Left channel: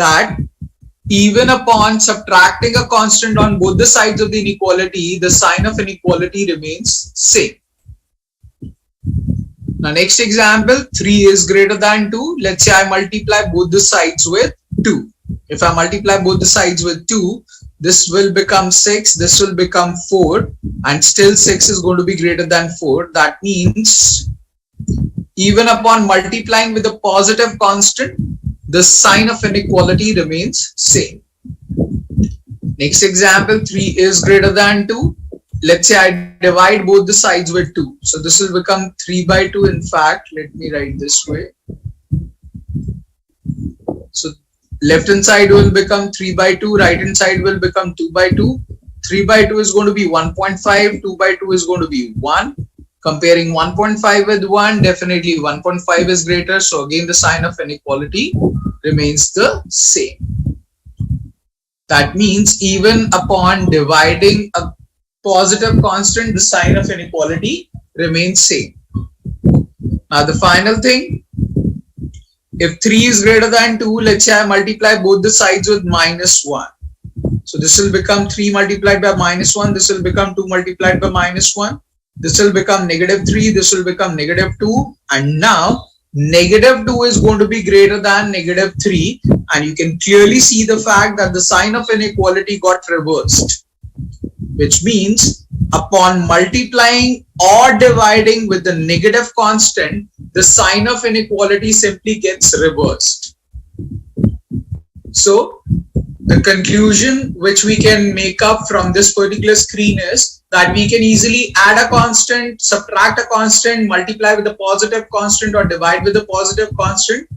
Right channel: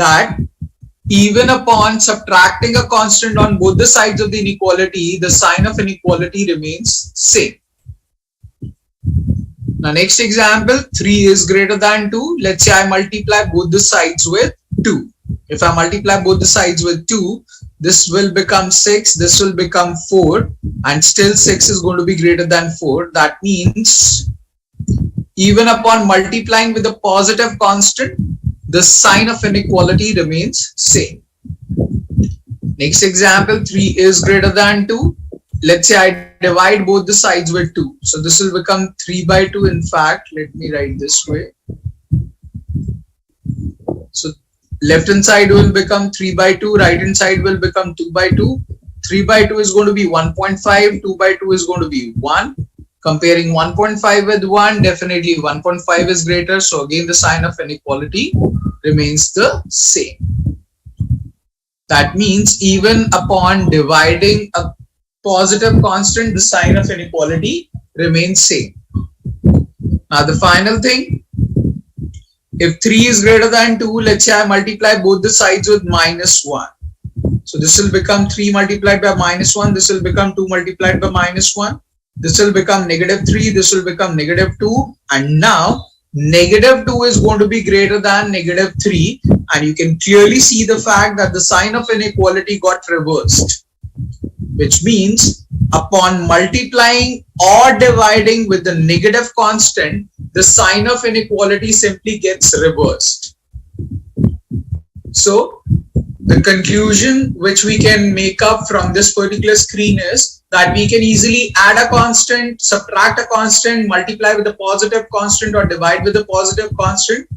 that even upon subtracting a constant on both the sides of the inequality, the sign of inequality remains same. Now next example, 3 is greater than 2. Let's say I multiply both the sides with 2. If I multiply both the sides with 2, this will become 6, this will become 4, and still 6 is going to be greater than 4. That means even upon multiplying with a positive constant, the sign of inequality remains same. Next example, 3 is greater than 2. Let's say I divide both the sides with 2. So this will become 3 by 2. In fact, let me write this way. So left hand side will become 3 by 2. Right hand side will become 2 by 2. 3 by 2 is going to be 1.5. 2 by 2 is going to be 1. Comparing 1.5 with 1, definitely 1.5 is greater. So again, the sign of inequality remains the same. That means even upon dividing a positive constant, the sign of inequality remains same. Now the final thing, if 3 is greater than 2, let's say I multiply both the sides with minus 1. So this will become 3 multiplied by minus 1. This will become 2 multiplied by minus 1. This will become negative 3. This will become negative 2. And now negative 2 is going to be greater than negative 3. And you can clearly see the fact that the sign of inequality got reversed, which means upon multiplying or dividing with the negative constant, the sign of inequality simply gets reversed. So the conclusion which we can make up from this particular screen is that we can easily add a constant, subtract a constant, multiply with a positive constant or divide with a positive constant.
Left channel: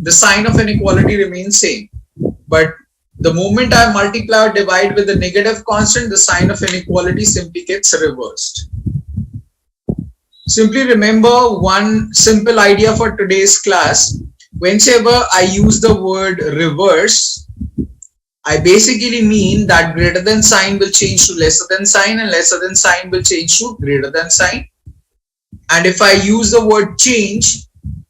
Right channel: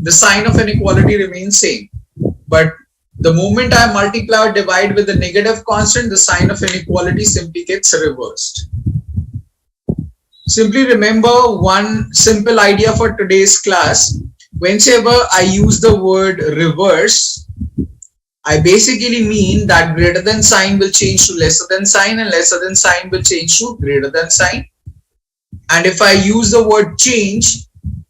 The sign of inequality remains same. But the moment I multiply or divide with a negative constant, the sign of inequality simply gets reversed. Simply remember one simple idea for today's class. Whenever I use the word reverse, I basically mean that greater than sign will change to lesser than sign and lesser than sign will change to greater than sign. And if I use the word change,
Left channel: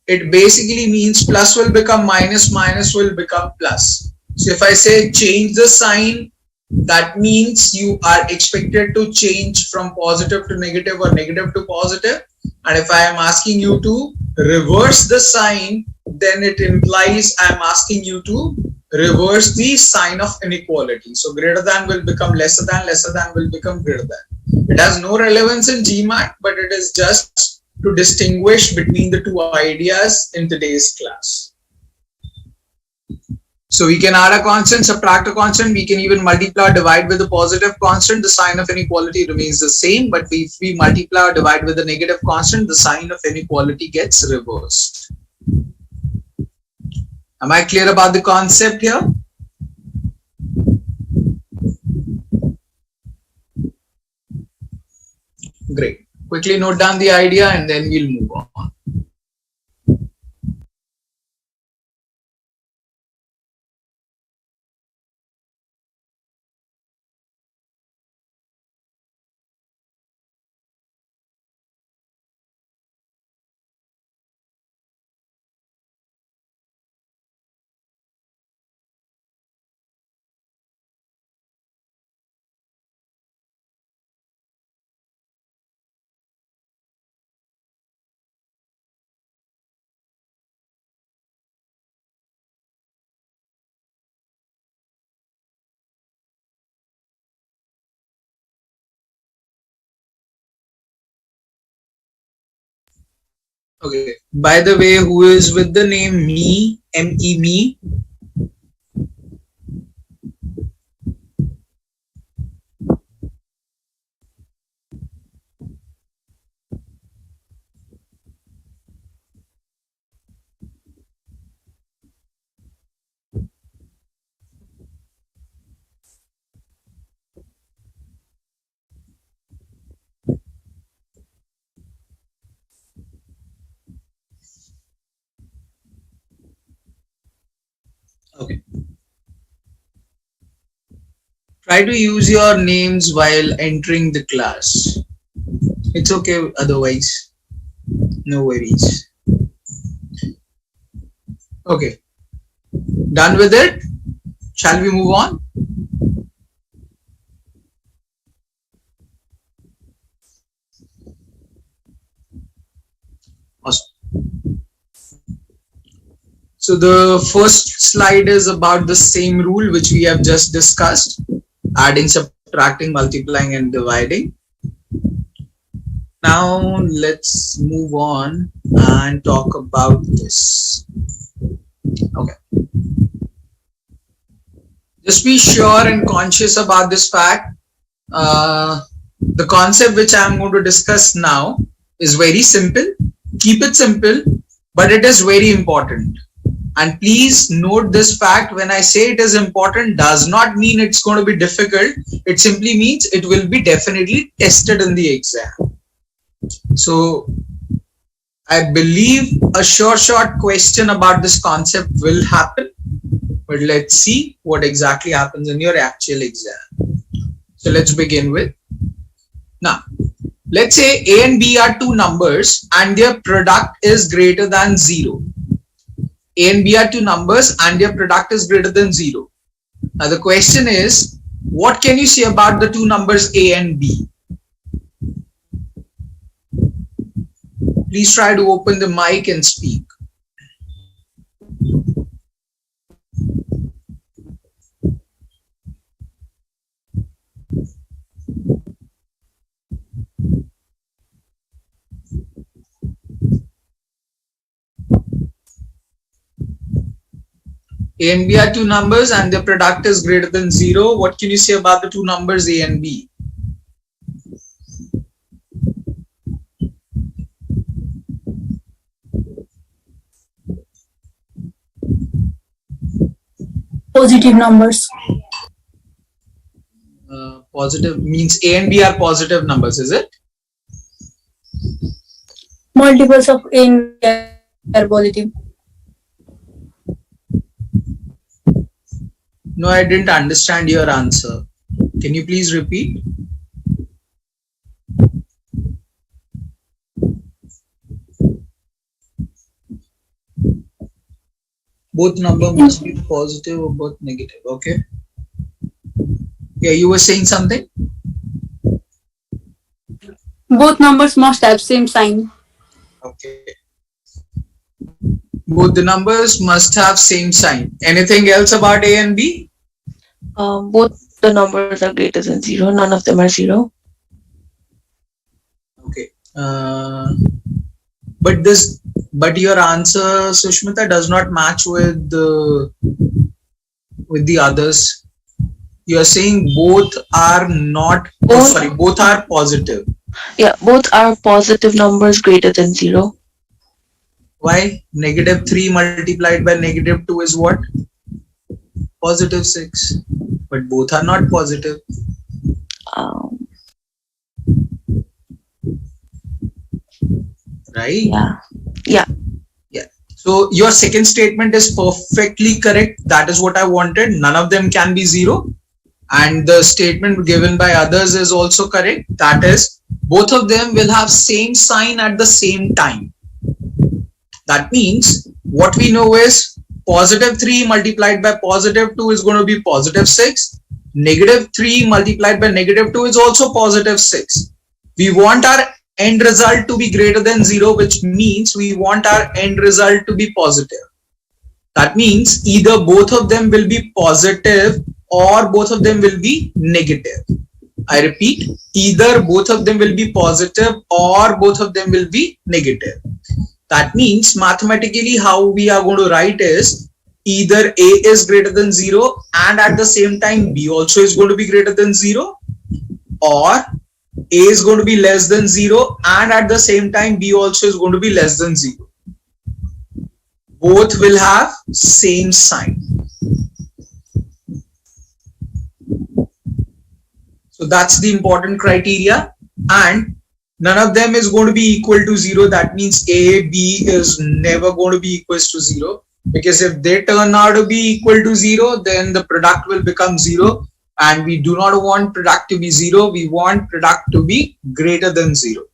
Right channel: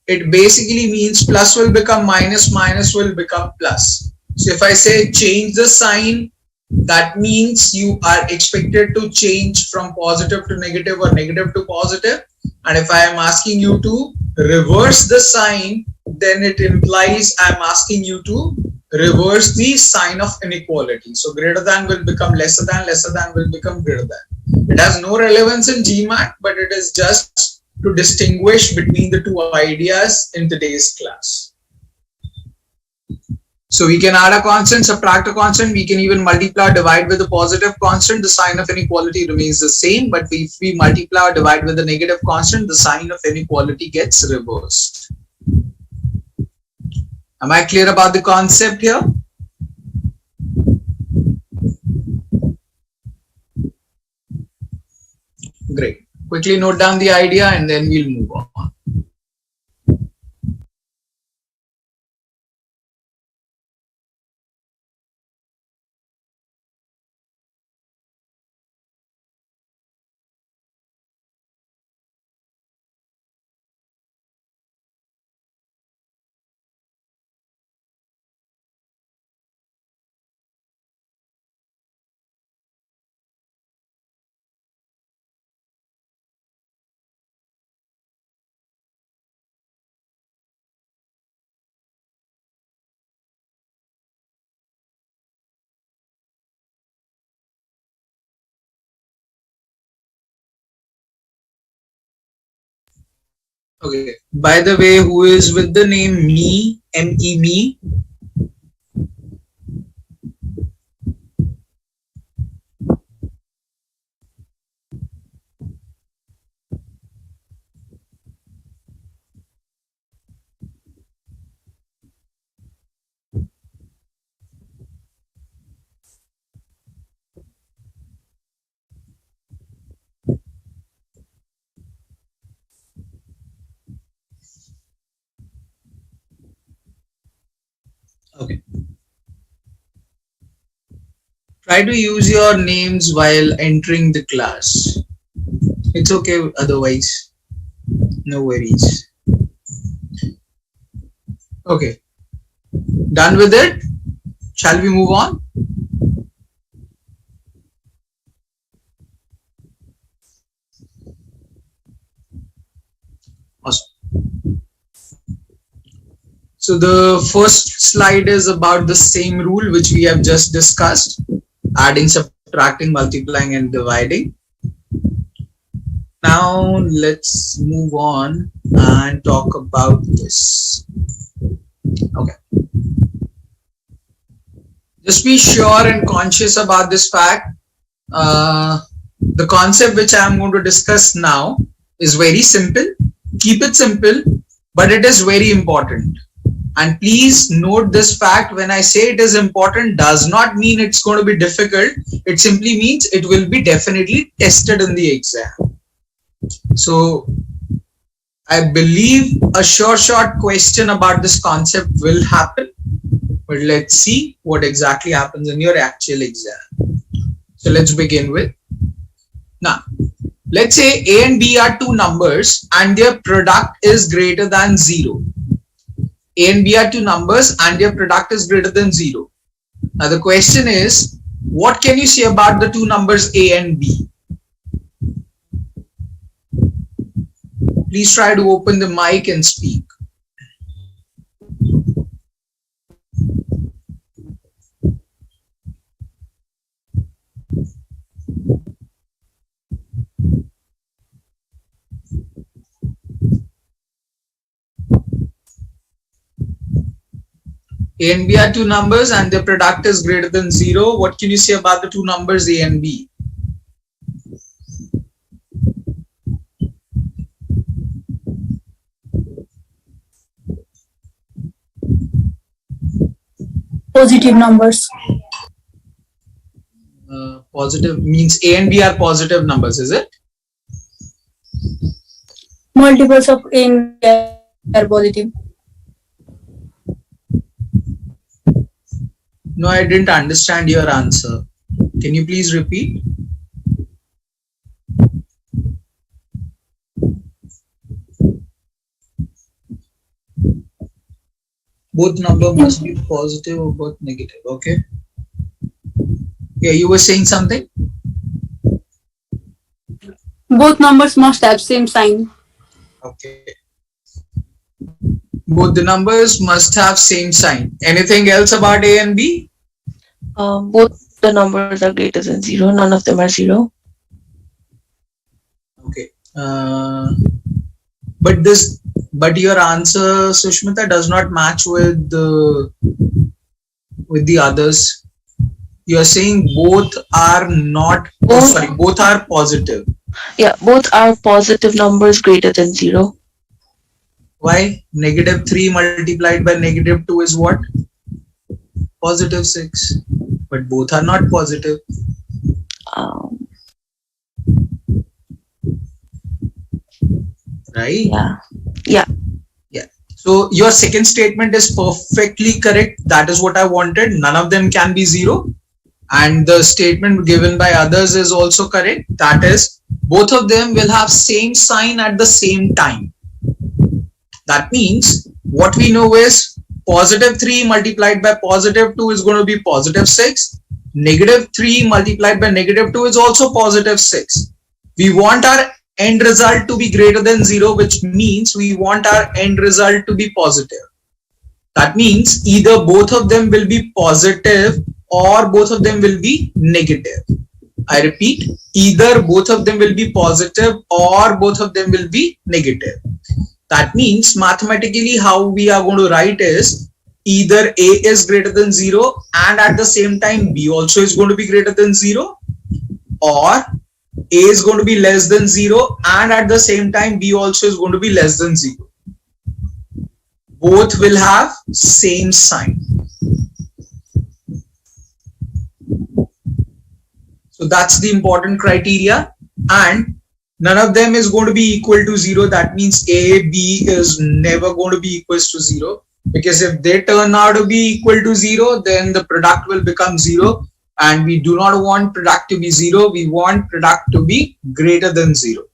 it basically means plus will become minus, minus will become plus. So if I say change the sign, that means you are expected to change from positive to negative or negative to positive. And if I am asking you to reverse the sign, then it implies I am asking you to reverse the sign of inequality. So greater than will become lesser than will become greater than. It has no relevance in GMAT, but it is just to distinguish between the two ideas in today's class. So we can add a constant, subtract a constant, we can even multiply or divide with a positive constant, the sign of inequality remains the same, but if we multiply or divide with a negative constant, the sign of inequality gets reversed. Am I clear about the concept here? Great. Quickly note down the idea and then we'll move on. Okay. By the way, who is with the name me, M-E, me? Okay. Try to use your names while entering the class. It's okay otherwise. No worries. Okay. Done with it? Shall we move on? Awesome. So the first slide is about the same rule which we have just discussed, adding, subtracting, multiplying and dividing. Now let's move on and talk about this. Okay. Just be sure and conscious about this fact. The concept which I am going to discuss now is very simple. Keep it simple, but it is very important. And please note this fact, when I say it is important, does not mean it's going to be difficult. It simply means it will be definitely tested in the exam. So I believe a short question about this concept will happen, but let's see what exactly happens in your actual exam. So let's begin with, now let's say A and B are two numbers and their product is greater than 0. A and B are two numbers and their product is greater than 0. Now the question is, what can you say about the two numbers A and B? Please try to open the mic and speak. A and B are two numbers and their product is greater than 0. What can you say about the two numbers A and B? Positive numbers. Positive means A and B are positive numbers, is it? Multiples of A and B are positive. No, I didn't understand your answer. Can you please repeat? Both number must be positive or both negative. Okay. Yeah, you were saying something? Both numbers must have same sign. Okay. Both the numbers must have same sign. Anything else about A and B? Both the numbers are greater than 0. None of them are 0. Okay. But your answer, Sushmita, does not match with the others. You are saying both are not. Both are positive. Yeah, both are positive numbers greater than 0. Why? -3 multiplied by -2 is what? +6. But both are not positive. Right? Yeah. So your second statement is perfectly correct. That is what I wanted. None of them can be 0. And the statement given by others is also correct. That is, both of them will have same sign at the same time. That means what we know is +3 multiplied by +2 is going to be +6. -3 multiplied by -2 is also +6. We want our end result to be greater than 0, which means we want our end result to be positive. That means either both of them will be positive or both of them will be negative. I repeat, either both of them will be positive or both of them will be negative. That means mathematically how we are going to write is either A is greater than 0 and at the same time B also is going to be greater than 0, or A is going to be less than 0 and at the same time B also is going to be less than 0. Both will have same sign. So that's the important criteria, and none of them is going to be equal to 0. That means A, B is never going to be equal to 0, because if they turn out to be equal to 0, then the product will become 0, and we do not want product to be 0. We want product to be greater than 0.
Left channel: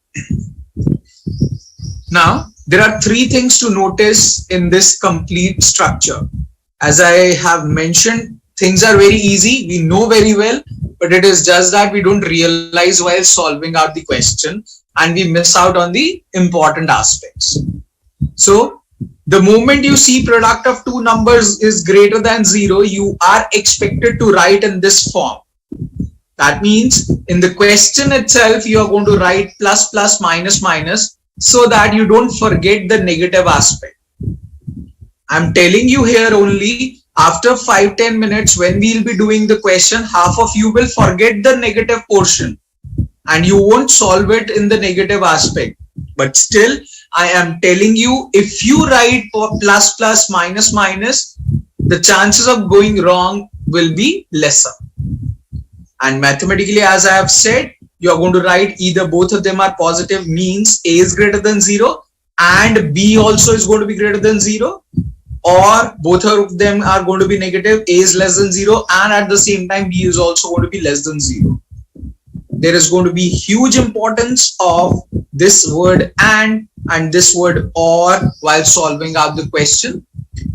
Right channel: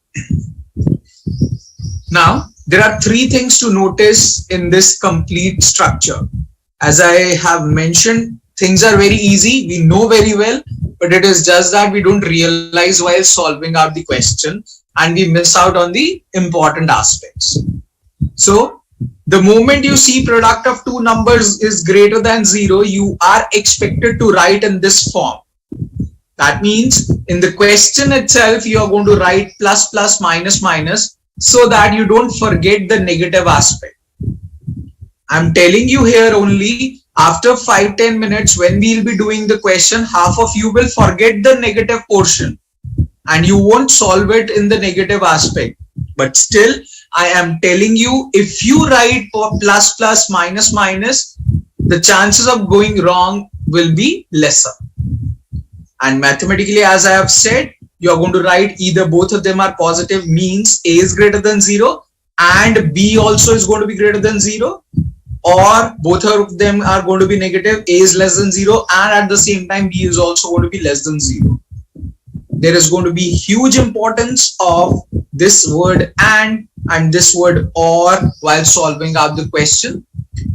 Now, there are three things to notice in this complete structure. As I have mentioned, things are very easy. We know very well, but it is just that we don't realize while solving out the question and we miss out on the important aspects. So the moment you see product of two numbers is greater than 0, you are expected to write in this form. That means in the question itself, you are going to write plus plus minus minus so that you don't forget the negative aspect. I'm telling you here only after 5-10 minutes when we'll be doing the question, half of you will forget the negative portion and you won't solve it in the negative aspect. But still, I am telling you, if you write plus plus minus minus, the chances of going wrong will be lesser. And mathematically, as I have said, you are going to write either both of them are positive, means A is greater than 0 and B also is going to be greater than 0, or both of them are going to be negative, A is less than 0 and at the same time B is also going to be less than 0. There is going to be huge importance of this word and this word or while solving out the question,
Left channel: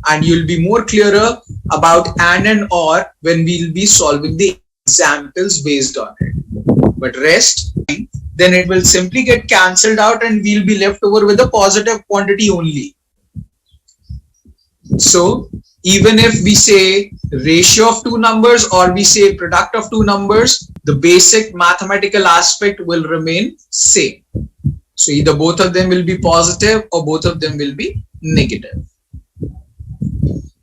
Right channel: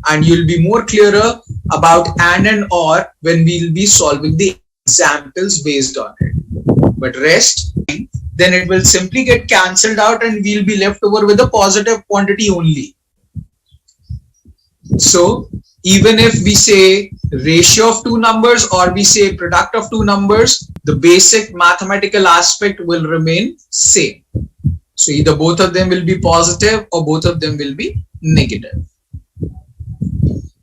and you'll be more clearer about and or when we'll be solving the examples based on it. But rest, then it will simply get cancelled out and we'll be left over with a positive quantity only. So even if we say ratio of two numbers or we say product of two numbers, the basic mathematical aspect will remain same. So either both of them will be positive or both of them will be negative.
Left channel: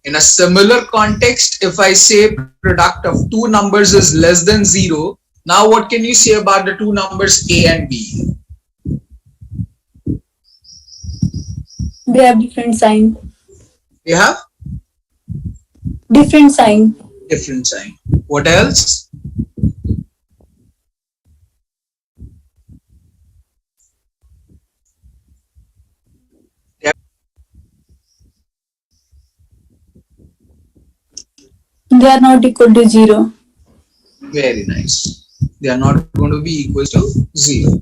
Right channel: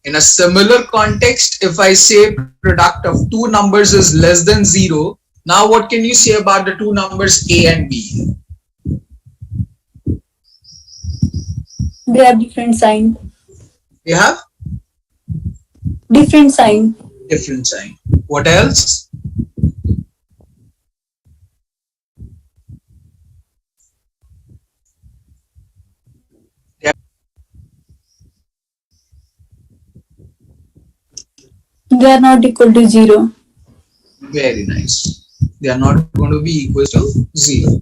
In a similar context, if I say product of two numbers is less than 0, now what can you say about the two numbers A and B? They have different sign. They have Different sign. different sign. What else? They are not equal to 0. Very nice. They are not going to be equal to 0.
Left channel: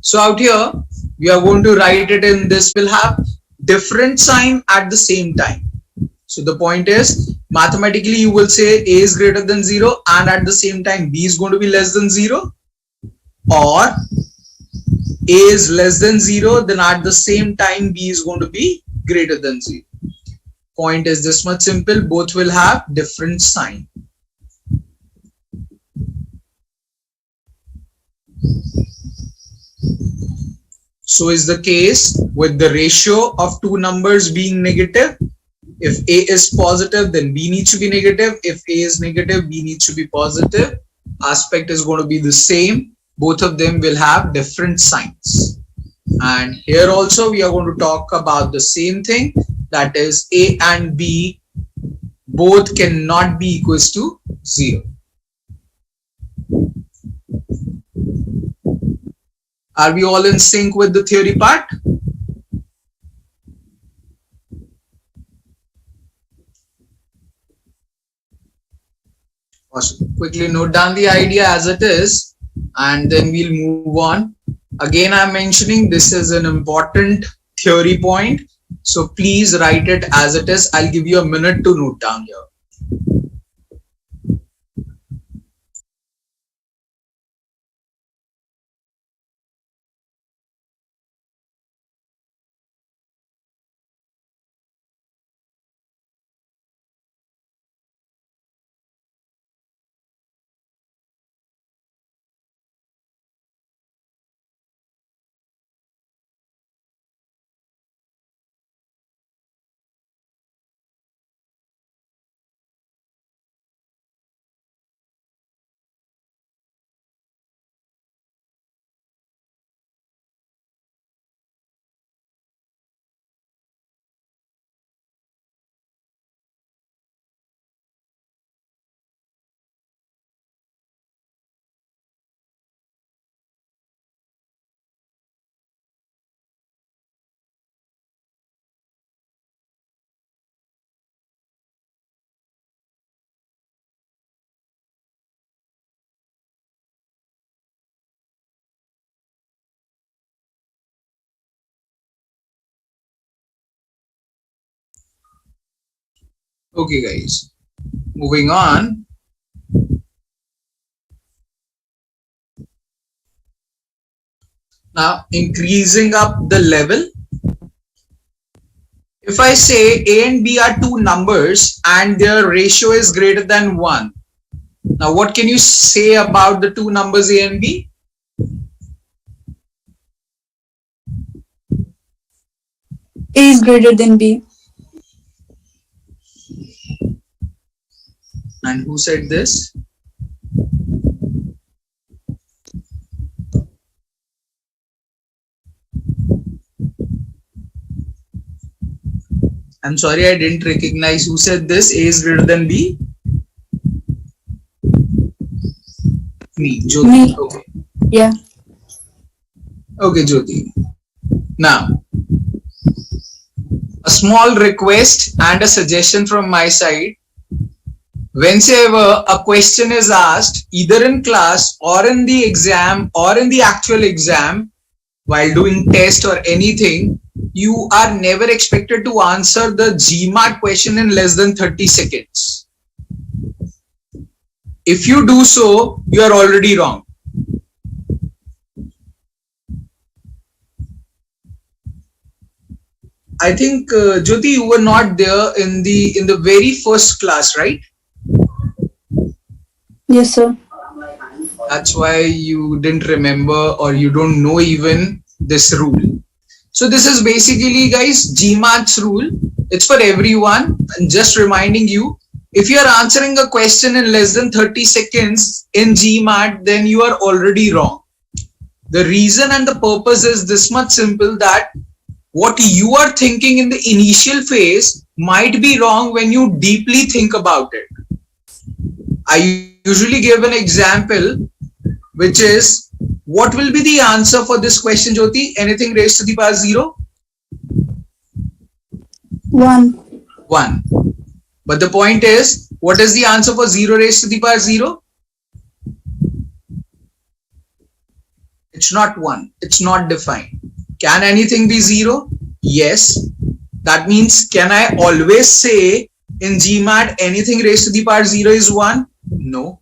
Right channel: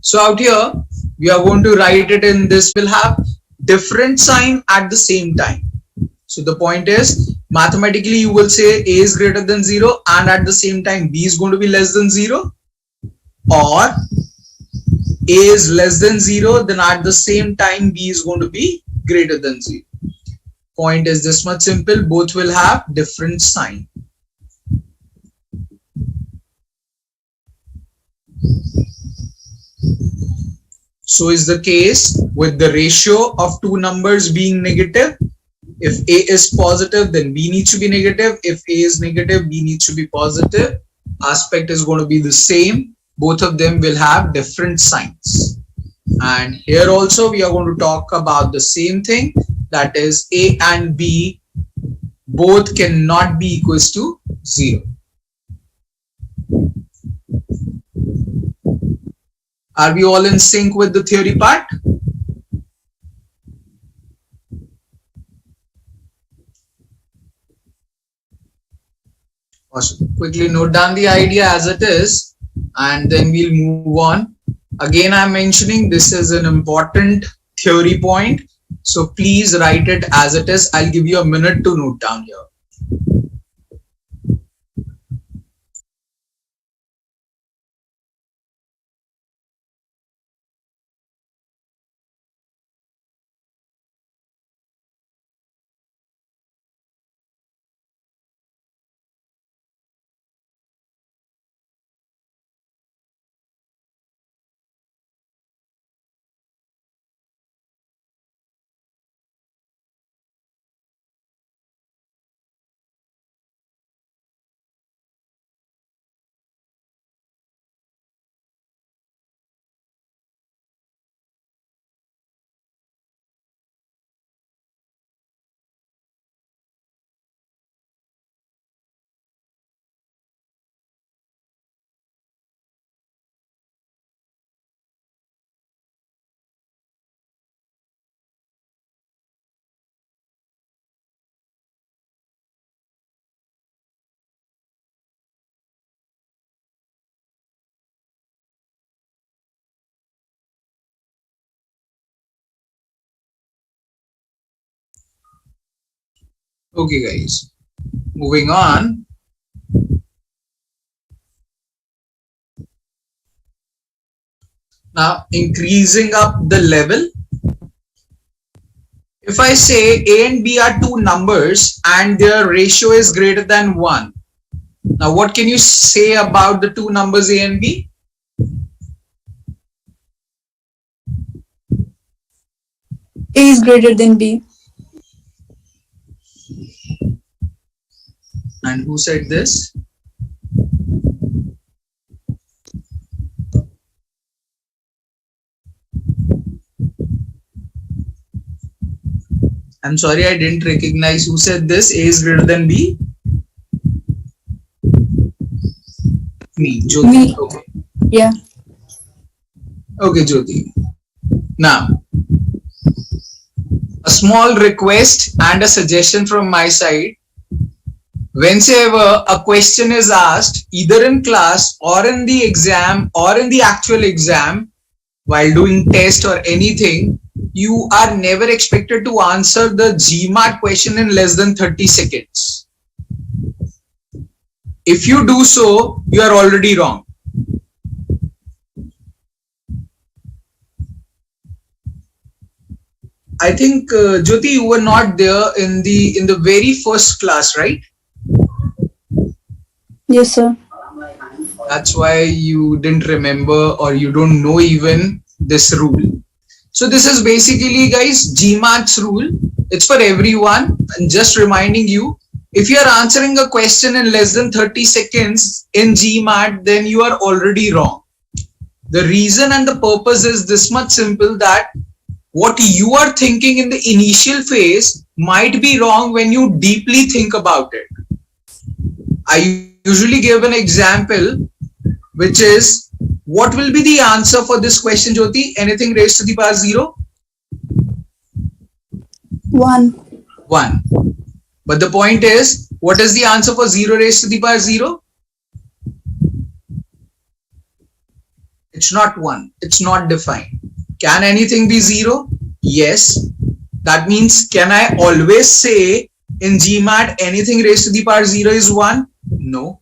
So out here, we are going to write it in this will have different sign at the same time. So the point is, mathematically you will say A is greater than 0 and at the same time B is going to be less than 0, or A is less than 0, then at the same time B is going to be greater than 0. Point is this much simple, both will have different sign. So is the case with the ratio of two numbers being negative. If A is positive, then B needs to be negative. If A is negative, B needs to be positive. Aspect is going to be the same. Both of them will have different signs. And here also we are going to talk about the same thing, that is A and B both cannot be equals to 0. Are we all in sync with the theory part? Awesome. Quickly note down the idea as it is and then we'll move on. Again, I'm mentioning this is an important theory point. So please write it as it is. I'll give you a minute to note down here. Okay, guys. Moving on. Now, increasing up the level. If I say A and B are two numbers and their ratio is greater than 1. Now, what can you say about the two numbers A and B? A is greater than B. And who said this? I'm sorry, I didn't recognize who said this. A is greater than B. Me, Jyoti. Me. Okay. Yeah. Okay, Jyoti. Now, a small request and a suggestion from my side. Whenever a question is asked, either in class or in the exam or in the actual exam, while doing test or anything, you are never expected to answer the GMAT question in less than 30 seconds. If you do so, you are already wrong. I think Jyoti, you were not there in the very first class, right? Yes, sir. That's why you didn't remember or you don't know even this rule. So this is basically, guys, GMAT's rule. It's for everyone. And just reminding you, if you are answering a question in less than 30 seconds in GMAT, then you are already wrong. The reason and the purpose is this much simple, that what you are thinking in the initial phase might be wrong when you deeply think about it. I usually give an example, which is, what will be the answer for this question, Jyoti? Anything raised to the power 0? 1. 1. But the point is, what is the answer for 0 raised to the power 0? It's not 1. It's not defined. Can anything be 0? Yes. That means, can I always say in GMAT anything raised to the power 0 is 1? No.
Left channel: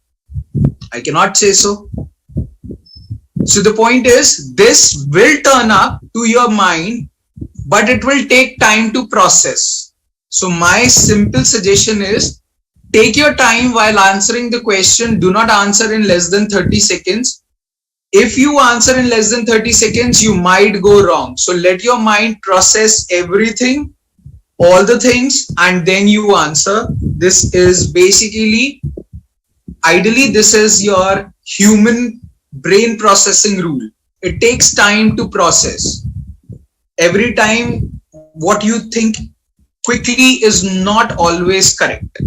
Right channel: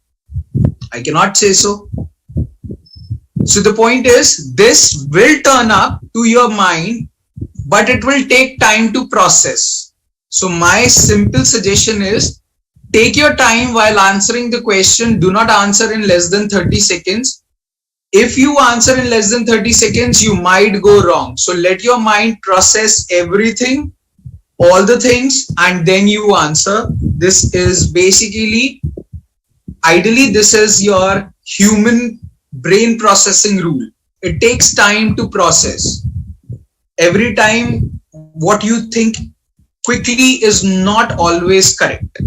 I cannot say so. So the point is, this will turn up to your mind, but it will take time to process. So my simple suggestion is, take your time while answering the question. Do not answer in less than 30 seconds. If you answer in less than 30 seconds, you might go wrong. So let your mind process everything, all the things, and then you answer. This is basically, ideally, this is your human brain processing rule. It takes time to process. Every time what you think quickly is not always correct.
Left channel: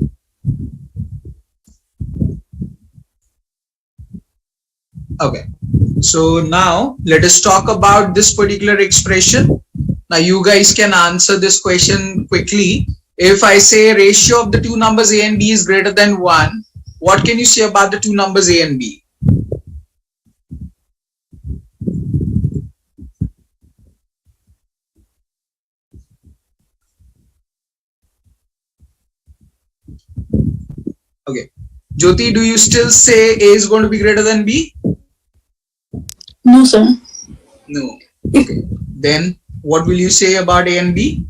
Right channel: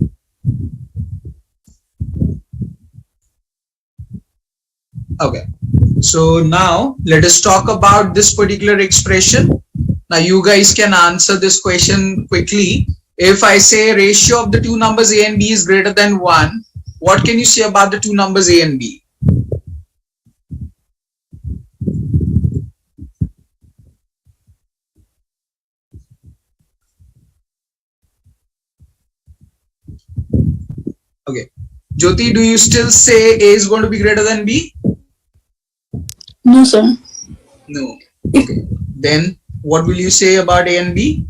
Okay, so now let us talk about this particular expression. Now you guys can answer this question quickly. If I say ratio of the two numbers A and B is greater than 1, what can you say about the two numbers A and B? Okay, Jyoti, do you still say A is going to be greater than B? No, sir. No. Okay, then what will you say about A and B?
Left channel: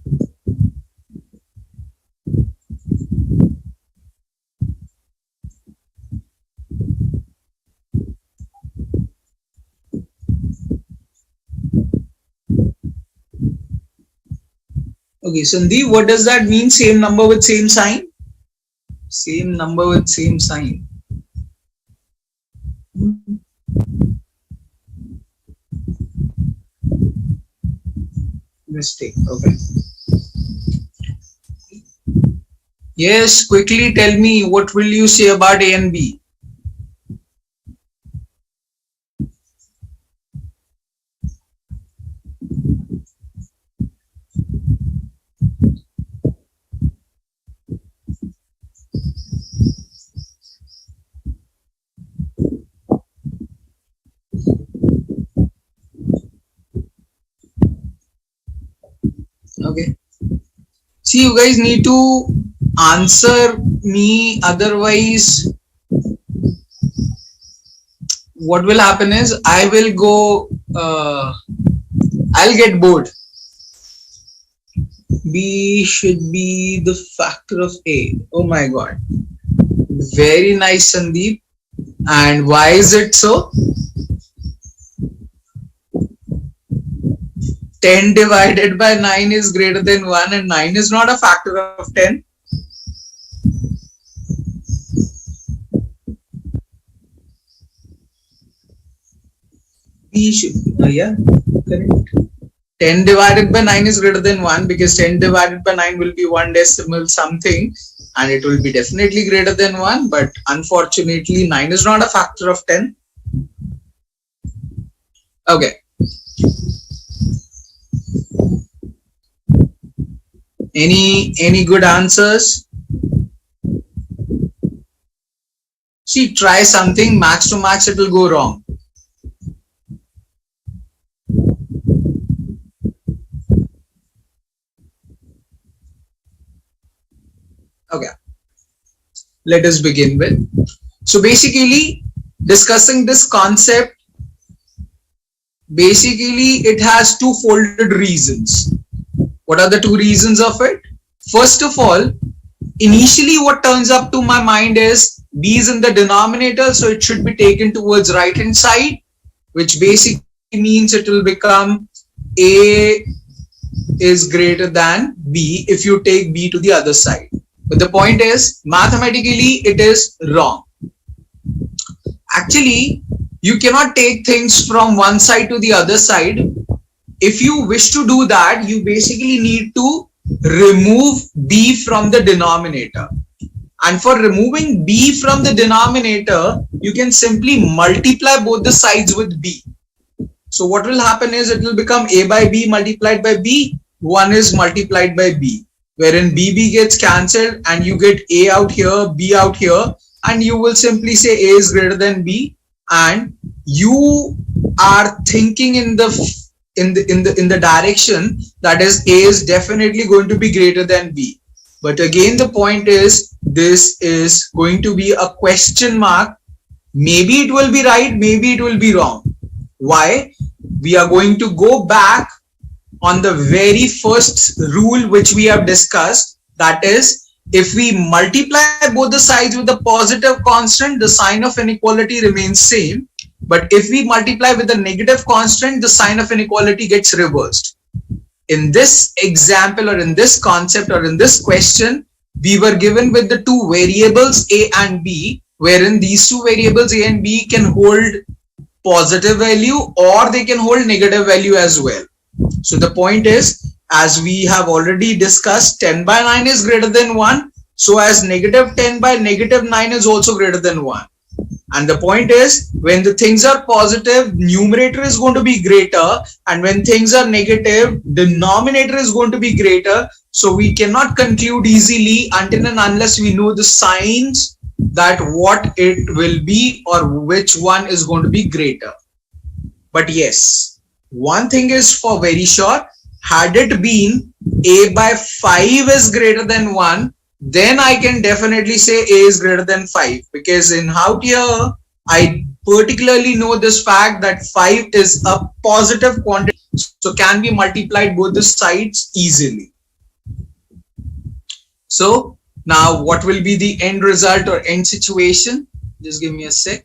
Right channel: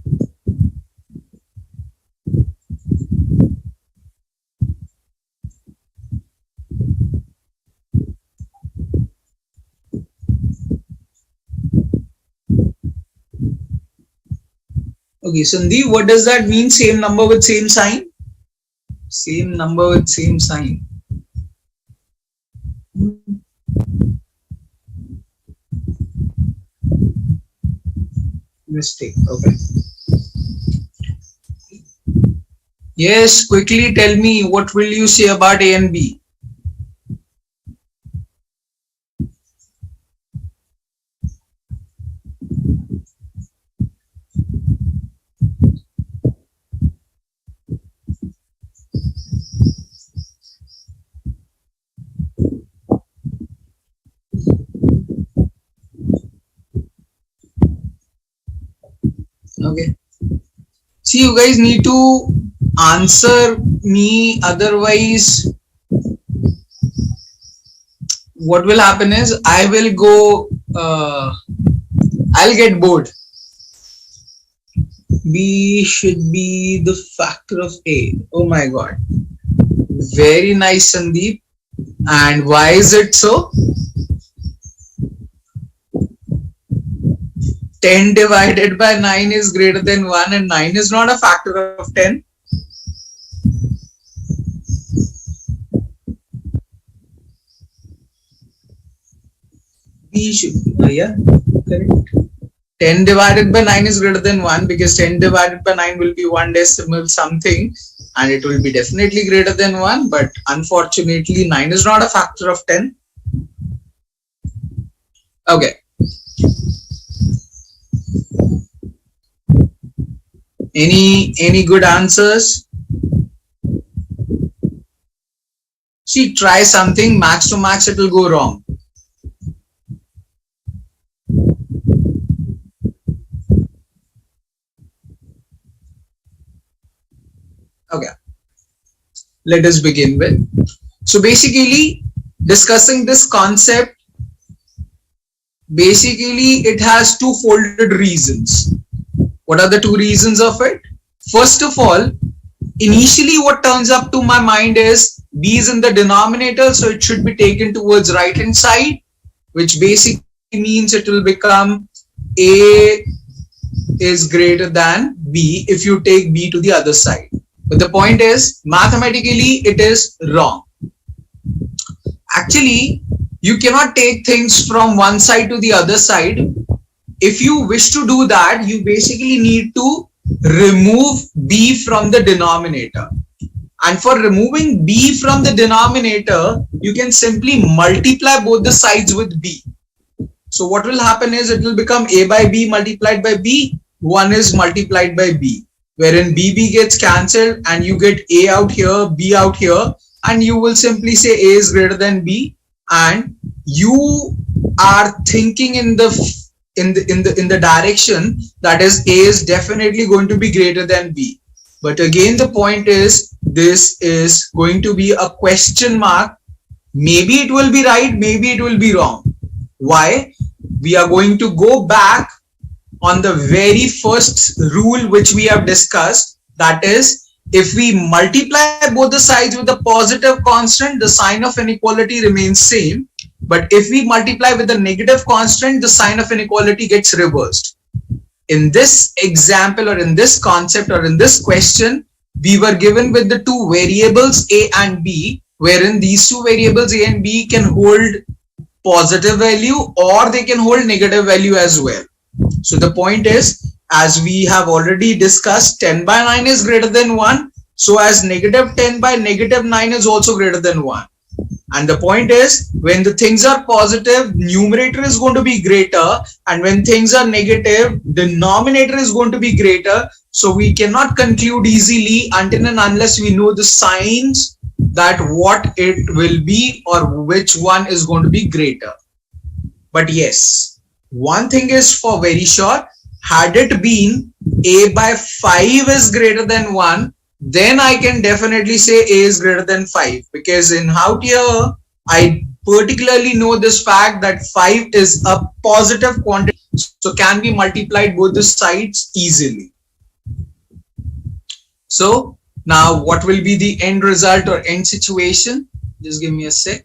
Okay, Sandeep, what does that mean? Same number with same sign? Same number with same sign. Mistake. Okay. Yes, quickly tell me, what will you say about A and B? Okay. See, you guys need to answer me, otherwise what will happen is I will go, I'll get bored. B should be the factor of A. Oh my god. Very nice, Sandeep. And why is it so? 10 divided by 9 is greater than 1 and 9 is not a factor of 10. B should be, yeah, correct. 10 divided by 9 is greater than 1 because 10 divided by 9 will be 1 decimal something and it will be definitely greater than 1, but unfortunately 9 is not a factor of 10. Okay. Any good answers? See, try something, max to max it will go wrong. Okay, let us begin with. So basically, discussing this concept, basically it has two-folded reasons. What are the two reasons of it? First of all, initially what turns up to my mind is B is in the denominator, so it should be taken towards right hand side, which basically means it will become A is greater than B if you take B to the other side. But the point is, mathematically, it is wrong. Actually, you cannot take things from one side to the other side. If you wish to do that, you basically need to remove B from the denominator. And for removing B from the denominator, you can simply multiply both the sides with B. So what will happen is it will become A by B multiplied by B. 1 is multiplied by B, wherein BB gets cancelled and you get A out here, B out here, and you will simply say A is greater than B, and you are thinking in the direction that is A is definitely going to be greater than B. But again, the point is this is going to be a question mark. Maybe it will be right, maybe it will be wrong. Why? We are going to go back on the very first rule which we have discussed, that is, if we multiply both the sides with a positive constant, the sign of inequality remains same. But if we multiply with a negative constant, the sign of inequality gets reversed. In this example or in this concept or in this question, we were given with the two variables A and B, wherein these two variables A and B can hold positive value or they can hold negative value as well. So the point is, as we have already discussed, 10 by 9 is greater than 1. So as negative 10 by negative 9 is also greater than 1. And the point is, when the things are positive, numerator is going to be greater. And when things are negative, denominator is going to be greater. So we cannot conclude easily until and unless we know the signs that what it will be or which one is going to be greater. But yes, one thing is for very sure, had it been A by 5 is greater than 1, then I can definitely say A is greater than 5, because in out here, I particularly know this fact that 5 is a positive quantity, so can be multiplied both the sides easily. So now what will be the end result or end situation? Just give me a sec.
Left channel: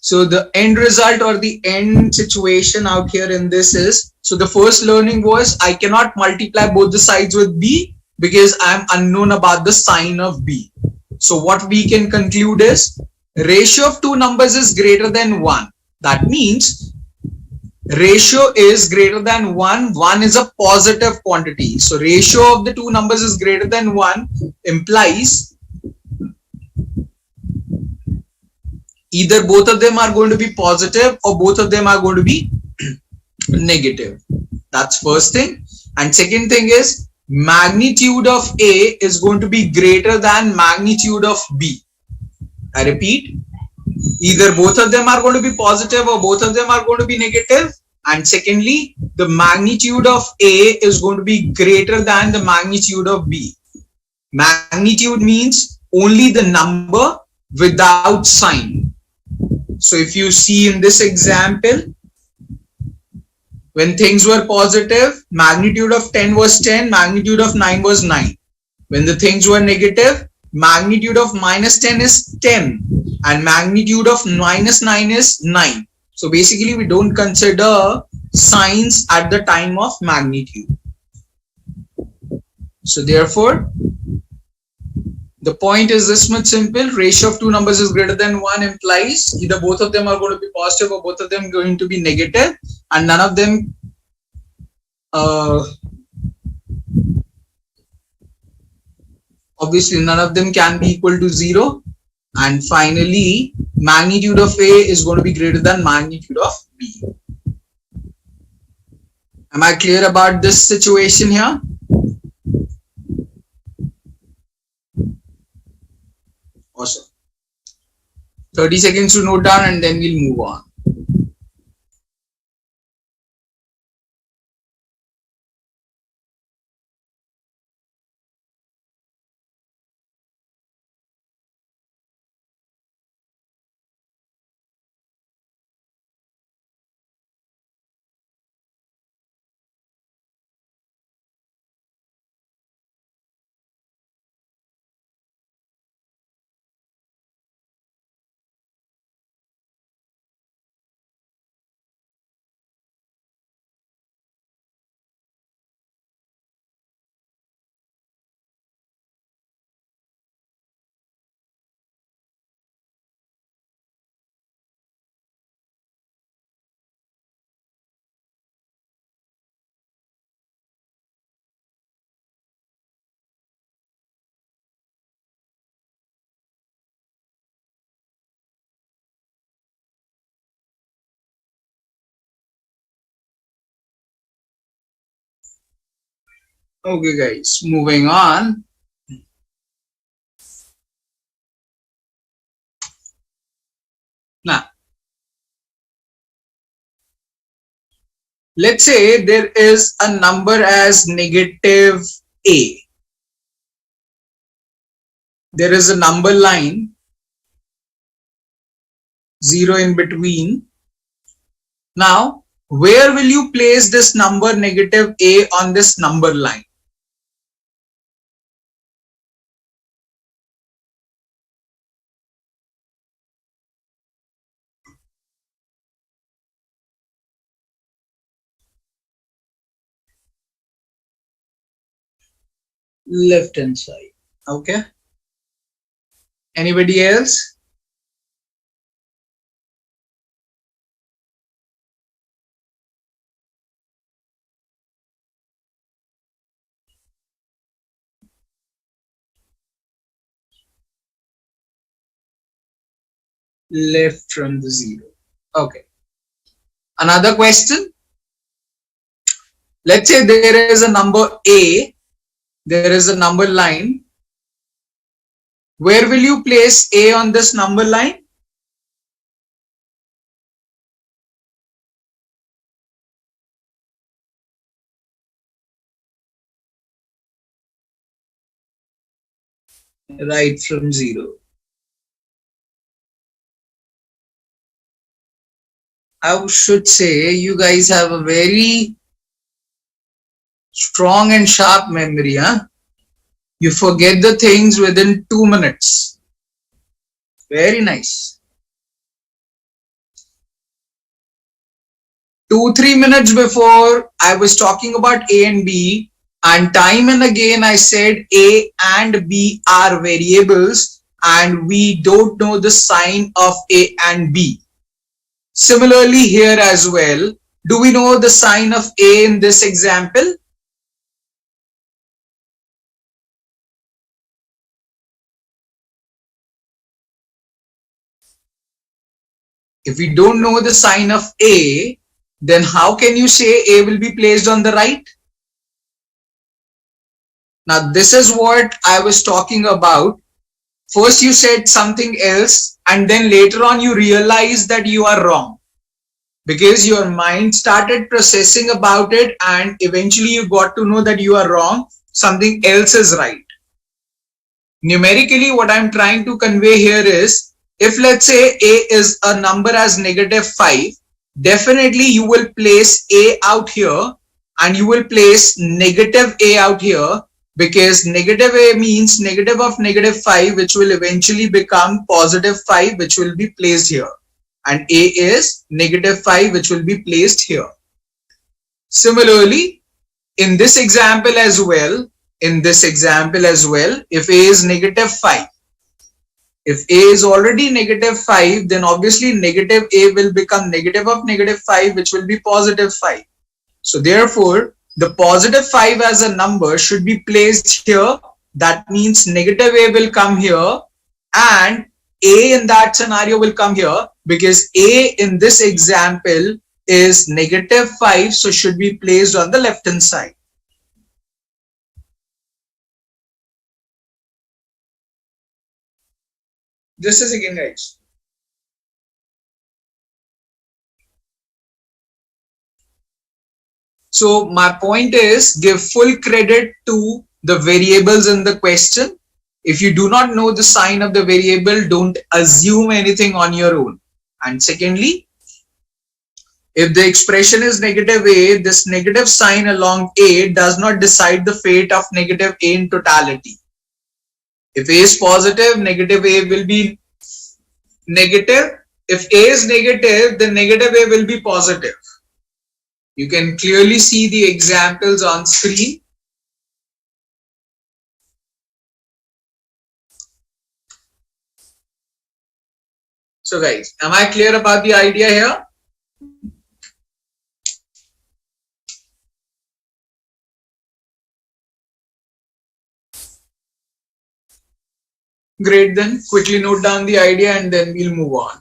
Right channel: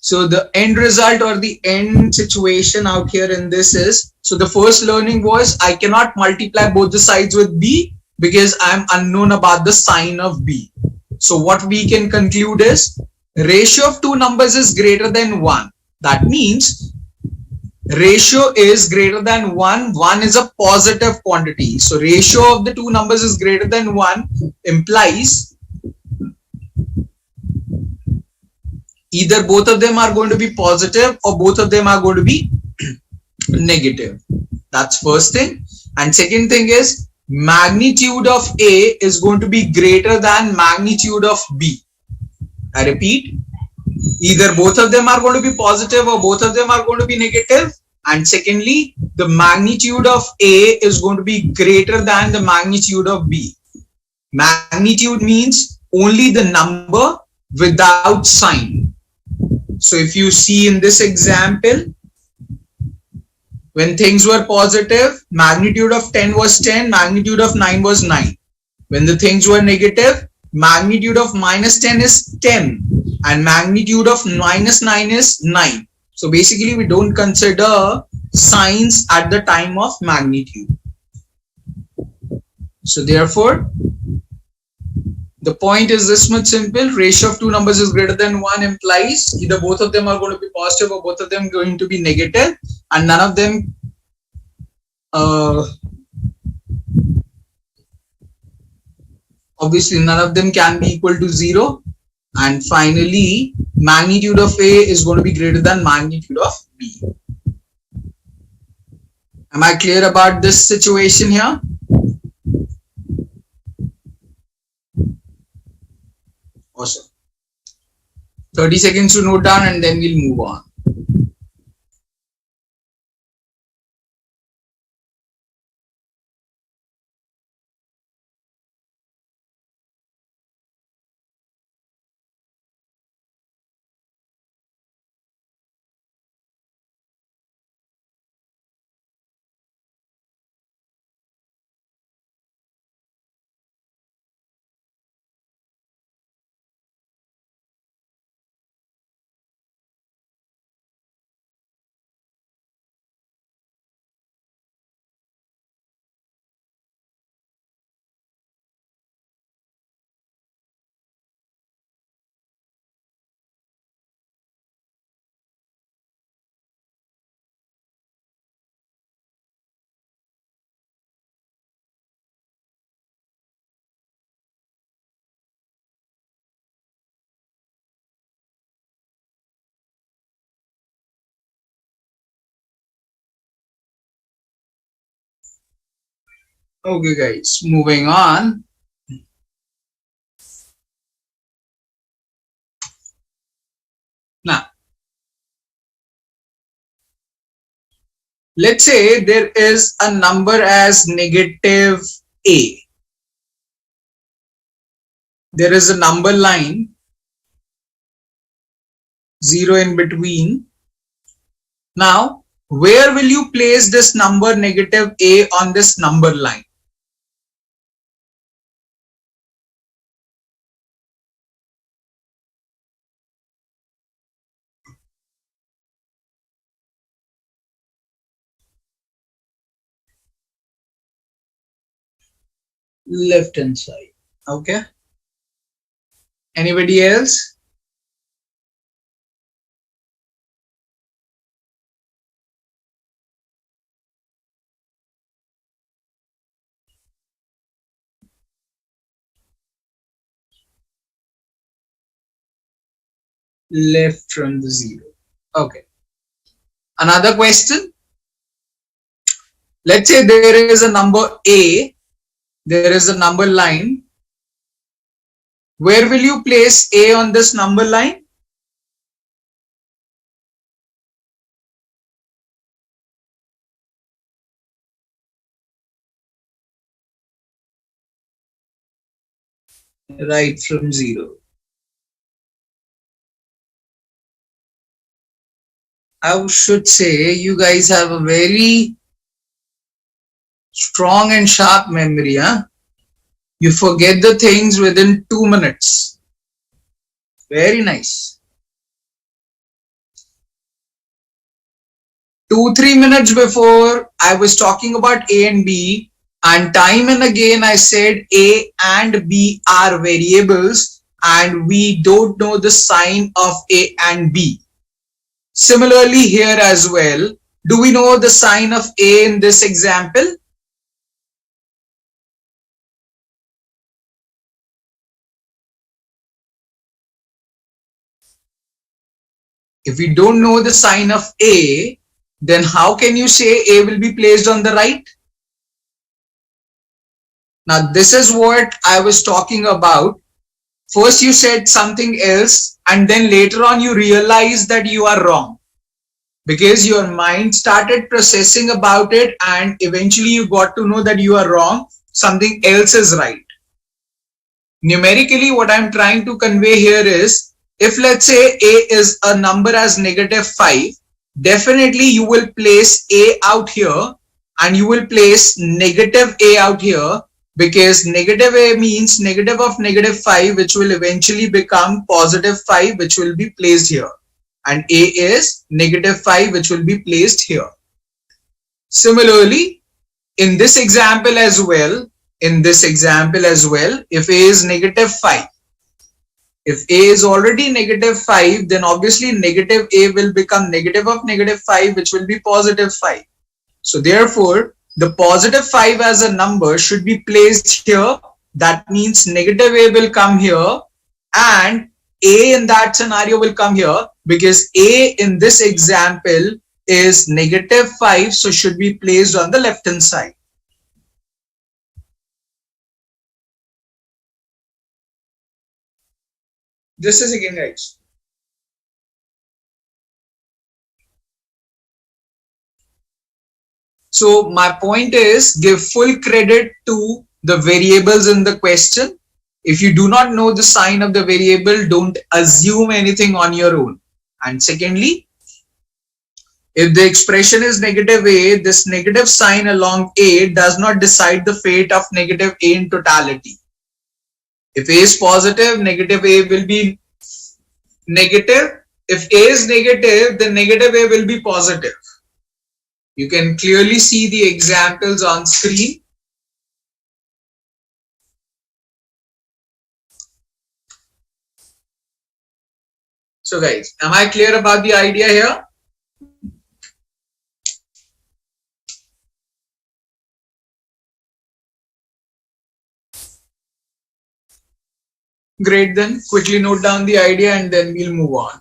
So the end result or the end situation out here in this is, so the first learning was I cannot multiply both the sides with B because I am unknown about the sign of B. So what we can conclude is ratio of two numbers is greater than 1. That means ratio is greater than 1. 1 is a positive quantity. So ratio of the two numbers is greater than 1 implies either both of them are going to be positive or both of them are going to be negative. That's first thing. And second thing is magnitude of A is going to be greater than magnitude of B. I repeat, either both of them are going to be positive or both of them are going to be negative. and secondly, the magnitude of A is going to be greater than the magnitude of B. Magnitude means only the number without sign. So if you see in this example, when things were positive, magnitude of 10 was 10, magnitude of 9 was 9. When the things were negative, magnitude of minus 10 is 10 and magnitude of minus 9 is 9. So basically we don't consider signs at the time of magnitude. So therefore, the point is this much simple. Ratio of two numbers is greater than 1 implies either both of them are going to be positive or both of them going to be negative, and none of them obviously none of them can be equal to 0. And finally, magnitude of A is going to be greater than magnitude of B. Am I clear about this situation here? Awesome. 30 seconds to note down and then we'll move on. Okay guys, moving on. Now, let's say there is a number as negative A. There is a number line, 0 in between. Now, where will you place this number negative A on this number line? Left hand side. Okay. Anybody else? Left from the 0. Okay. Another question. Let's say there is a number A. There is a number line. Where will you place A on this number line? Right from 0. I should say you guys have a very strong and sharp memory, huh? You forget the things within 2 minutes. Very nice. 2-3 minutes before I was talking about A and B, and time and again I said A and B are variables and we don't know the sign of A and B. Similarly here as well, do we know the sign of A in this example? If we don't know the sign of A, then how can you say A will be placed on the right? Now this is what I was talking about. First you said something else and then later on you realize that you are wrong. because your mind started processing about it and eventually you got to know that you are wrong, something else is right. Numerically, what I'm trying to convey here is, if let's say a is a number as -5, definitely you will place a out here and you will place negative a out here, because negative a means negative of -5, which will eventually become +5, which will be placed here, and a is -5, which will be placed here. Similarly, in this example as well, if a is -5, if a is already -5, then obviously negative a will become negative of -5, which will be +5. So therefore, the +5 as a number should be placed here. That means negative a will come here and a in that scenario will come here, because a in this example is -5, so should be placed on the left hand side. Just a second, guys. So my point is, give full credit to the variables in the question. If you do not know the sign of the variable, don't assume anything on your own. And secondly, if the expression is -a, this negative sign along a does not decide the fate of -a in totality. If a is positive, -a will be negative. If a is negative, then -a will be positive. You can clearly see the examples on screen. So guys, am I clear about the idea here? Great, then quickly note down the idea and then we'll move on.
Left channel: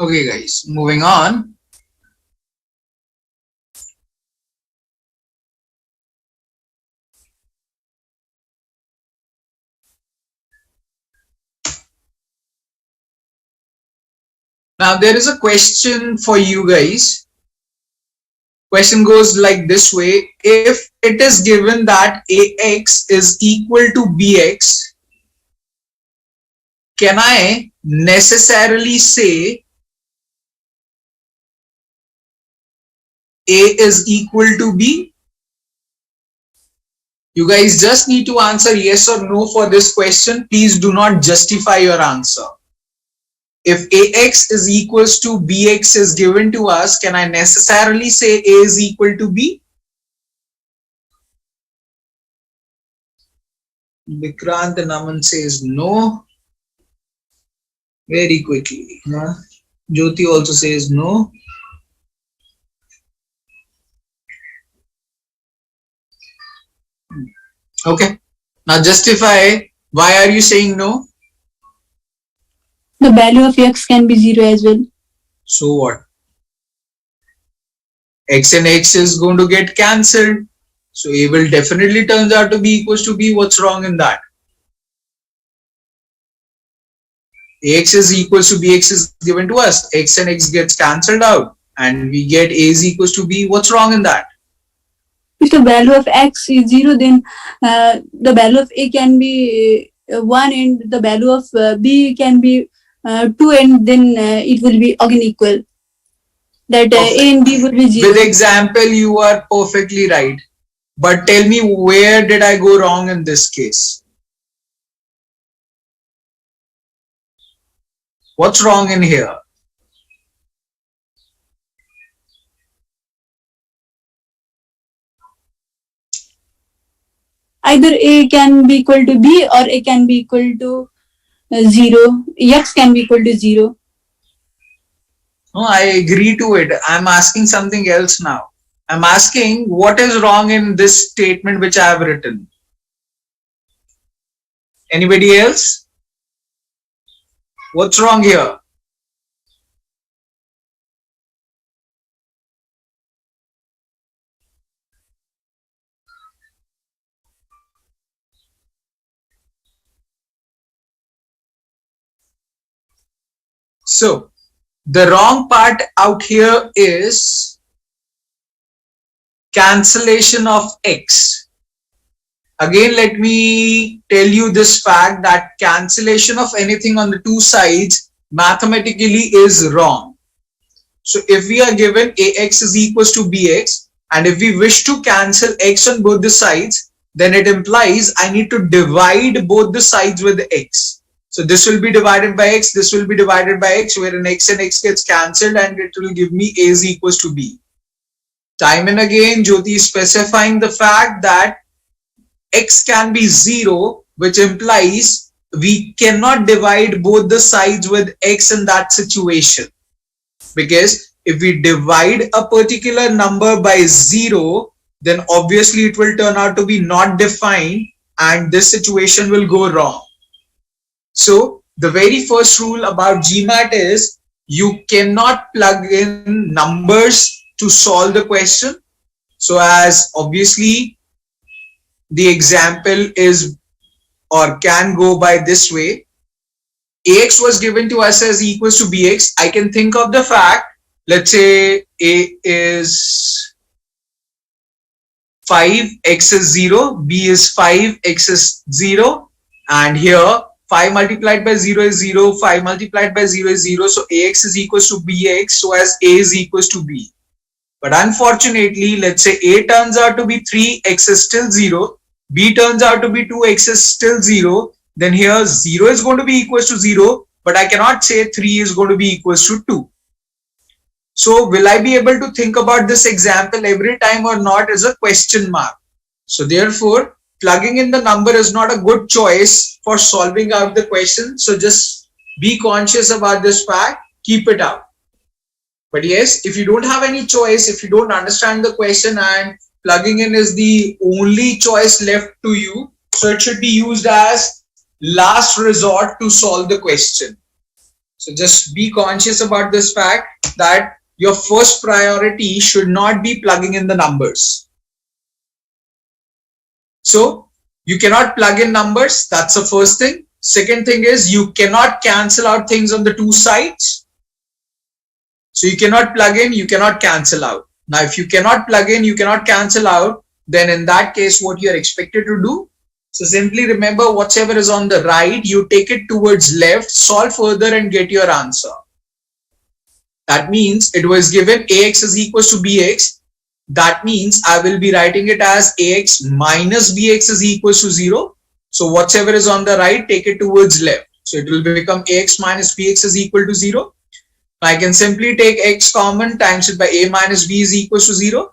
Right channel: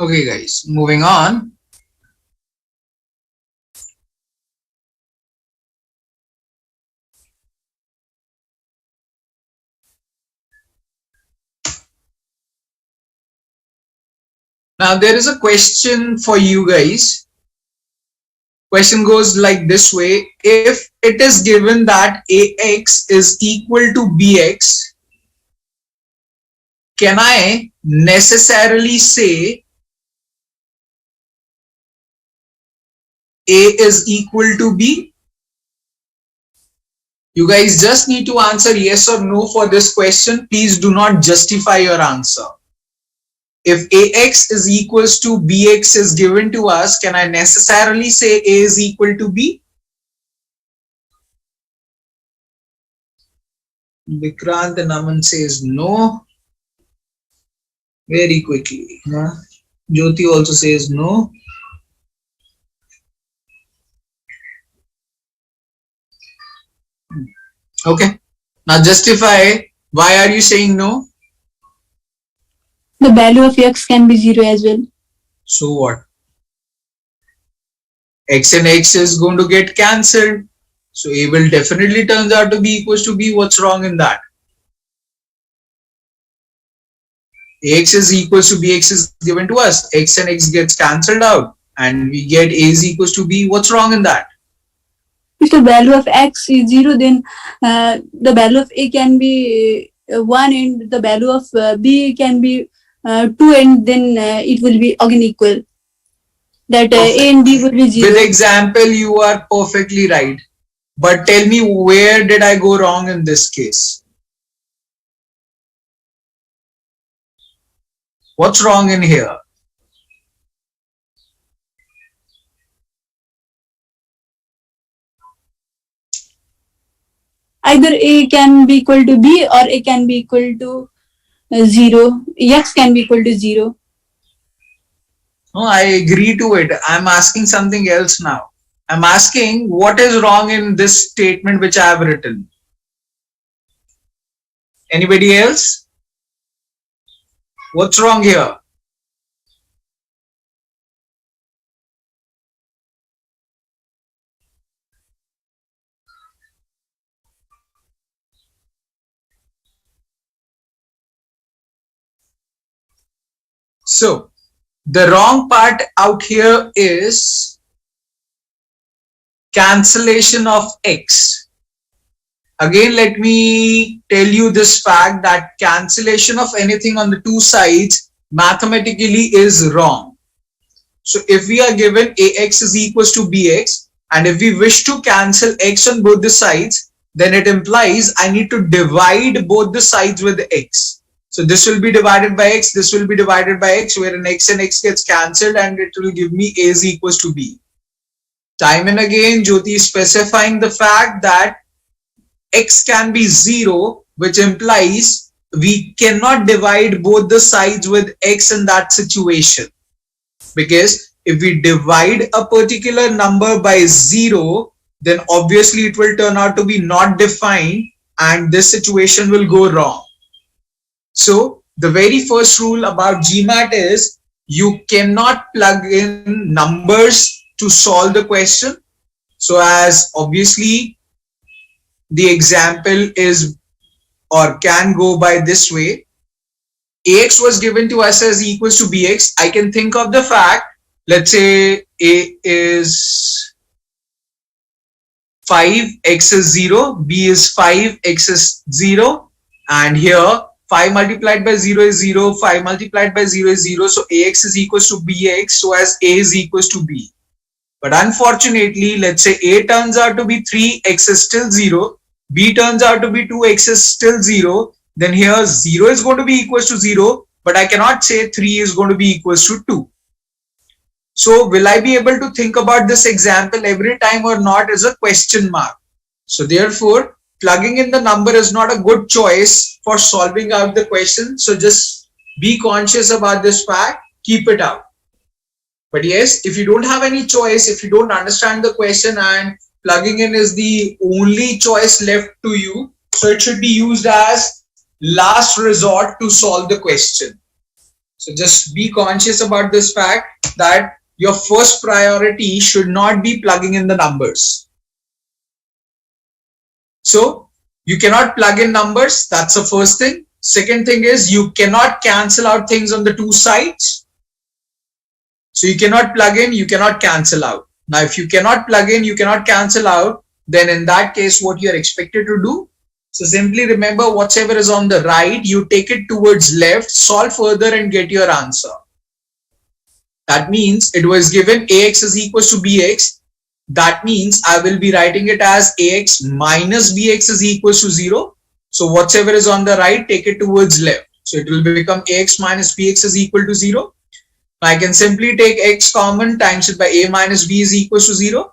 Okay guys, moving on. Now there is a question for you guys. Question goes like this way: if it is given that ax is equal to bx, can I necessarily say a is equal to b? You guys just need to answer yes or no for this question. Please do not justify your answer. If ax is equals to bx is given to us, can I necessarily say a is equal to b? Vikrant and Aman says no. Very quickly. Jyoti also says no. Okay. Now justify. Why are you saying no? The value of x can be 0 as well. So what? X and X is going to get cancelled. So A will definitely turns out to be equals to B. What's wrong in that? Ax is equals to Bx is given to us. X and X gets cancelled out and we get A is equals to B. What's wrong in that? If the value of x is 0, then the value of a can be 1 and the value of b can be 2, and then it will be again equal. that A and B would be With 0. example, you are perfectly right. But tell me, where did I go wrong in this case? What's wrong in here? Either A can be equal to B or A can be equal to 0. X can be equal to 0. No, I agree to it. I'm asking something else now. I'm asking what is wrong in this statement which I have written. Anybody else? What's wrong here? So the wrong part out here is cancellation of x. Again, let me tell you this fact that cancellation of anything on the two sides mathematically is wrong. So if we are given ax is equals to bx, and if we wish to cancel x on both the sides, then it implies I need to divide both the sides with x. So this will be divided by x, this will be divided by x, wherein x and x gets cancelled and it will give me a is equals to b. Time and again, Jyoti is specifying the fact that x can be 0, which implies we cannot divide both the sides with x in that situation. Because if we divide a particular number by 0, then obviously it will turn out to be not defined and this situation will go wrong. So the very first rule about GMAT is you cannot plug in numbers to solve the question. So as obviously the example is or can go by this way, ax was given to us as equals to bx. I can think of the fact, let's say a is 5, x is 0, b is 5, x is 0, and here 5 multiplied by 0 is 0, 5 multiplied by 0 is 0, so ax is equals to bx, so as a is equals to b. But unfortunately, let's say a turns out to be 3, x is still 0, b turns out to be 2, x is still 0, then here 0 is going to be equals to 0, but I cannot say 3 is going to be equals to 2. So will I be able to think about this example every time or not is a question mark. So therefore, plugging in the number is not a good choice for solving out the question. So just be conscious about this fact, keep it out. But yes, if you don't have any choice, if you don't understand the question and plugging in is the only choice left to you, so it should be used as last resort to solve the question. So just be conscious about this fact that your first priority should not be plugging in the numbers. So you cannot plug in numbers. That's the first thing. Second thing is you cannot cancel out things on the two sides. So you cannot plug in, you cannot cancel out. Now, if you cannot plug in, you cannot cancel out, then in that case, what you are expected to do? So simply remember whatever is on the right, you take it towards left, solve further and get your answer. That means it was given ax is equals to bx. That means I will be writing it as ax minus bx is equals to 0. So whatever is on the right, take it towards left. So it will become ax minus bx is equal to 0. I can simply take x common, times it by a minus b is equals to 0.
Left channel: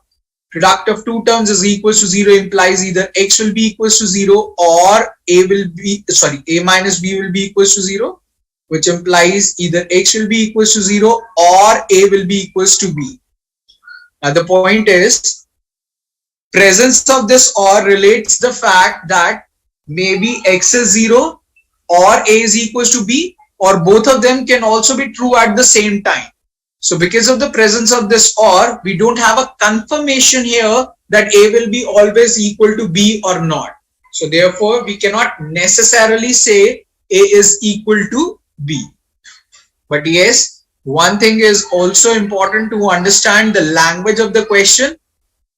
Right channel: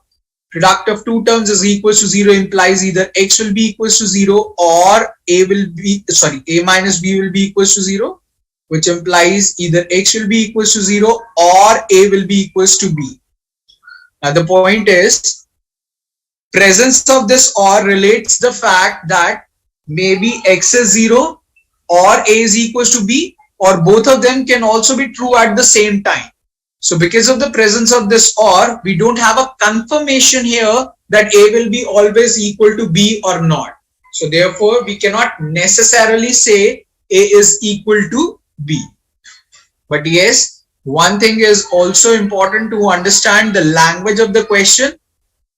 Product of two terms is equals to 0 implies either x will be equals to 0 or a minus b will be equals to 0, which implies either x will be equals to 0 or a will be equals to b. Now the point is, presence of this or relates the fact that maybe x is 0 or a is equals to b, or both of them can also be true at the same time. So because of the presence of this or, we don't have a confirmation here that a will be always equal to b or not. So therefore, we cannot necessarily say a is equal to b. But yes, one thing is also important to understand the language of the question.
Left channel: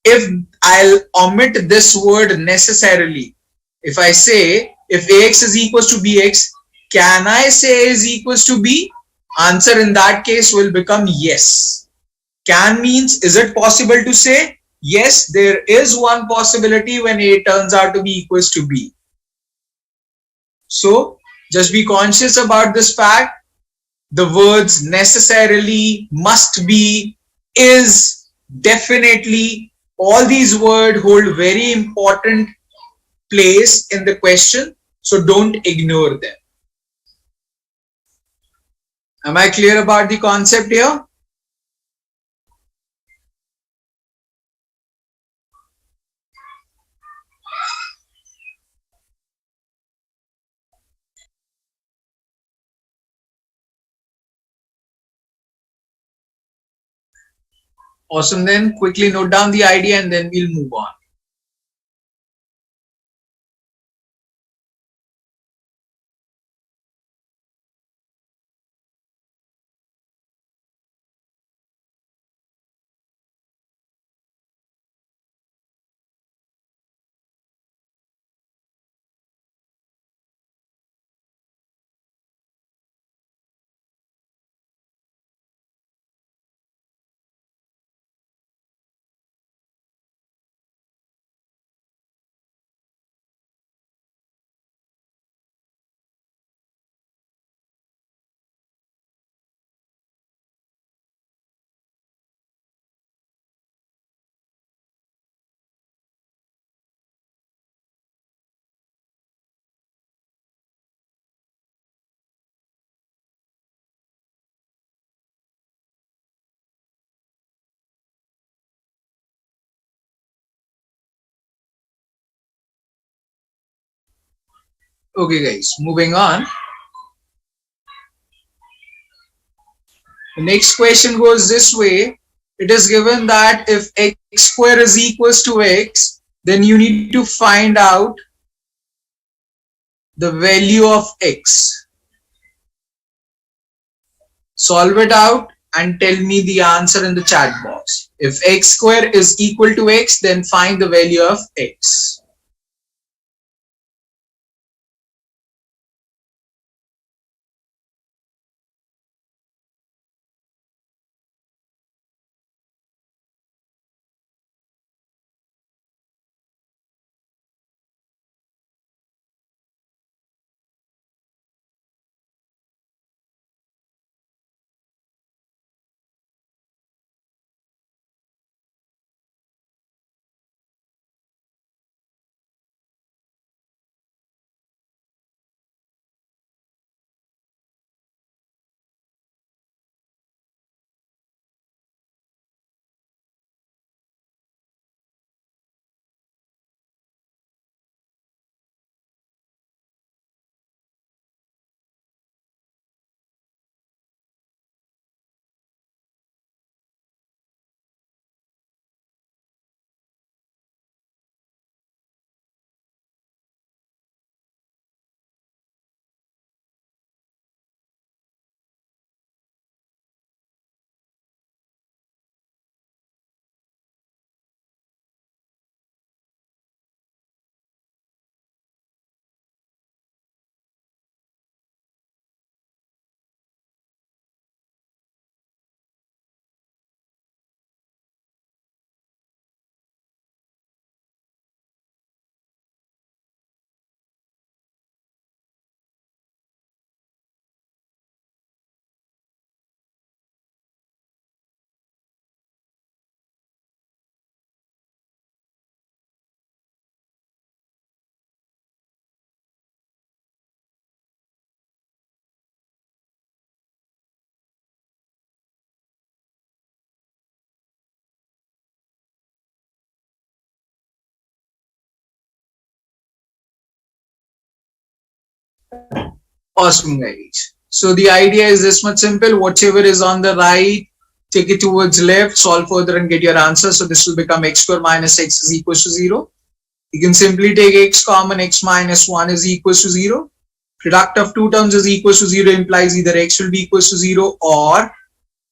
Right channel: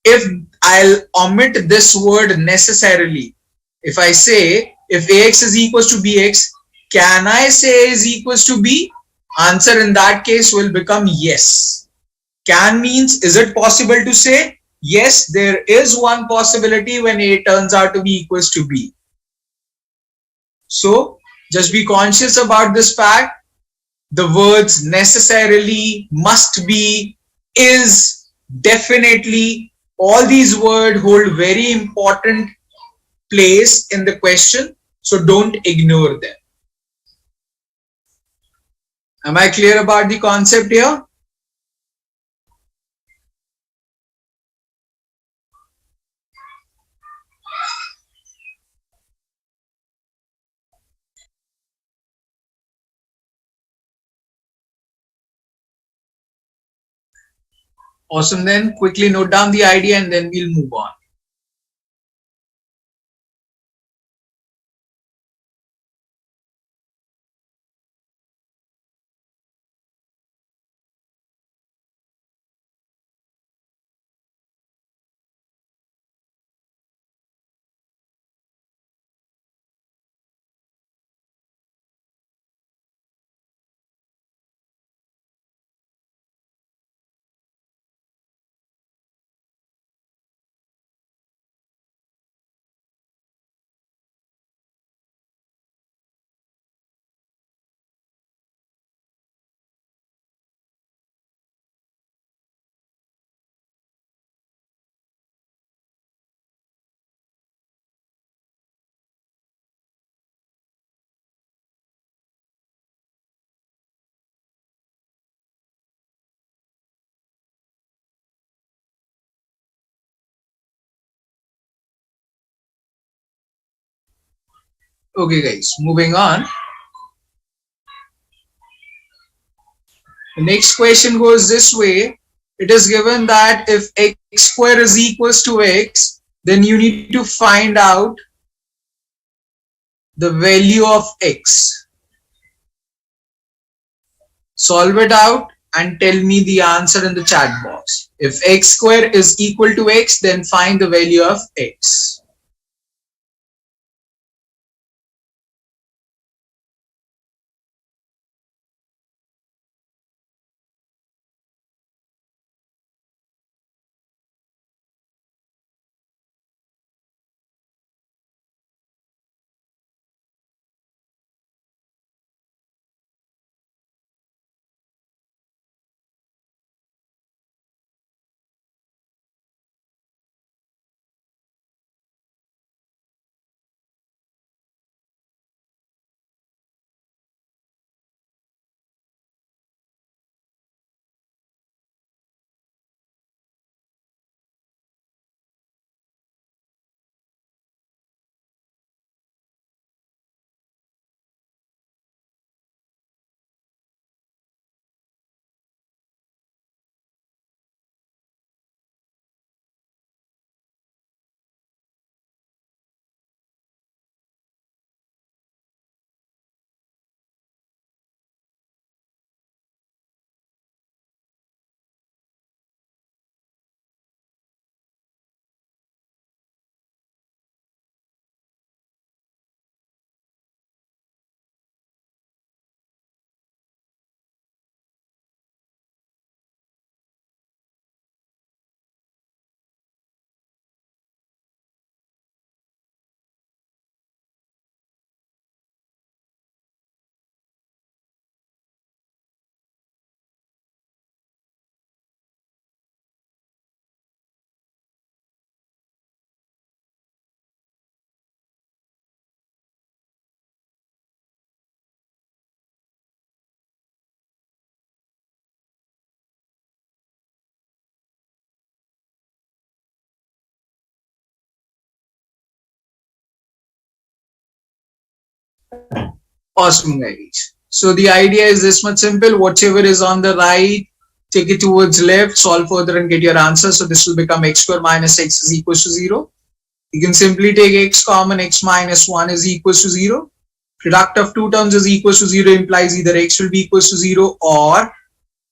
If I'll omit this word necessarily, if I say if ax is equals to bx, can I say a is equals to b? Answer in that case will become yes. Can means, is it possible to say? Yes, there is one possibility when A turns out to be equals to B. So just be conscious about this fact. The words necessarily, must be, is, definitely, all these words hold very important place in the question. So don't ignore them. Am I clear about the concept here? Awesome. Then quickly note down the idea and then we'll move on. Okay guys, moving on. The next question goes this way. It is given that if x square is equals to x, then you need to find out the value of x. Solve it out and tell me the answer in the chat box. If x square is equal to x, then find the value of x. Awesome guys. So the idea is this much simple. Whatever is on the right, take it towards left, solve further and get your answer. So this will become x square minus x is equals to 0. You can simply take x common, x minus 1 is equals to 0. Product of two terms is equals to 0 implies either x will be equals to 0 or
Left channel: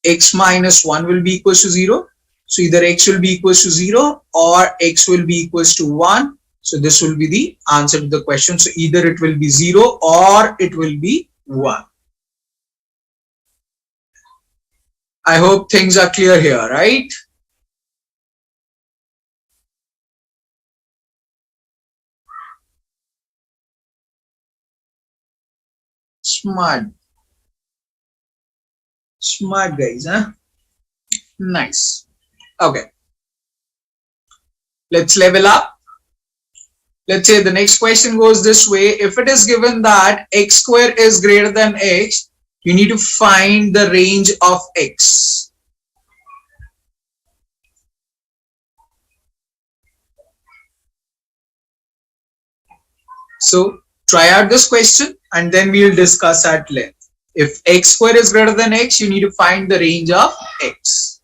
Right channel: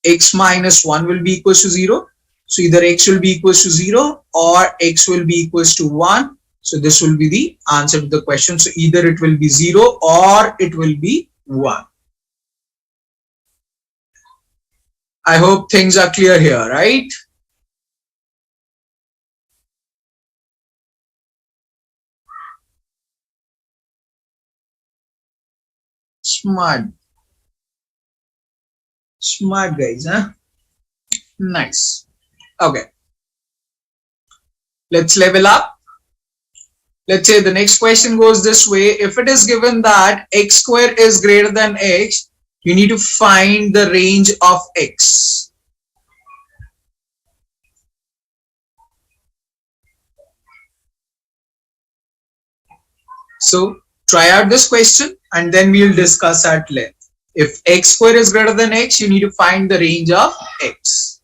x minus 1 will be equals to 0. So either x will be equals to 0 or x will be equals to 1. So this will be the answer to the question. So either it will be 0 or it will be 1. I hope things are clear here, right? Smart. Smart guys, huh? Nice. Okay, let's level up. Let's say the next question goes this way. If it is given that x square is greater than x, you need to find the range of x. So try out this question and then we'll discuss at length. If x square is greater than x, you need to find the range of x.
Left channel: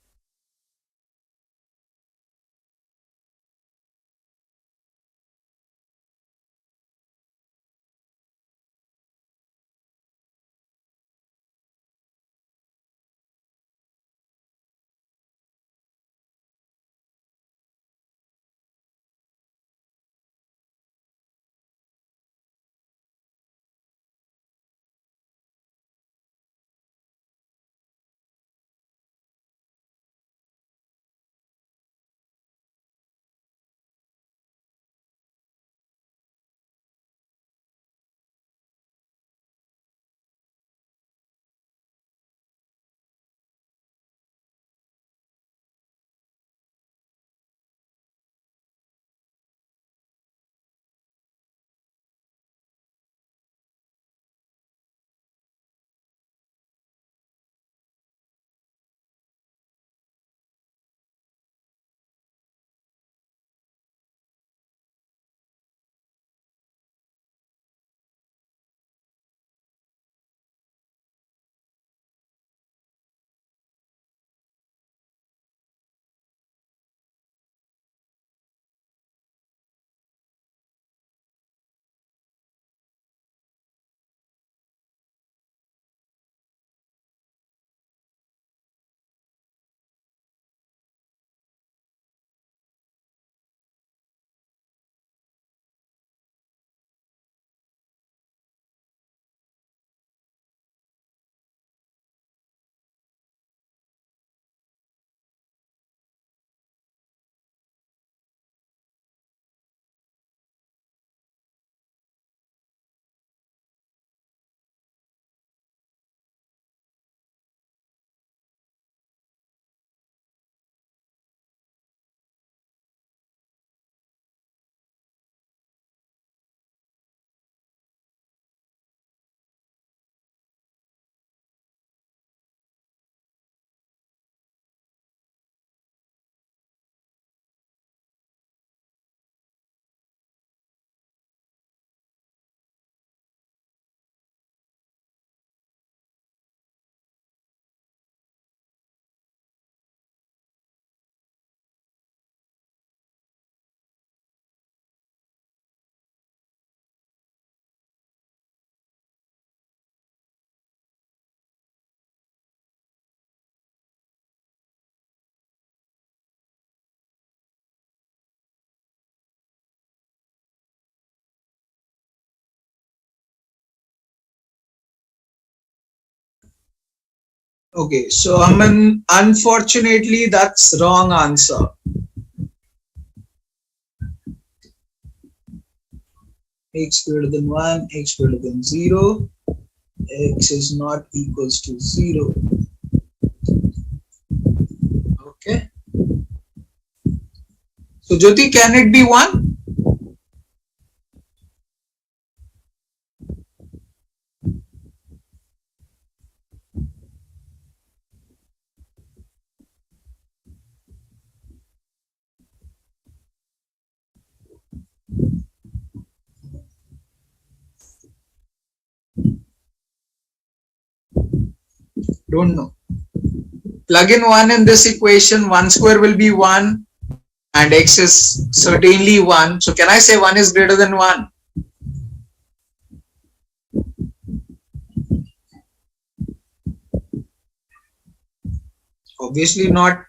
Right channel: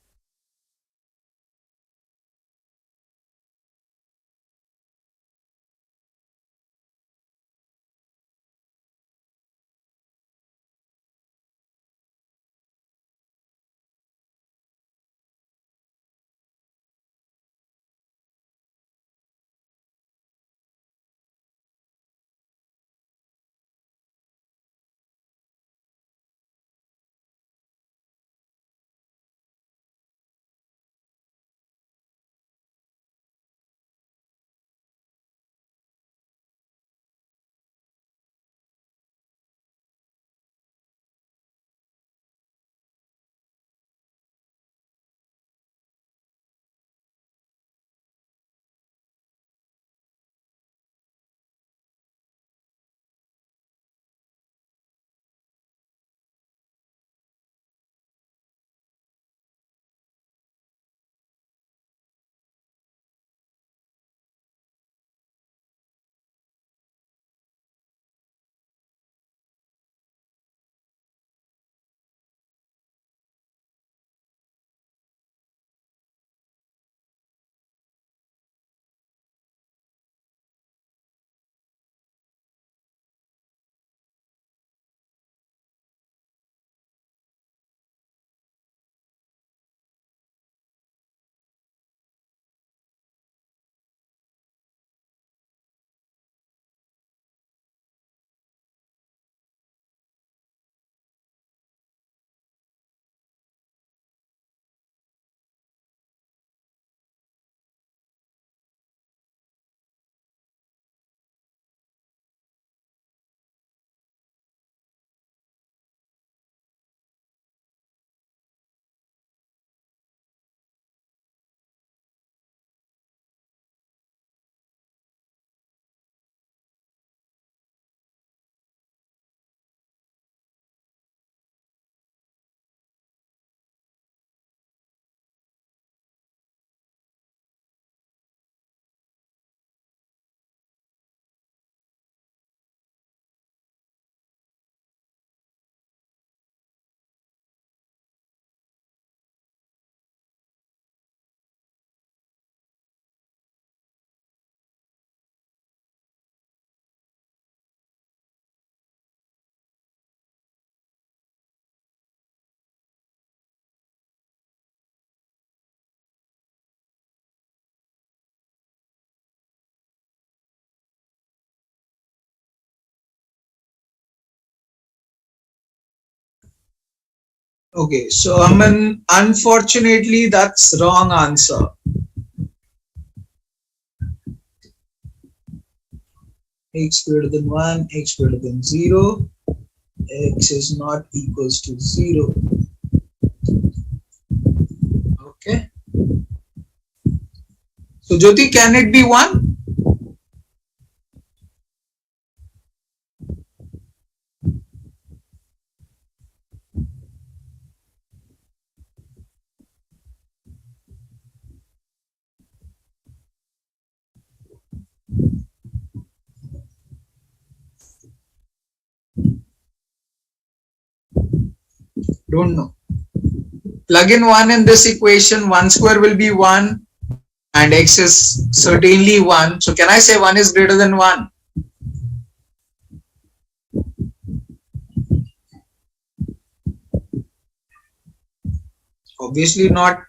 Okay, so Aman, unfortunately, that's wrong answer. X greater than 1, x greater than 0, x is not equals to 0. Okay. So Jyoti, can it be 1? Don't know. Plug in 1 in this equation, 1 square will be 1 and x is certainly 1. So can I say 1 is greater than 1? Obviously not.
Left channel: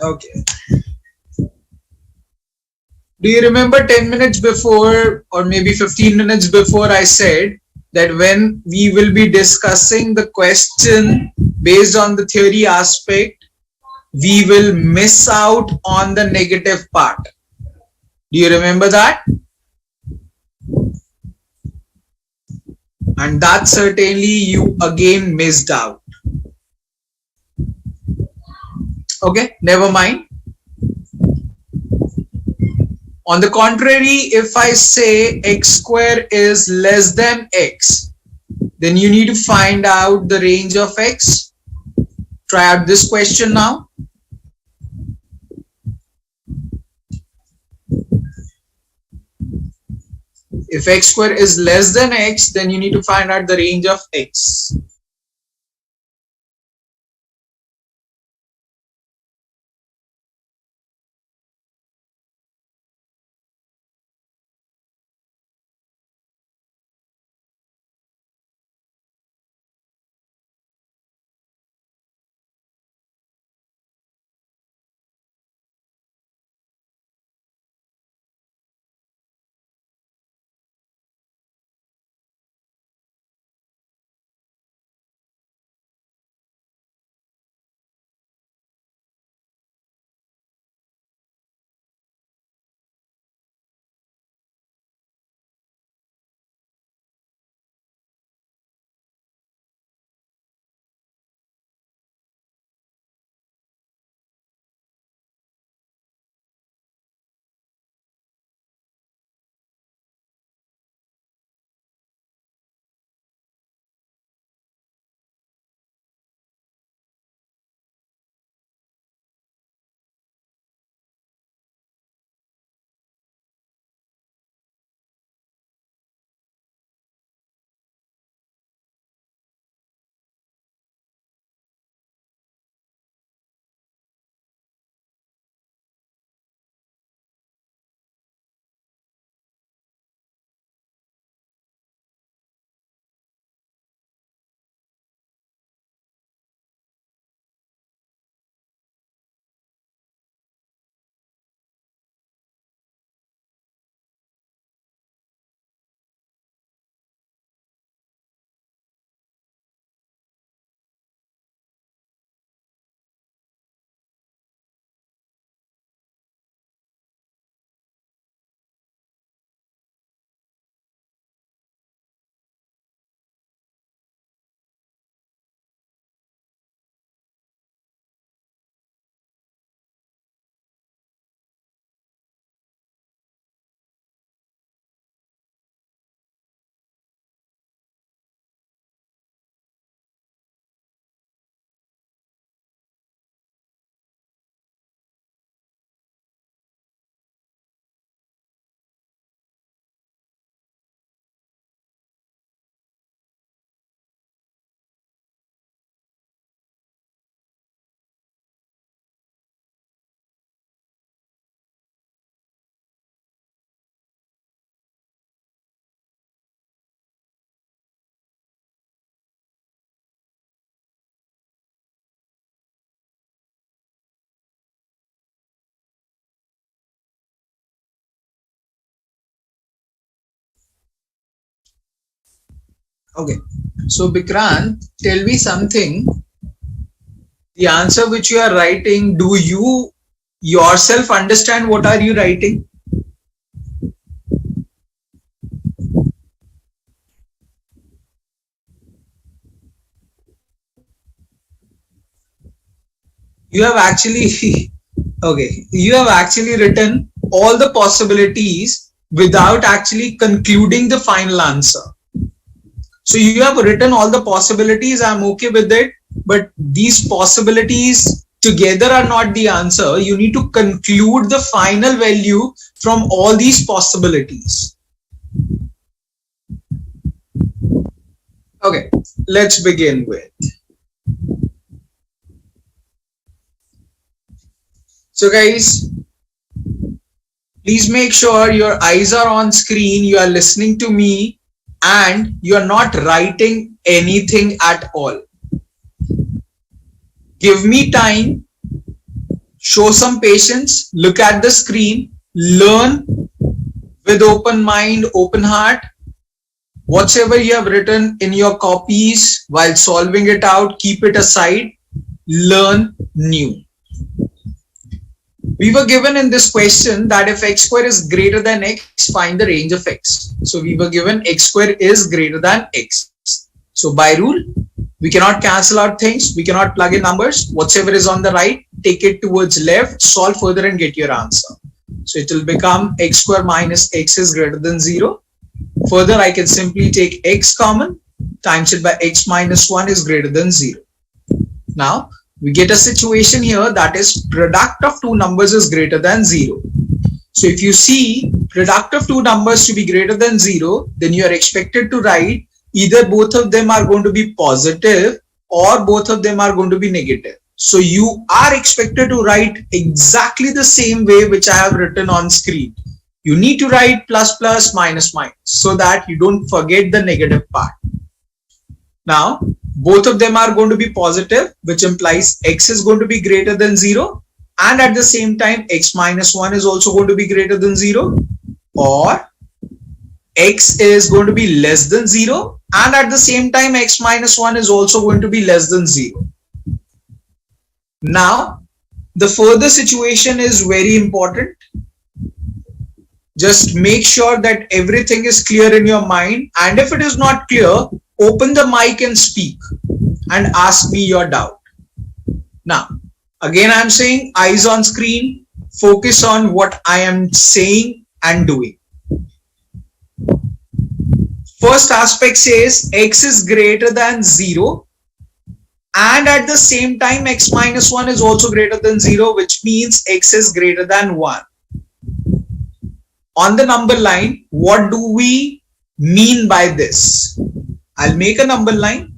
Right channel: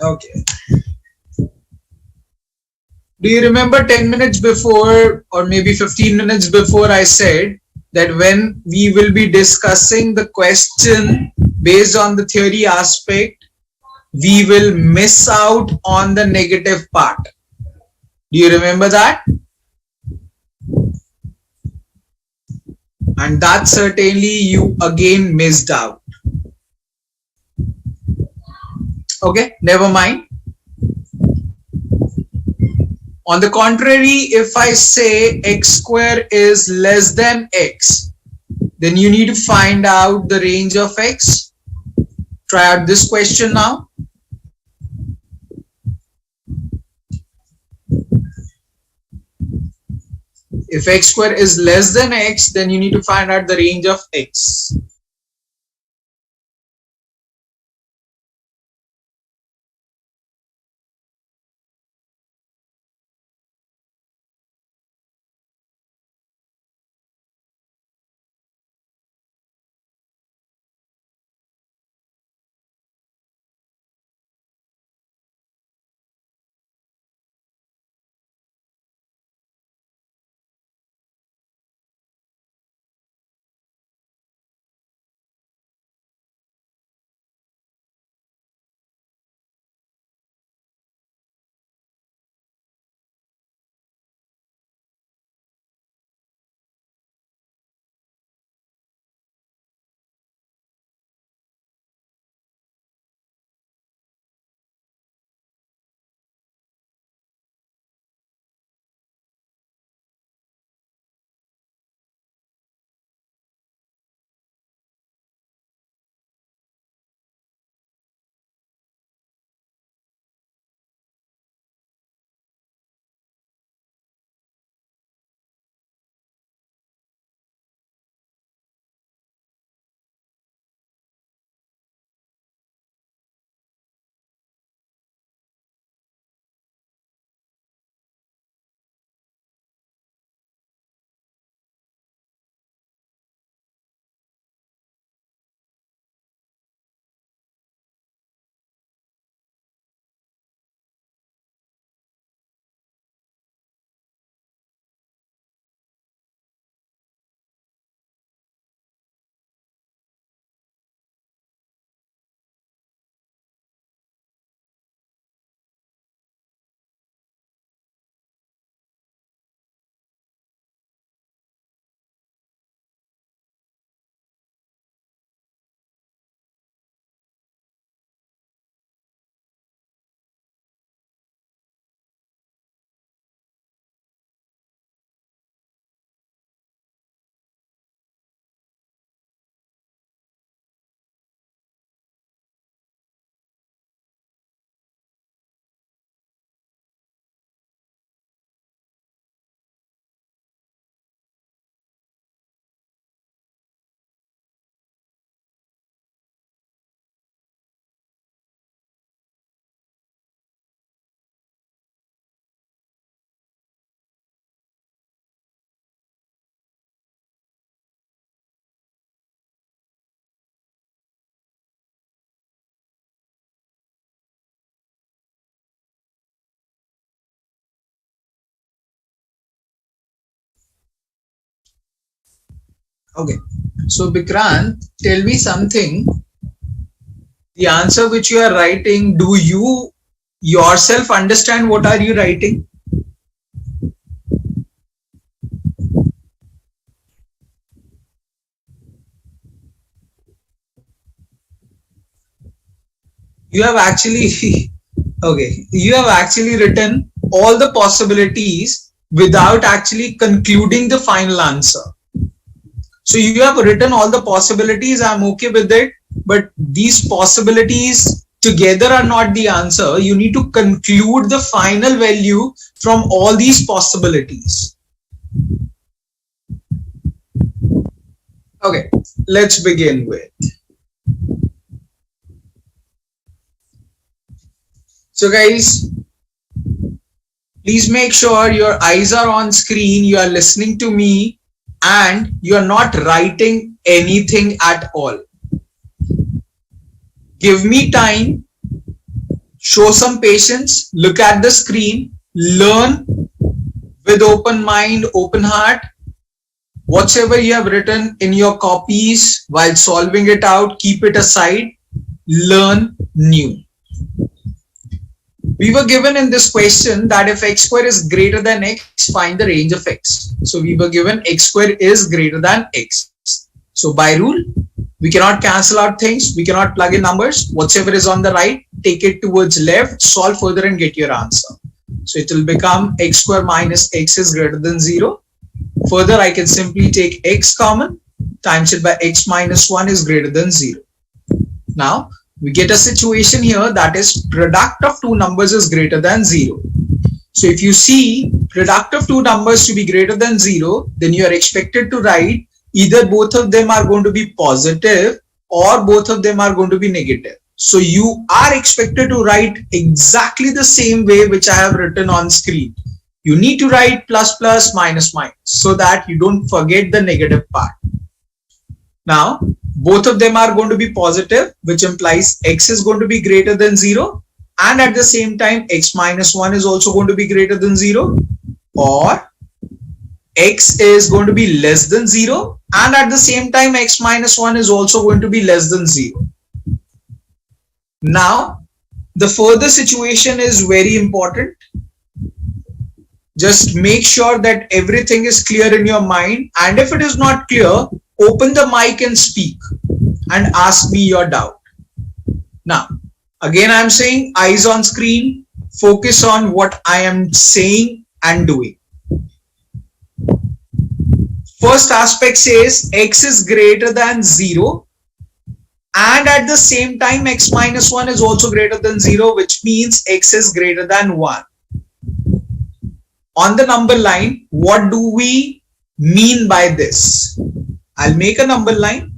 Okay. Do you remember 10 minutes before or maybe 15 minutes before I said that when we will be discussing the question based on the theory aspect, we will miss out on the negative part. Do you remember that? And that certainly you again missed out. Okay, never mind. On the contrary, if I say x square is less than x, then you need to find out the range of x. Try out this question now. If x square is less than x, then you need to find out the range of x. Okay, so Bikrant, tell me something. The answer which you are writing, do you yourself understand what are you writing? You have actually okay, you have actually written all the possibilities without actually concluding the final answer. So you have written all the possibilities, I'm okay with it, but these possibilities together are not the answer. You need to conclude the final value from all these possibilities. Okay, let's begin with. So guys, please make sure your eyes are on screen, you are listening to me, and you are not writing anything at all. Give me time, show some patience, look at the screen, learn with open mind, open heart. Whatever you have written in your copies while solving it out, keep it aside, learn new. We were given in this question that if x square is greater than x, find the range of x. So we were given x square is greater than x. So by rule, we cannot cancel out things. We cannot plug in numbers. Whatever is on the right, take it towards left, solve further and get your answer. So it will become x square minus x is greater than 0. Further, I can simply take x common, times it by x minus 1 is greater than 0. Now, we get a situation here that is product of two numbers is greater than 0. So if you see product of two numbers to be greater than 0, then you are expected to write either both of them are going to be positive or both of them are going to be negative. So you are expected to write exactly the same way which I have written on screen. You need to write plus plus minus minus so that you don't forget the negative part. Now, both of them are going to be positive, which implies x is going to be greater than 0, and at the same time x minus 1 is also going to be greater than 0, or x is going to be less than 0, and at the same time x minus 1 is also going to be less than 0. Now, the further situation is very important. Just make sure that everything is clear in your mind, and if it is not clear, open the mic and speak and ask me your doubt. Now, again I'm saying eyes on screen, focus on what I am saying and doing. First aspect says x is greater than 0, and at the same time x minus 1 is also greater than 0, which means x is greater than 1. On the number line, what do we mean by this? I'll make a number line.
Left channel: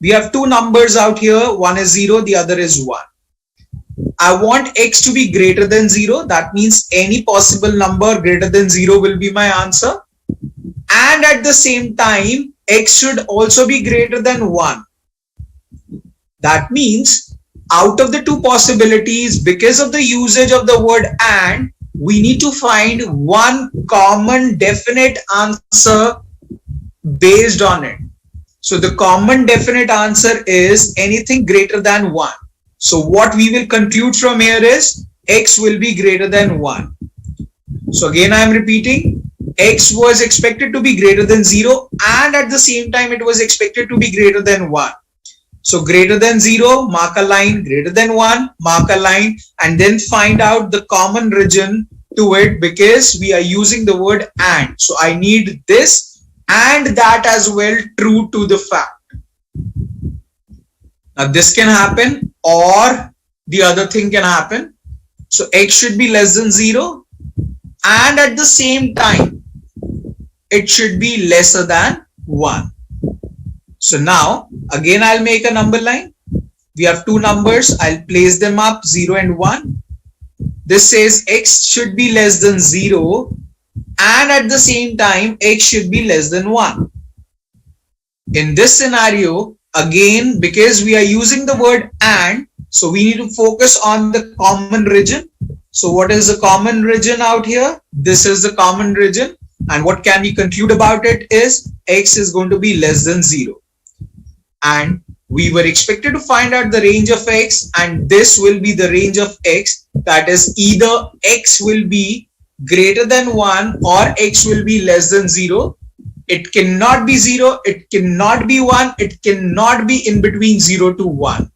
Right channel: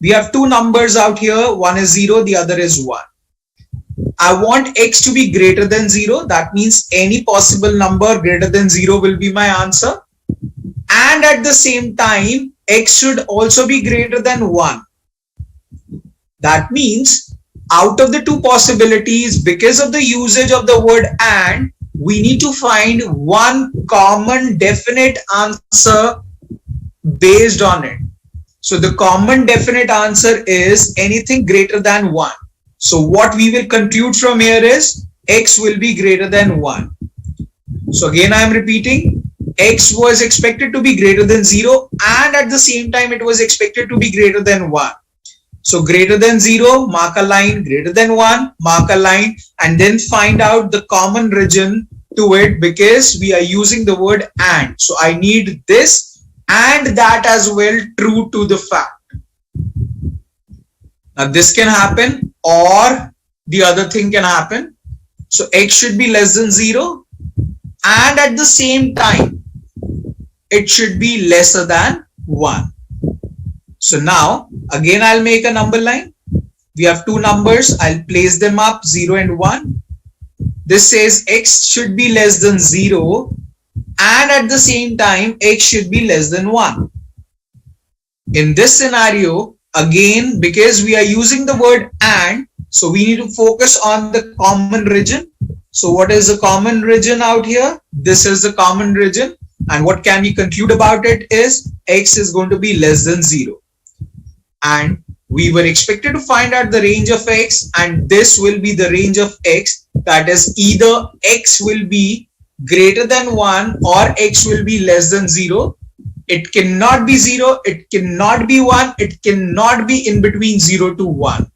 We have two numbers out here. One is 0, the other is 1. I want x to be greater than 0. That means any possible number greater than 0 will be my answer. And at the same time, x should also be greater than 1. That means out of the two possibilities, because of the usage of the word and, we need to find one common definite answer based on it. So the common definite answer is anything greater than 1. So what we will conclude from here is x will be greater than 1. So again I am repeating, x was expected to be greater than 0, and at the same time it was expected to be greater than 1. So greater than 0, mark a line, greater than 1, mark a line, and then find out the common region to it, because we are using the word and. So I need this and that as well true to the fact. Now this can happen or the other thing can happen. So x should be less than 0, and at the same time it should be lesser than 1. So now again I'll make a number line. We have two numbers. I'll place them up, 0 and 1. This says x should be less than 0, and at the same time x should be less than 1. In this scenario, again, because we are using the word and, so we need to focus on the common region. So what is the common region out here? This is the common region, and what can we conclude about it is x is going to be less than 0. And we were expected to find out the range of x, and this will be the range of x. That is, either x will be greater than 1 or x will be less than 0. It cannot be 0, it cannot be 1, it cannot be in between 0 to 1.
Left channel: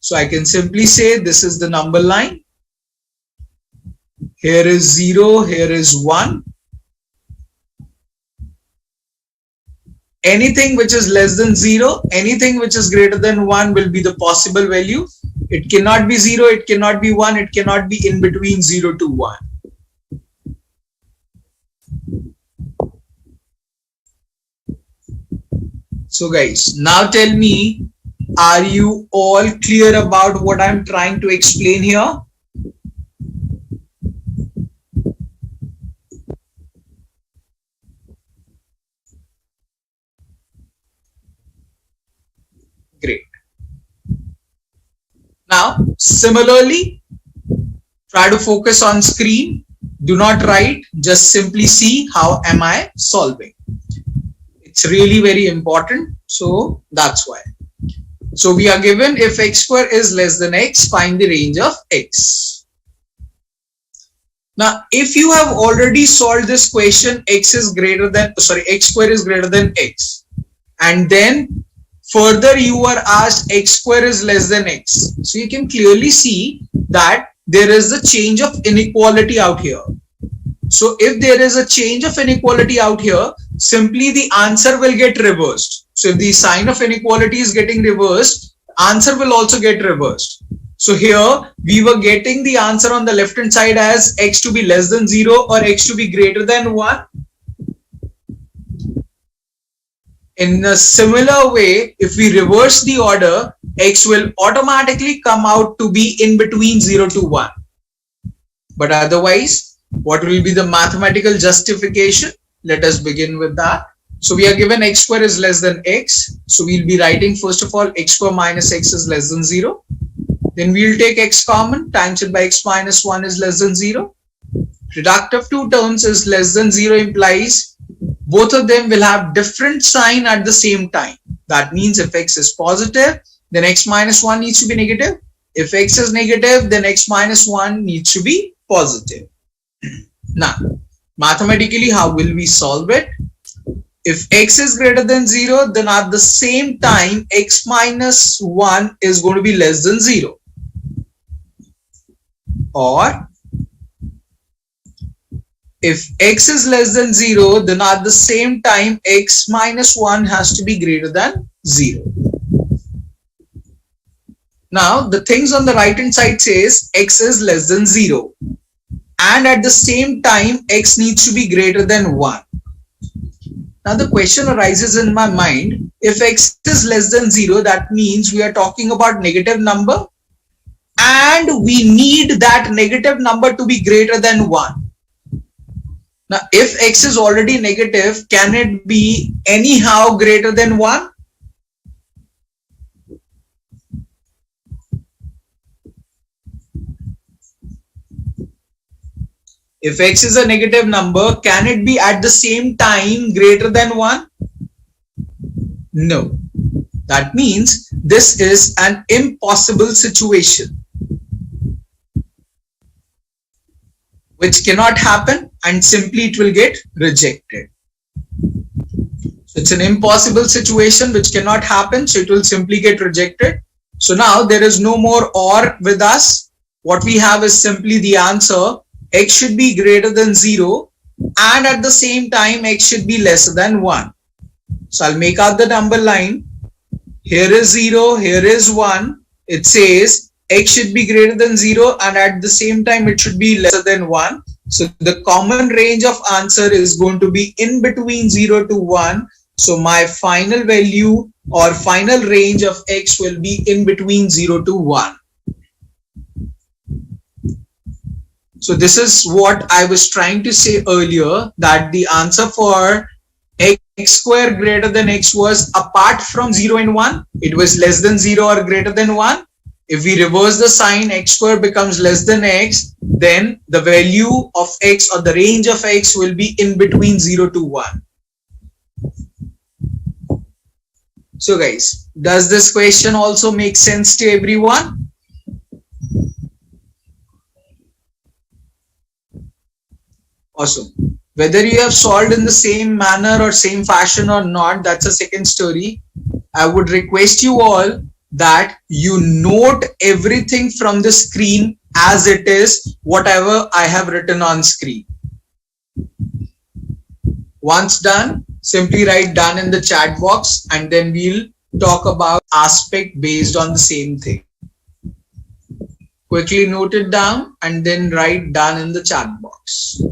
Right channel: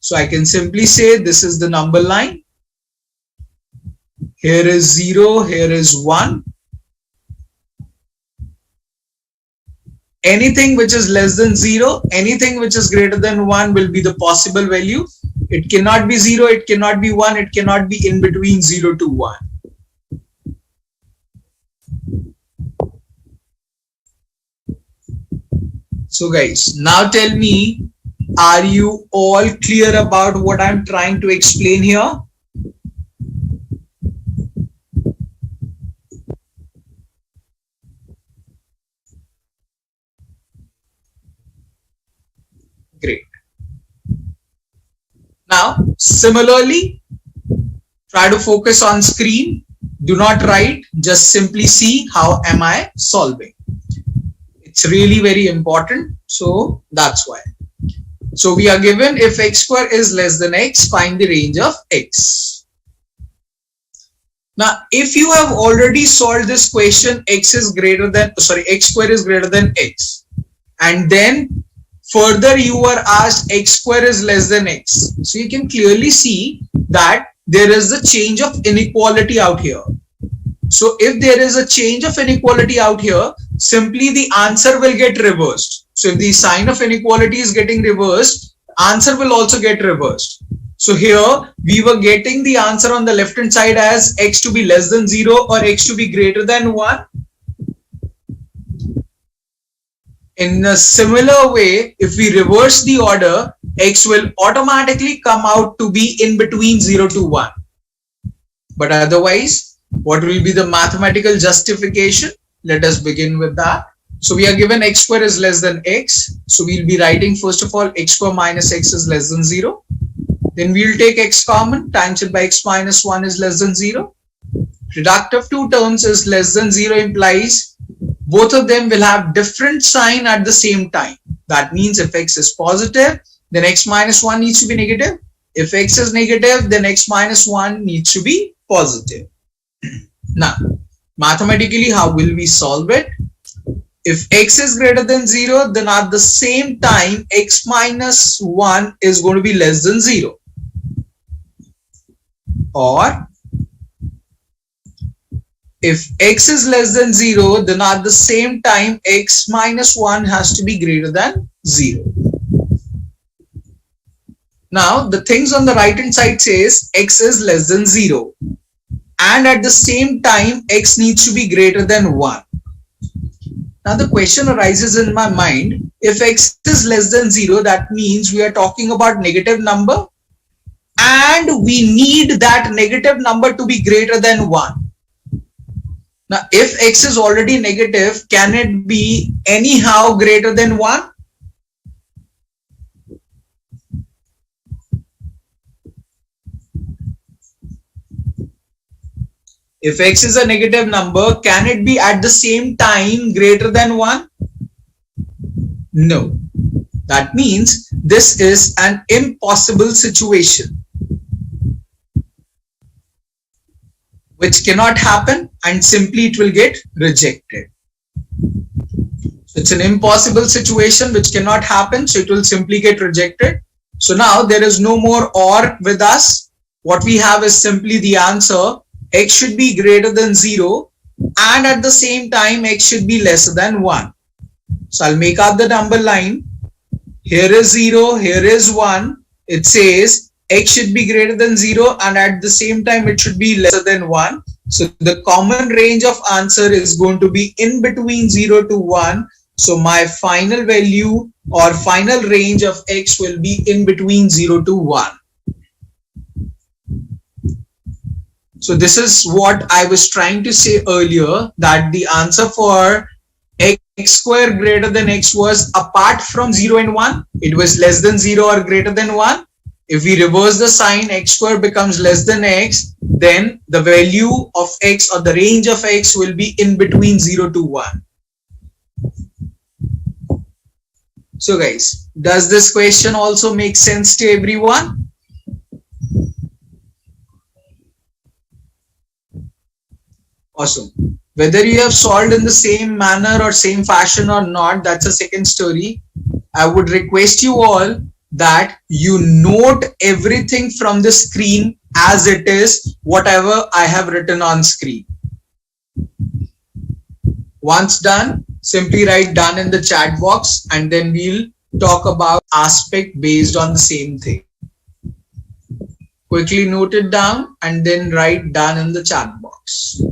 So I can simply say this is the number line. Here is 0, here is 1. Anything which is less than 0, anything which is greater than 1 will be the possible value. It cannot be 0, it cannot be 1, it cannot be in between 0 to 1. So guys, now tell me, are you all clear about what I'm trying to explain here? Great. Now, similarly, Try to focus on screen. Do not write. Just simply see how am I solving. It's really very important. So that's why. So we are given if x square is less than x, find the range of x. Now, if you have already solved this question, x square is greater than x, and then further you are asked x square is less than x. So you can clearly see that there is a change of inequality out here. So if there is a change of inequality out here, simply the answer will get reversed. So if the sign of inequality is getting reversed, answer will also get reversed. So here we were getting the answer on the left hand side as x to be less than 0 or x to be greater than 1. In a similar way, if we reverse the order, x will automatically come out to be in between 0 to 1. But otherwise, what will be the mathematical justification? Let us begin with that. So we are given x square is less than x. So we'll be writing first of all x square minus x is less than 0. Then we'll take x common, times it by x minus 1 is less than 0. Product of two terms is less than 0 implies both of them will have different sign at the same time. That means if x is positive, then x minus 1 needs to be negative. If x is negative, then x minus 1 needs to be positive. Now, mathematically, how will we solve it? If x is greater than 0, then at the same time, x minus 1 is going to be less than 0. Or if x is less than 0, then at the same time, x minus 1 has to be greater than 0. Now, the things on the right hand side says x is less than 0. And at the same time, x needs to be greater than 1. Now, the question arises in my mind, if x is less than 0, that means we are talking about negative number. And we need that negative number to be greater than 1. Now, if x is already negative, can it be anyhow greater than 1? If x is a negative number, can it be at the same time greater than 1? No. That means this is an impossible situation, which cannot happen, and simply it will get rejected. So it's an impossible situation which cannot happen, so it will simply get rejected. So now there is no more or with us. What we have is simply the answer, x should be greater than 0 and at the same time x should be lesser than 1. So I'll make out the number line. Here is 0, here is 1. It says x should be greater than 0 and at the same time it should be lesser than 1. So the common range of answer is going to be in between 0 to 1. So my final value or final range of x will be in between 0 to 1. So this is what I was trying to say earlier, that the answer for x square greater than x was apart from 0 and 1. It was less than 0 or greater than 1. If we reverse the sign, x square becomes less than x, then the value of x or the range of x will be in between 0 to 1. So guys, does this question also make sense to everyone? Awesome. Whether you have solved in the same manner or same fashion or not, that's a second story. I would request you all that you note everything from the screen as it is, whatever I have written on screen. Once done, simply write done in the chat box and then we'll talk about aspect based on the same thing. Quickly note it down and then write done in the chat box.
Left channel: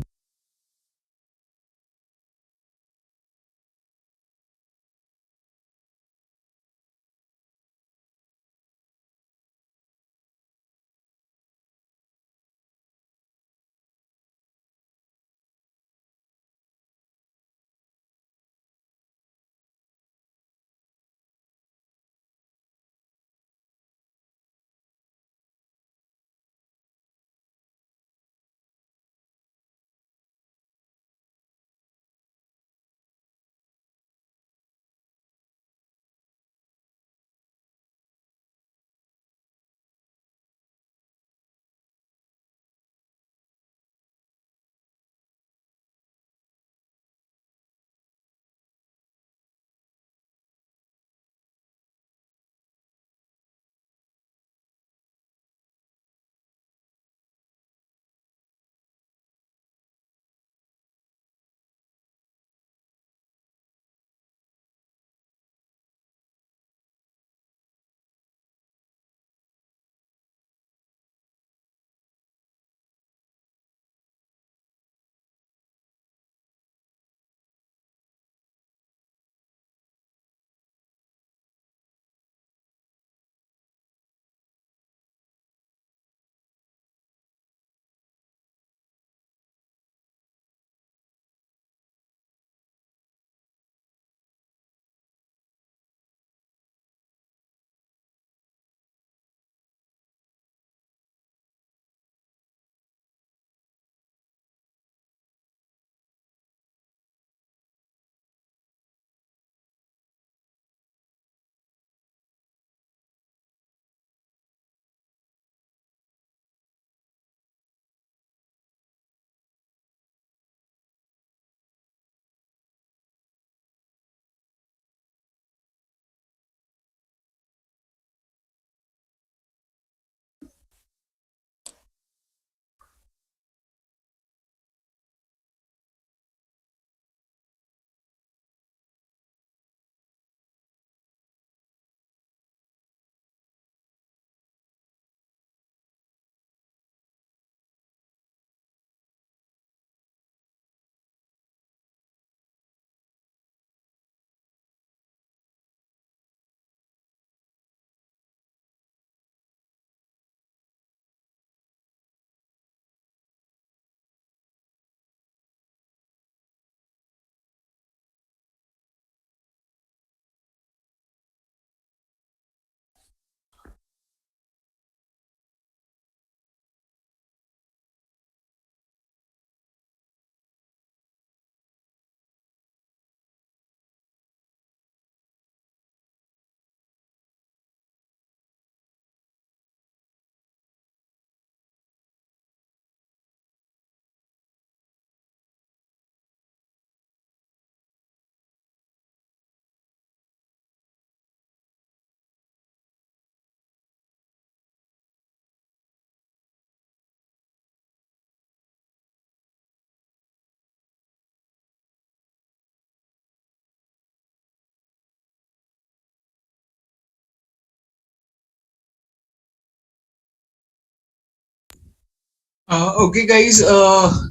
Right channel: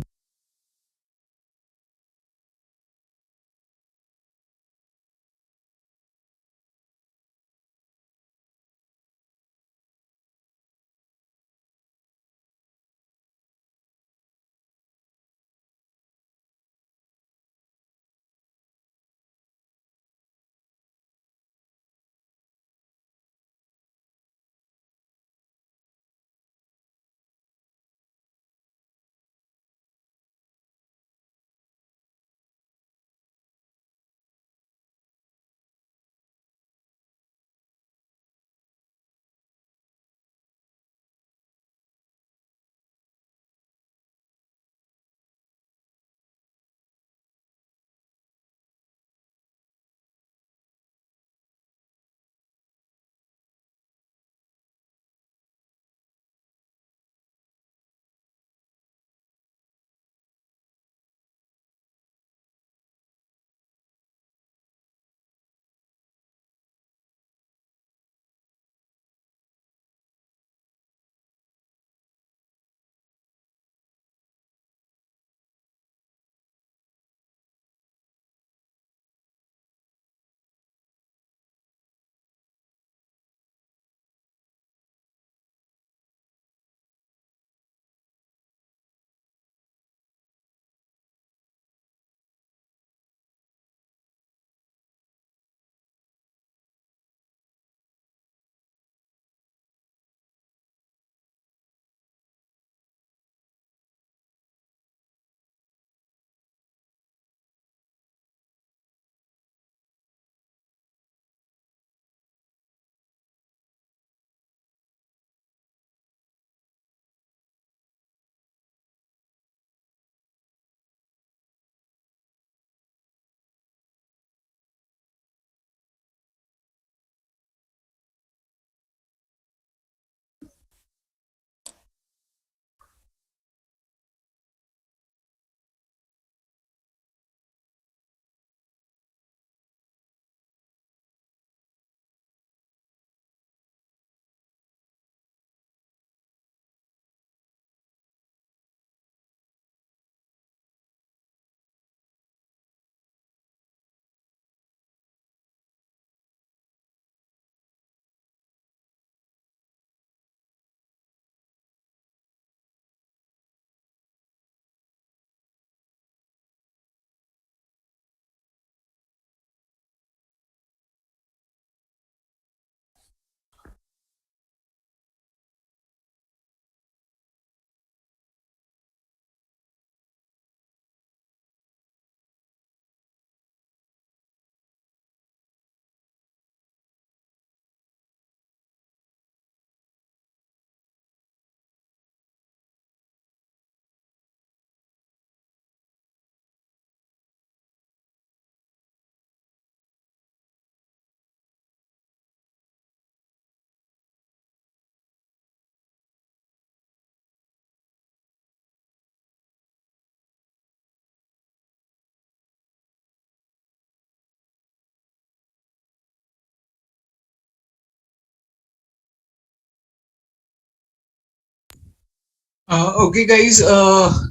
Okay, guys,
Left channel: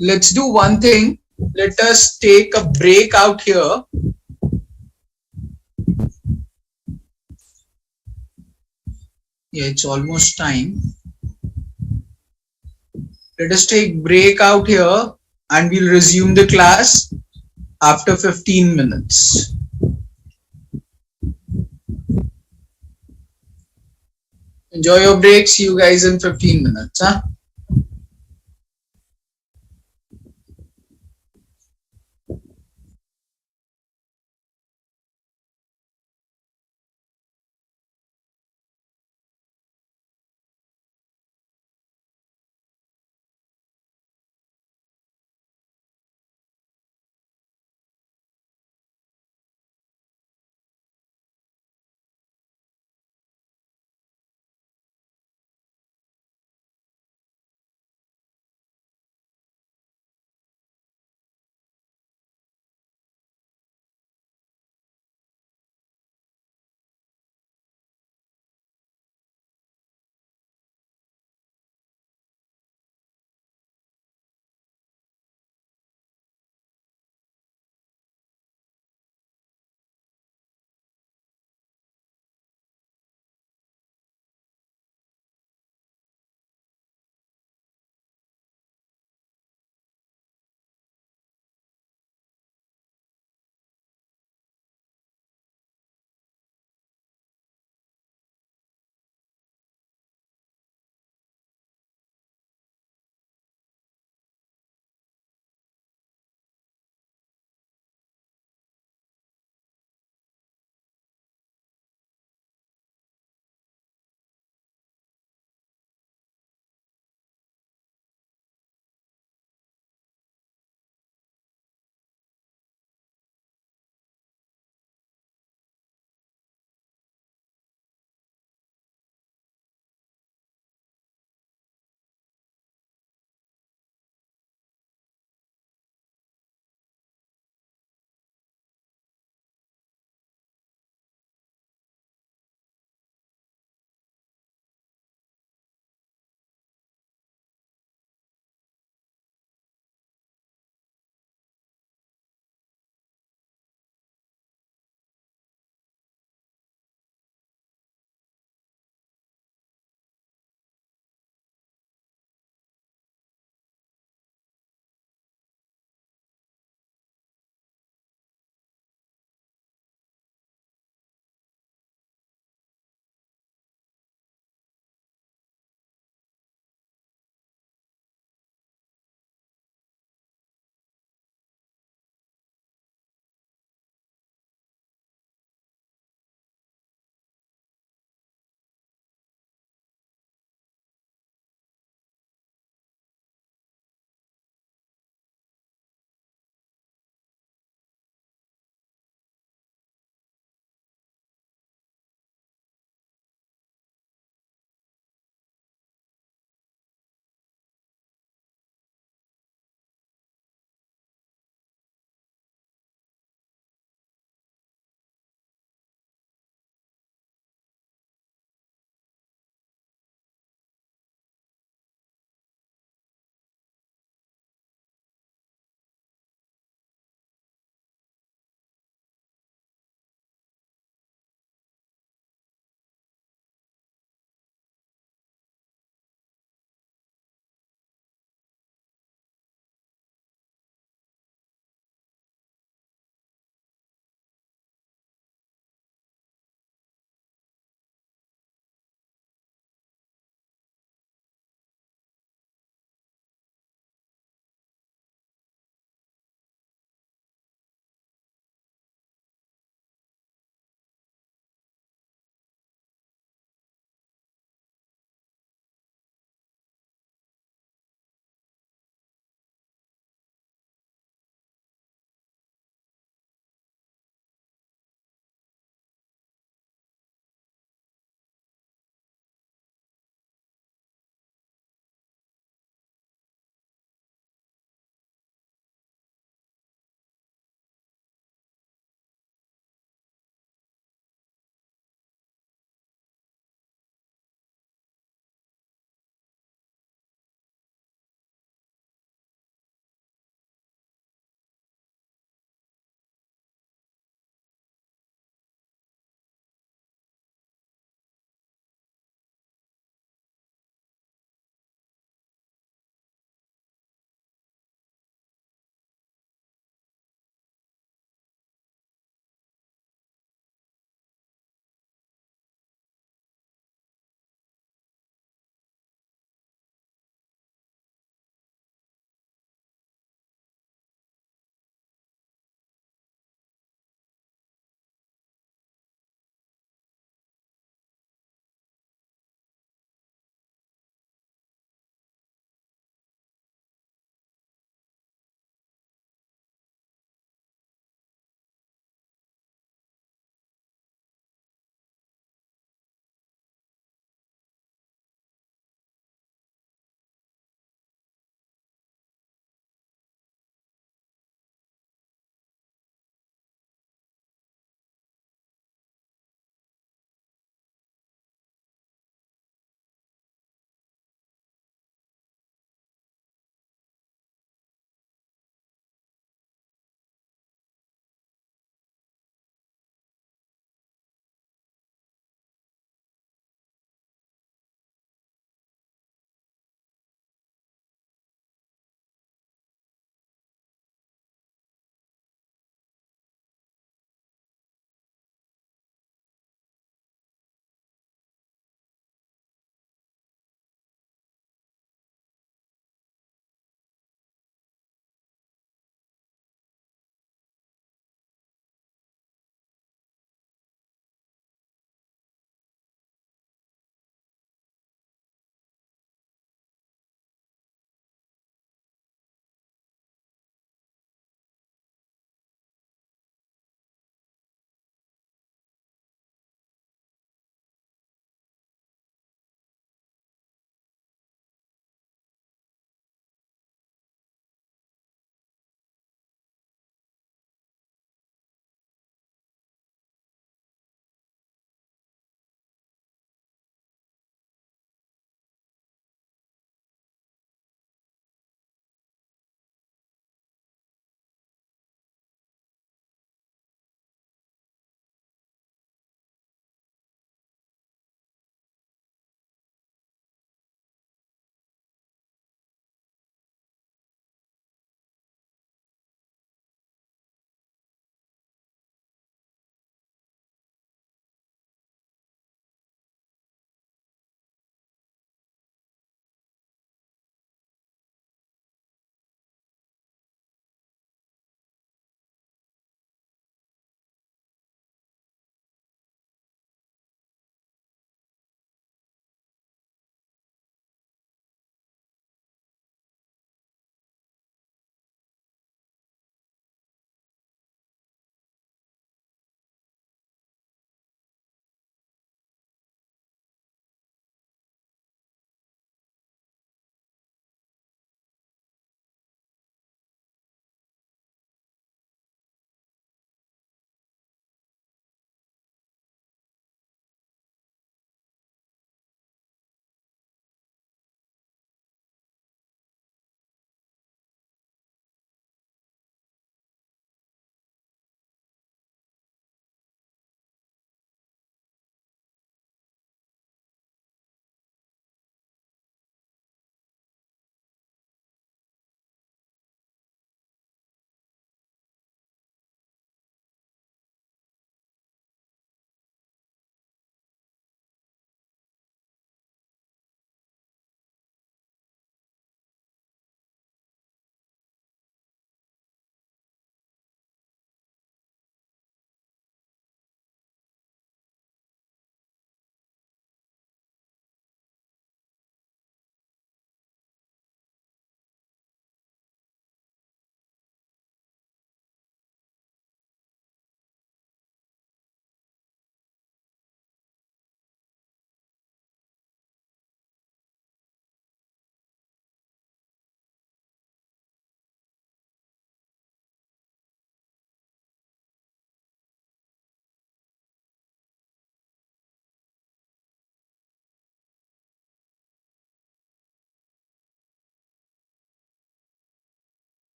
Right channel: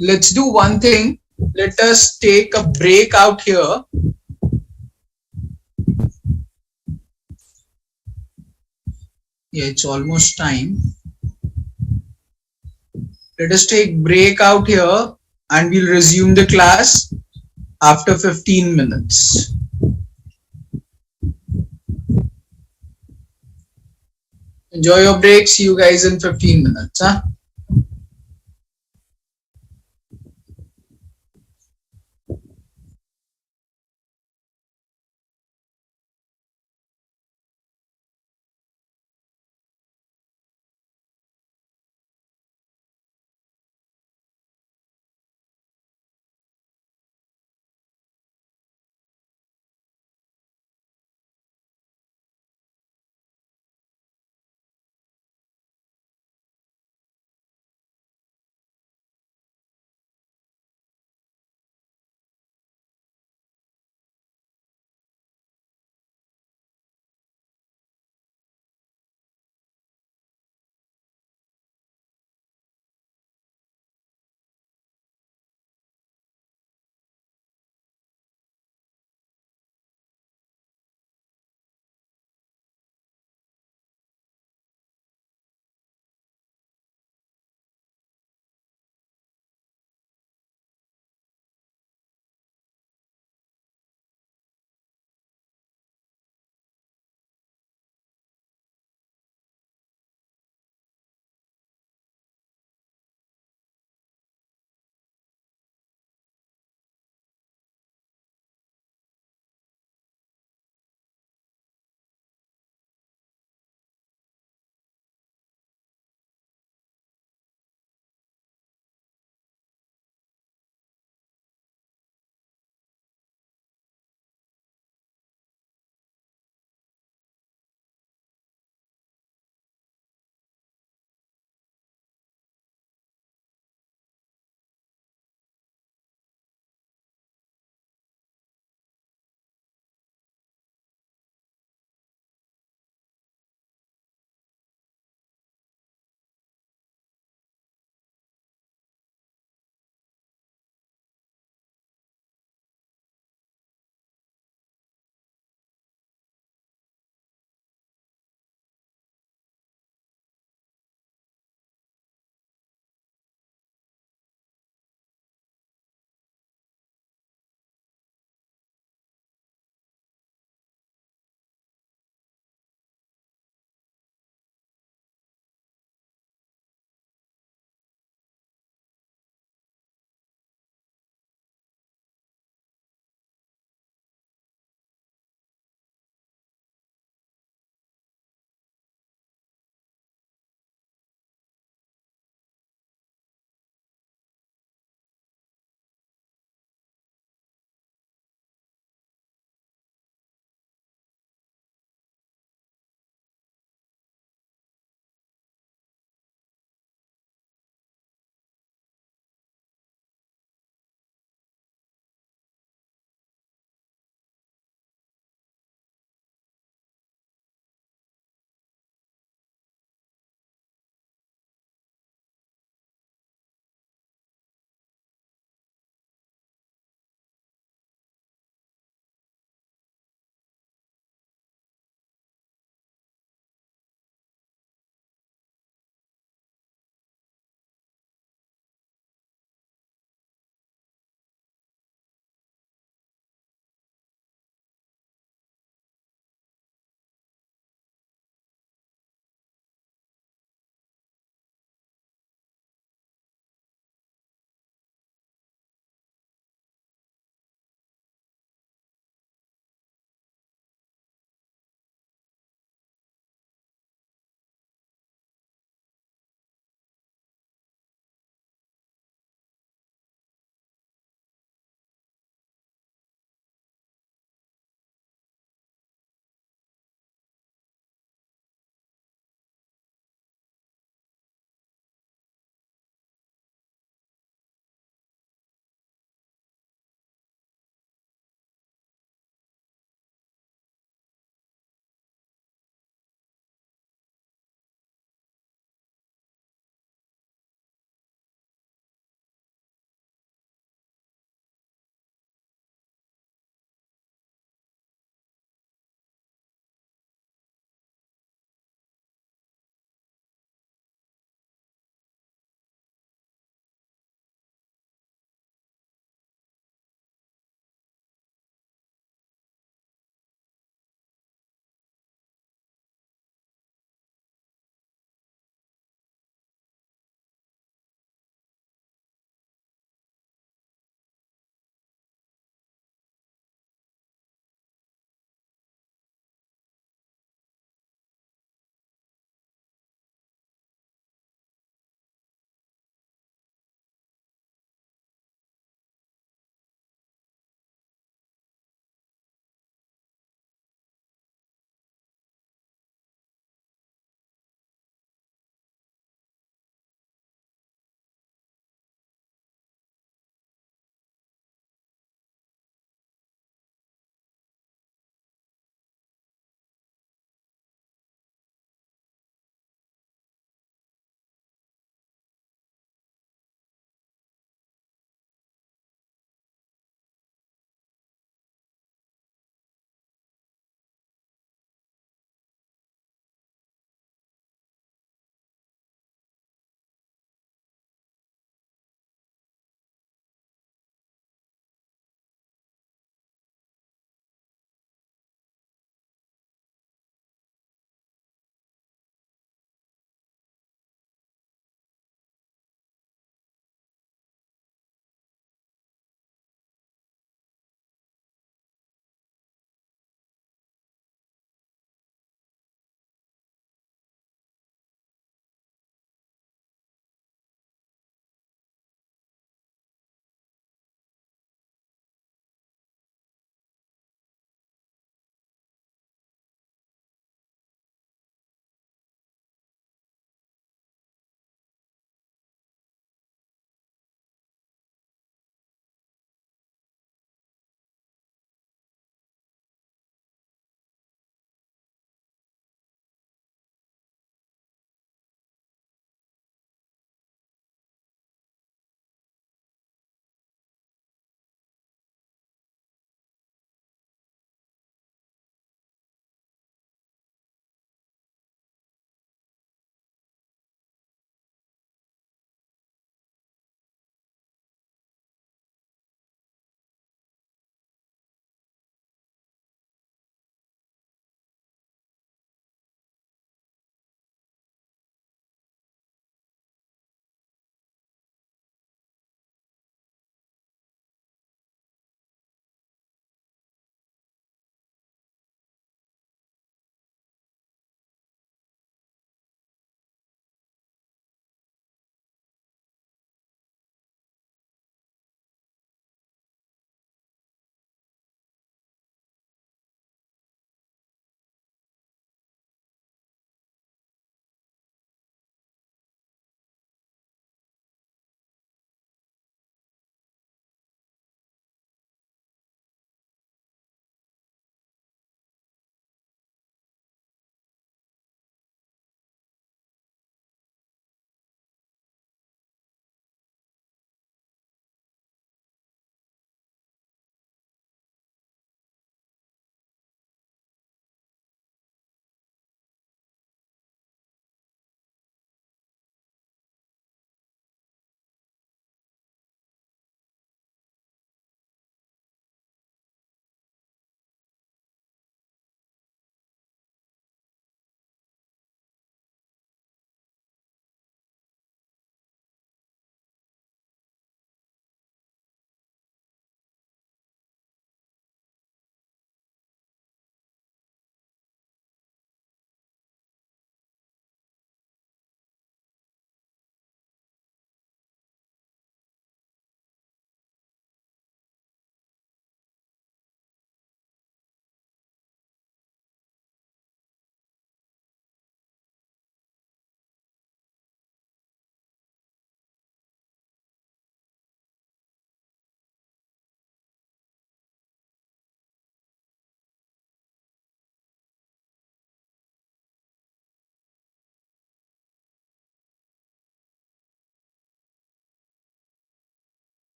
let's do one thing. Let us take a break out here. Yeah, it's almost time. Let us take break out here and we'll resume the class after 15 minutes. Enjoy your break. See you guys in 15 minutes. Huh?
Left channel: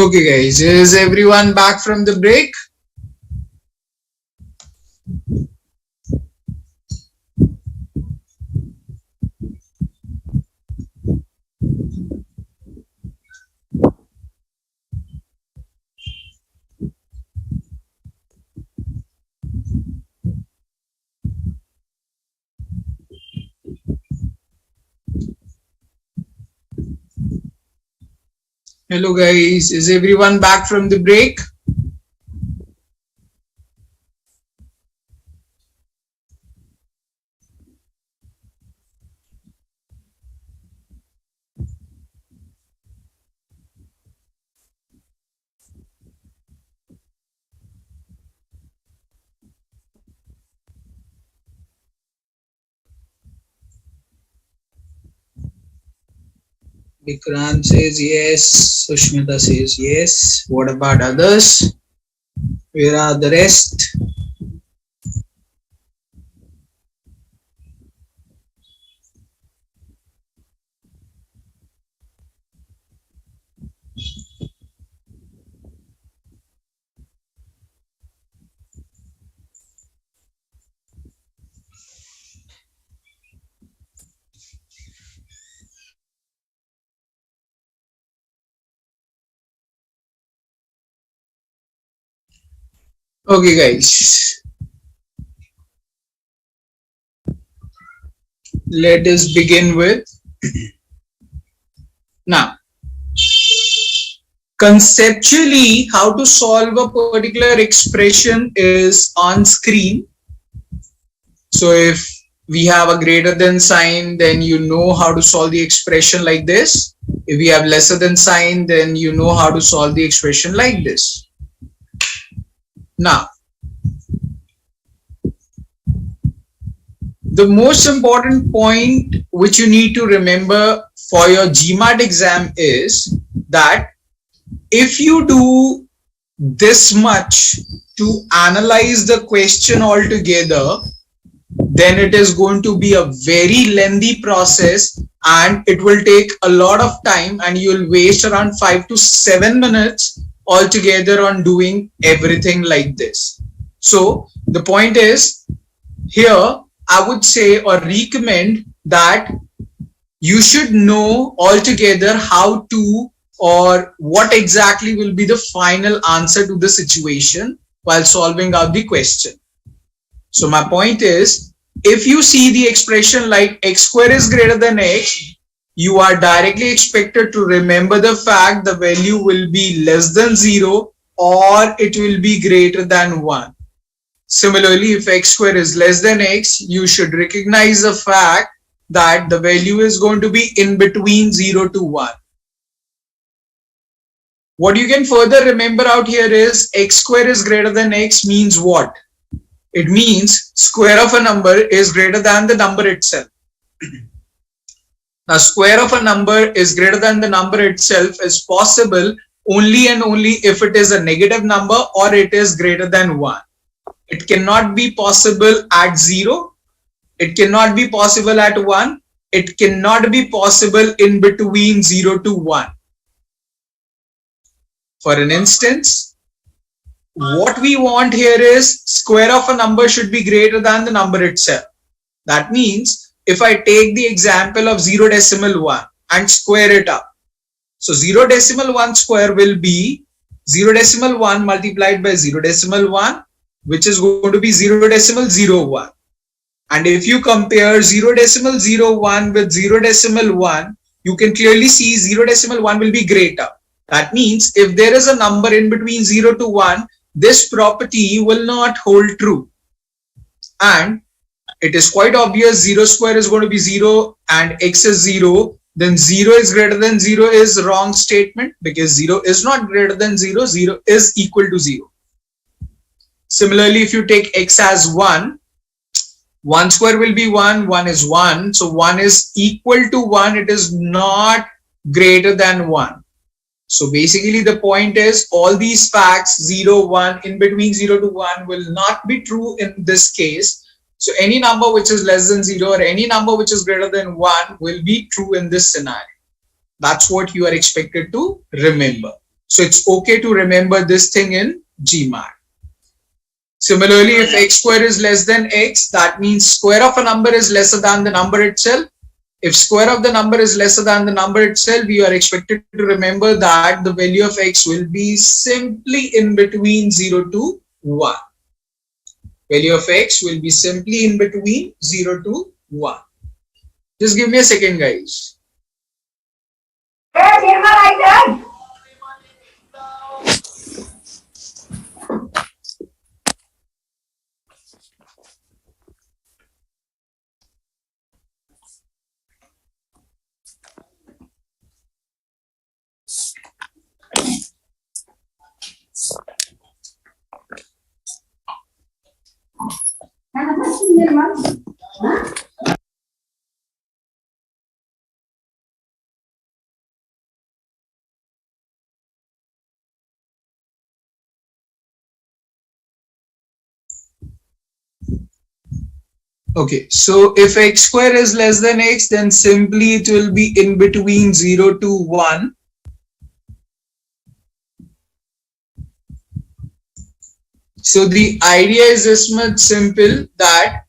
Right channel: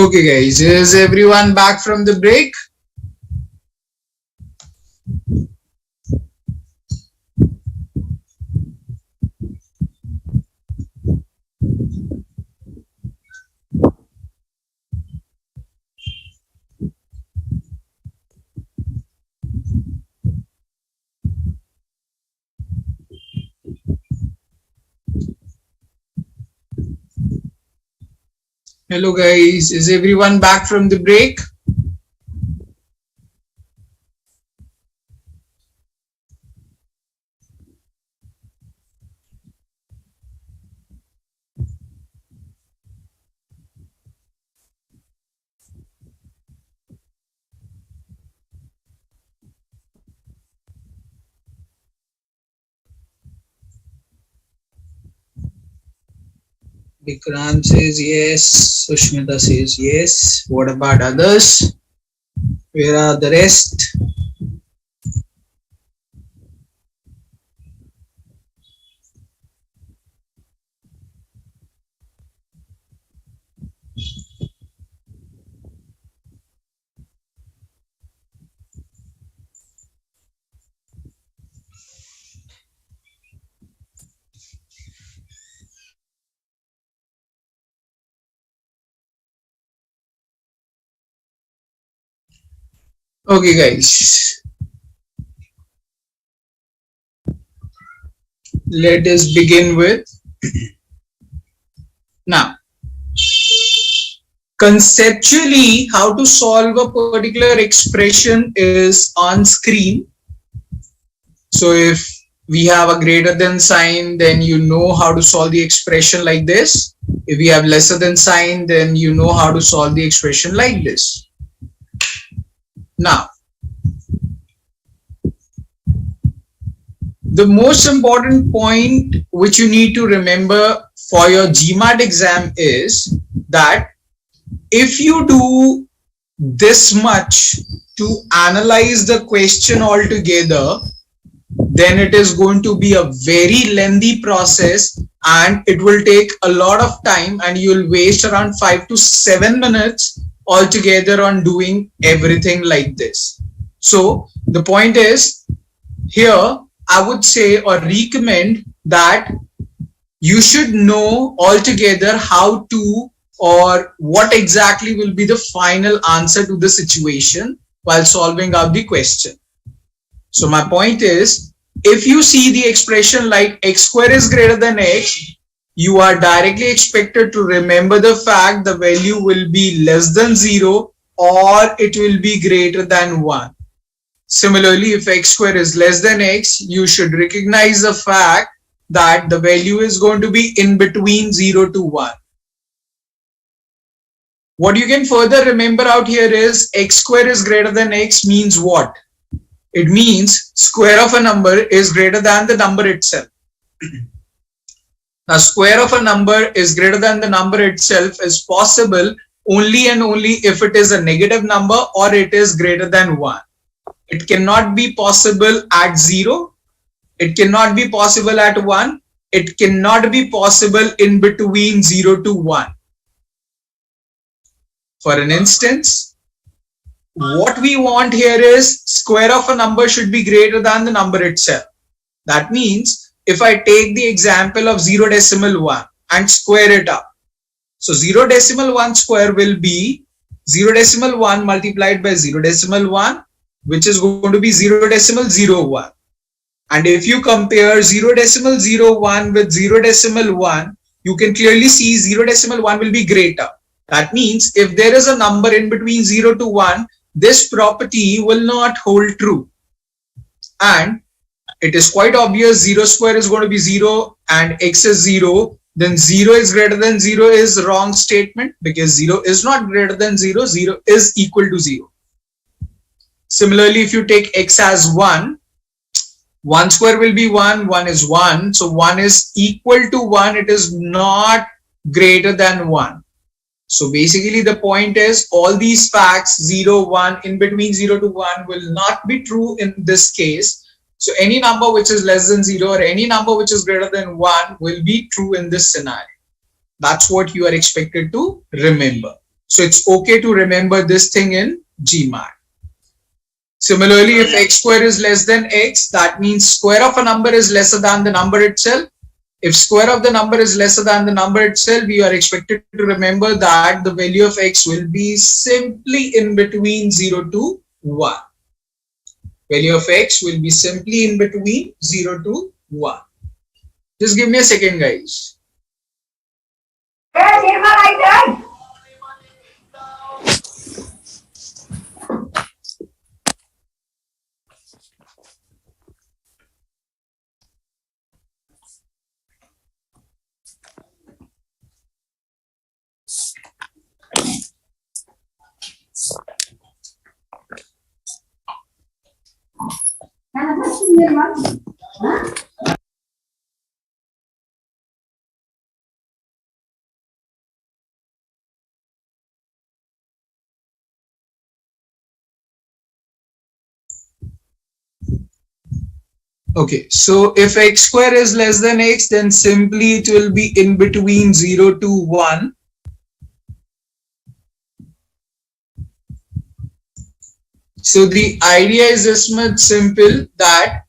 Okay guys, is everyone back from the break? Hello guys, is everyone back from the break? Vikrant says yes, Sushmita says yes. What about others? Where are the rest? Okay guys, let us begin with now. Conceptually, how to solve a particular expression is on screen. So if we have a greater than sign, then you know how to solve the expression like this. If we have lesser than sign, then you know how to solve the expression like this. Now, the most important point which you need to remember for your GMAT exam is that if you do this much to analyze the question altogether, then it is going to be a very lengthy process and it will take a lot of time and you will waste around 5 to 7 minutes altogether on doing everything like this. So the point is, here I would say or recommend that you should know altogether how to or what exactly will be the final answer to the situation while solving out the question. So my point is, if you see the expression like x square is greater than x, you are directly expected to remember the fact the value will be less than 0 or it will be greater than 1. Similarly, if x square is less than x, you should recognize the fact that the value is going to be in between 0 to 1. What you can further remember out here is x square is greater than x means what? It means square of a number is greater than the number itself. Now, square of a number is greater than the number itself is possible only and only if it is a negative number or it is greater than 1. It cannot be possible at 0. It cannot be possible at 1. It cannot be possible in between 0 to 1. For an instance, what we want here is square of a number should be greater than the number itself. That means if I take the example of 0.1 and square it up. So 0.1 square will be 0.1 multiplied by 0.1, which is going to be 0.01. And if you compare 0.01 with 0.1, you can clearly see 0.1 will be greater. That means if there is a number in between 0 to 1, this property will not hold true. And it is quite obvious 0 square is going to be 0 and x is 0. Then 0 is greater than 0 is wrong statement because 0 is not greater than 0. 0 is equal to 0. Similarly, if you take x as 1, 1 square will be 1, 1 is 1. So 1 is equal to 1. It is not greater than 1. So basically the point is all these facts 0, 1 in between 0 to 1 will not be true in this case. So any number which is less than 0 or any number which is greater than 1 will be true in this scenario. That's what you are expected to remember. So it's okay to remember this thing in GMAT. Similarly, if x square is less than x, that means square of a number is lesser than the number itself. If square of the number is lesser than the number itself, we are expected to remember that the value of x will be simply in between 0 to 1. Value of x will be simply in between 0 to 1. Just give me a second, guys. Okay, so if x square is less than x, then simply it will be in between 0 to 1. So the idea is this much simple, that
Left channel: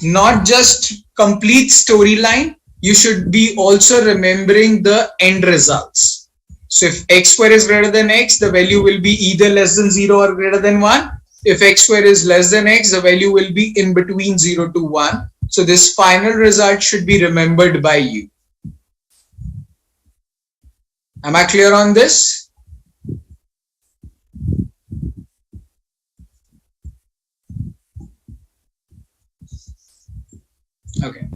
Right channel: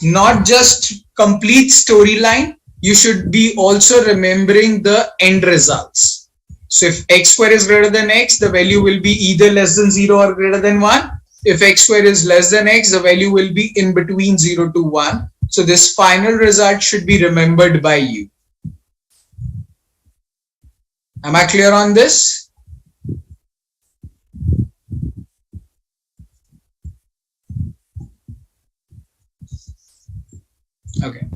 not just complete storyline, you should be also remembering the end results. So if x square is greater than x, the value will be either less than 0 or greater than 1. If x square is less than x, the value will be in between 0 to 1. So this final result should be remembered by you. Am I clear on this? Okay.